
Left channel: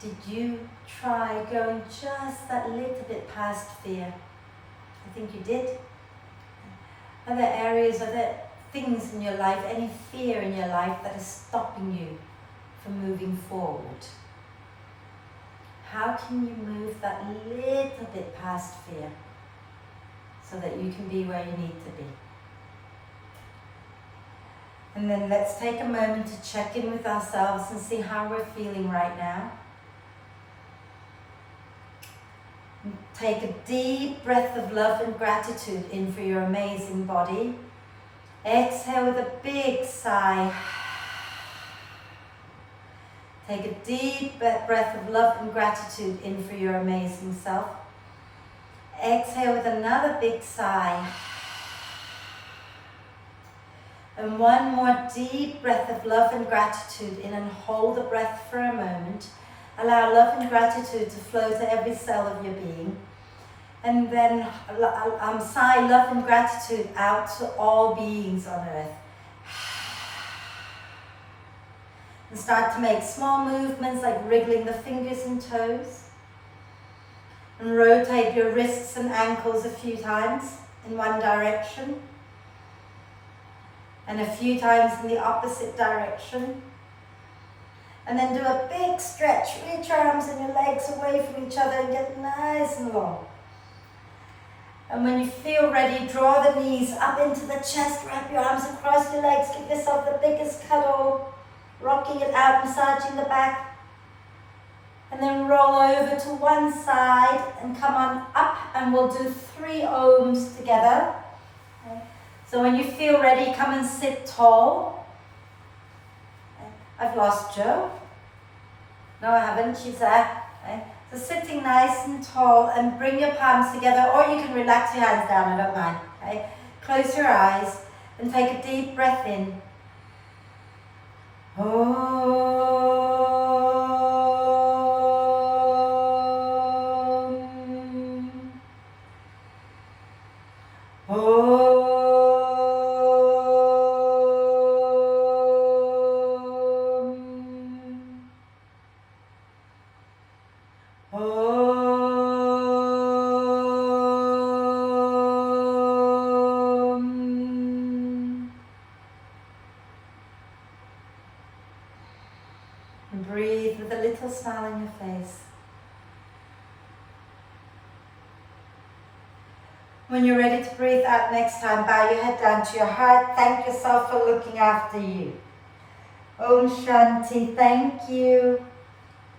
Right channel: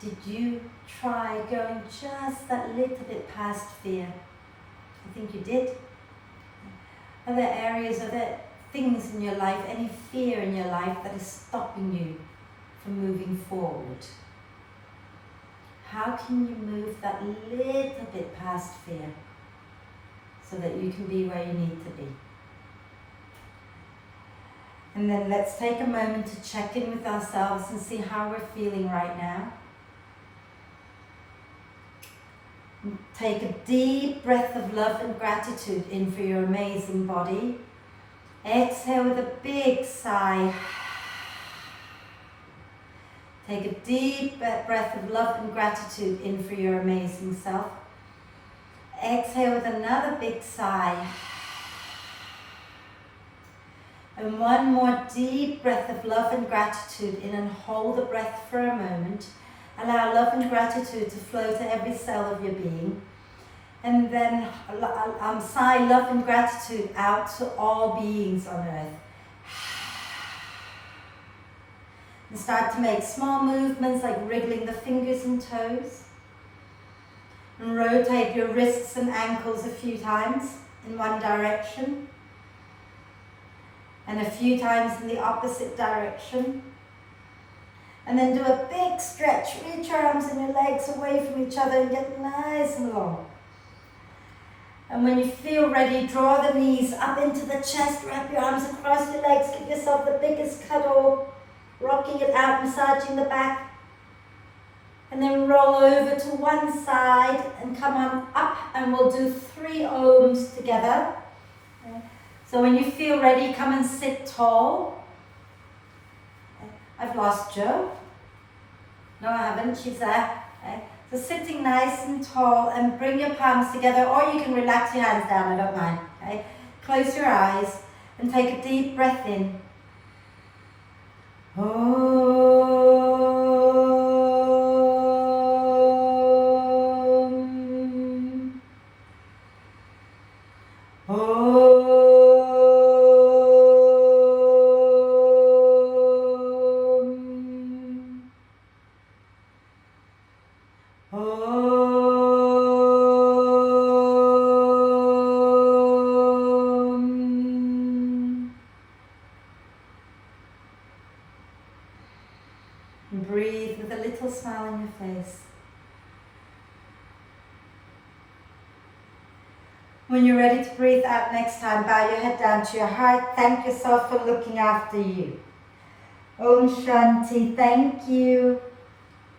Did you try going just that little bit past fear? I think you did. Are there areas, are there things in your life, any fear in your life that is stopping you from moving forward? How can you move that little bit past fear so that you can be where you need to be? And then let's take a moment to check in with ourselves and see how we're feeling right now. Take a deep breath of love and gratitude in for your amazing body. Exhale with a big sigh. Take a deep breath of love and gratitude in for your amazing self. Exhale with another big sigh. And one more deep breath of love and gratitude in, and hold the breath for a moment. Allow love and gratitude to flow to every cell of your being. And then sigh love and gratitude out to all beings on earth. And start to make small movements like wriggling the fingers and toes. And rotate your wrists and ankles a few times in one direction. And a few times in the opposite direction. And then do a big stretch. Reach your arms and your legs away from each other and get nice and long. And when you feel ready, draw the knees up into the chest, wrap your arms across your legs, give yourself the biggest cuddle, rocking it out, massaging the back. And then roll over to one side and come on up, and we'll do 3 ohms together. Okay. So when you feel ready, come and sit tall. I've lost Jo. No, I haven't, she's there. Okay. So sitting nice and tall, and bring your palms together, or you can relax your hands down, I don't mind. Okay. Close your eyes and take a deep breath in. And breathe with a little smile on your face. When you're ready to breathe out next time, bow your head down to your heart. Thank yourself for looking after you. Om Shanti, thank you.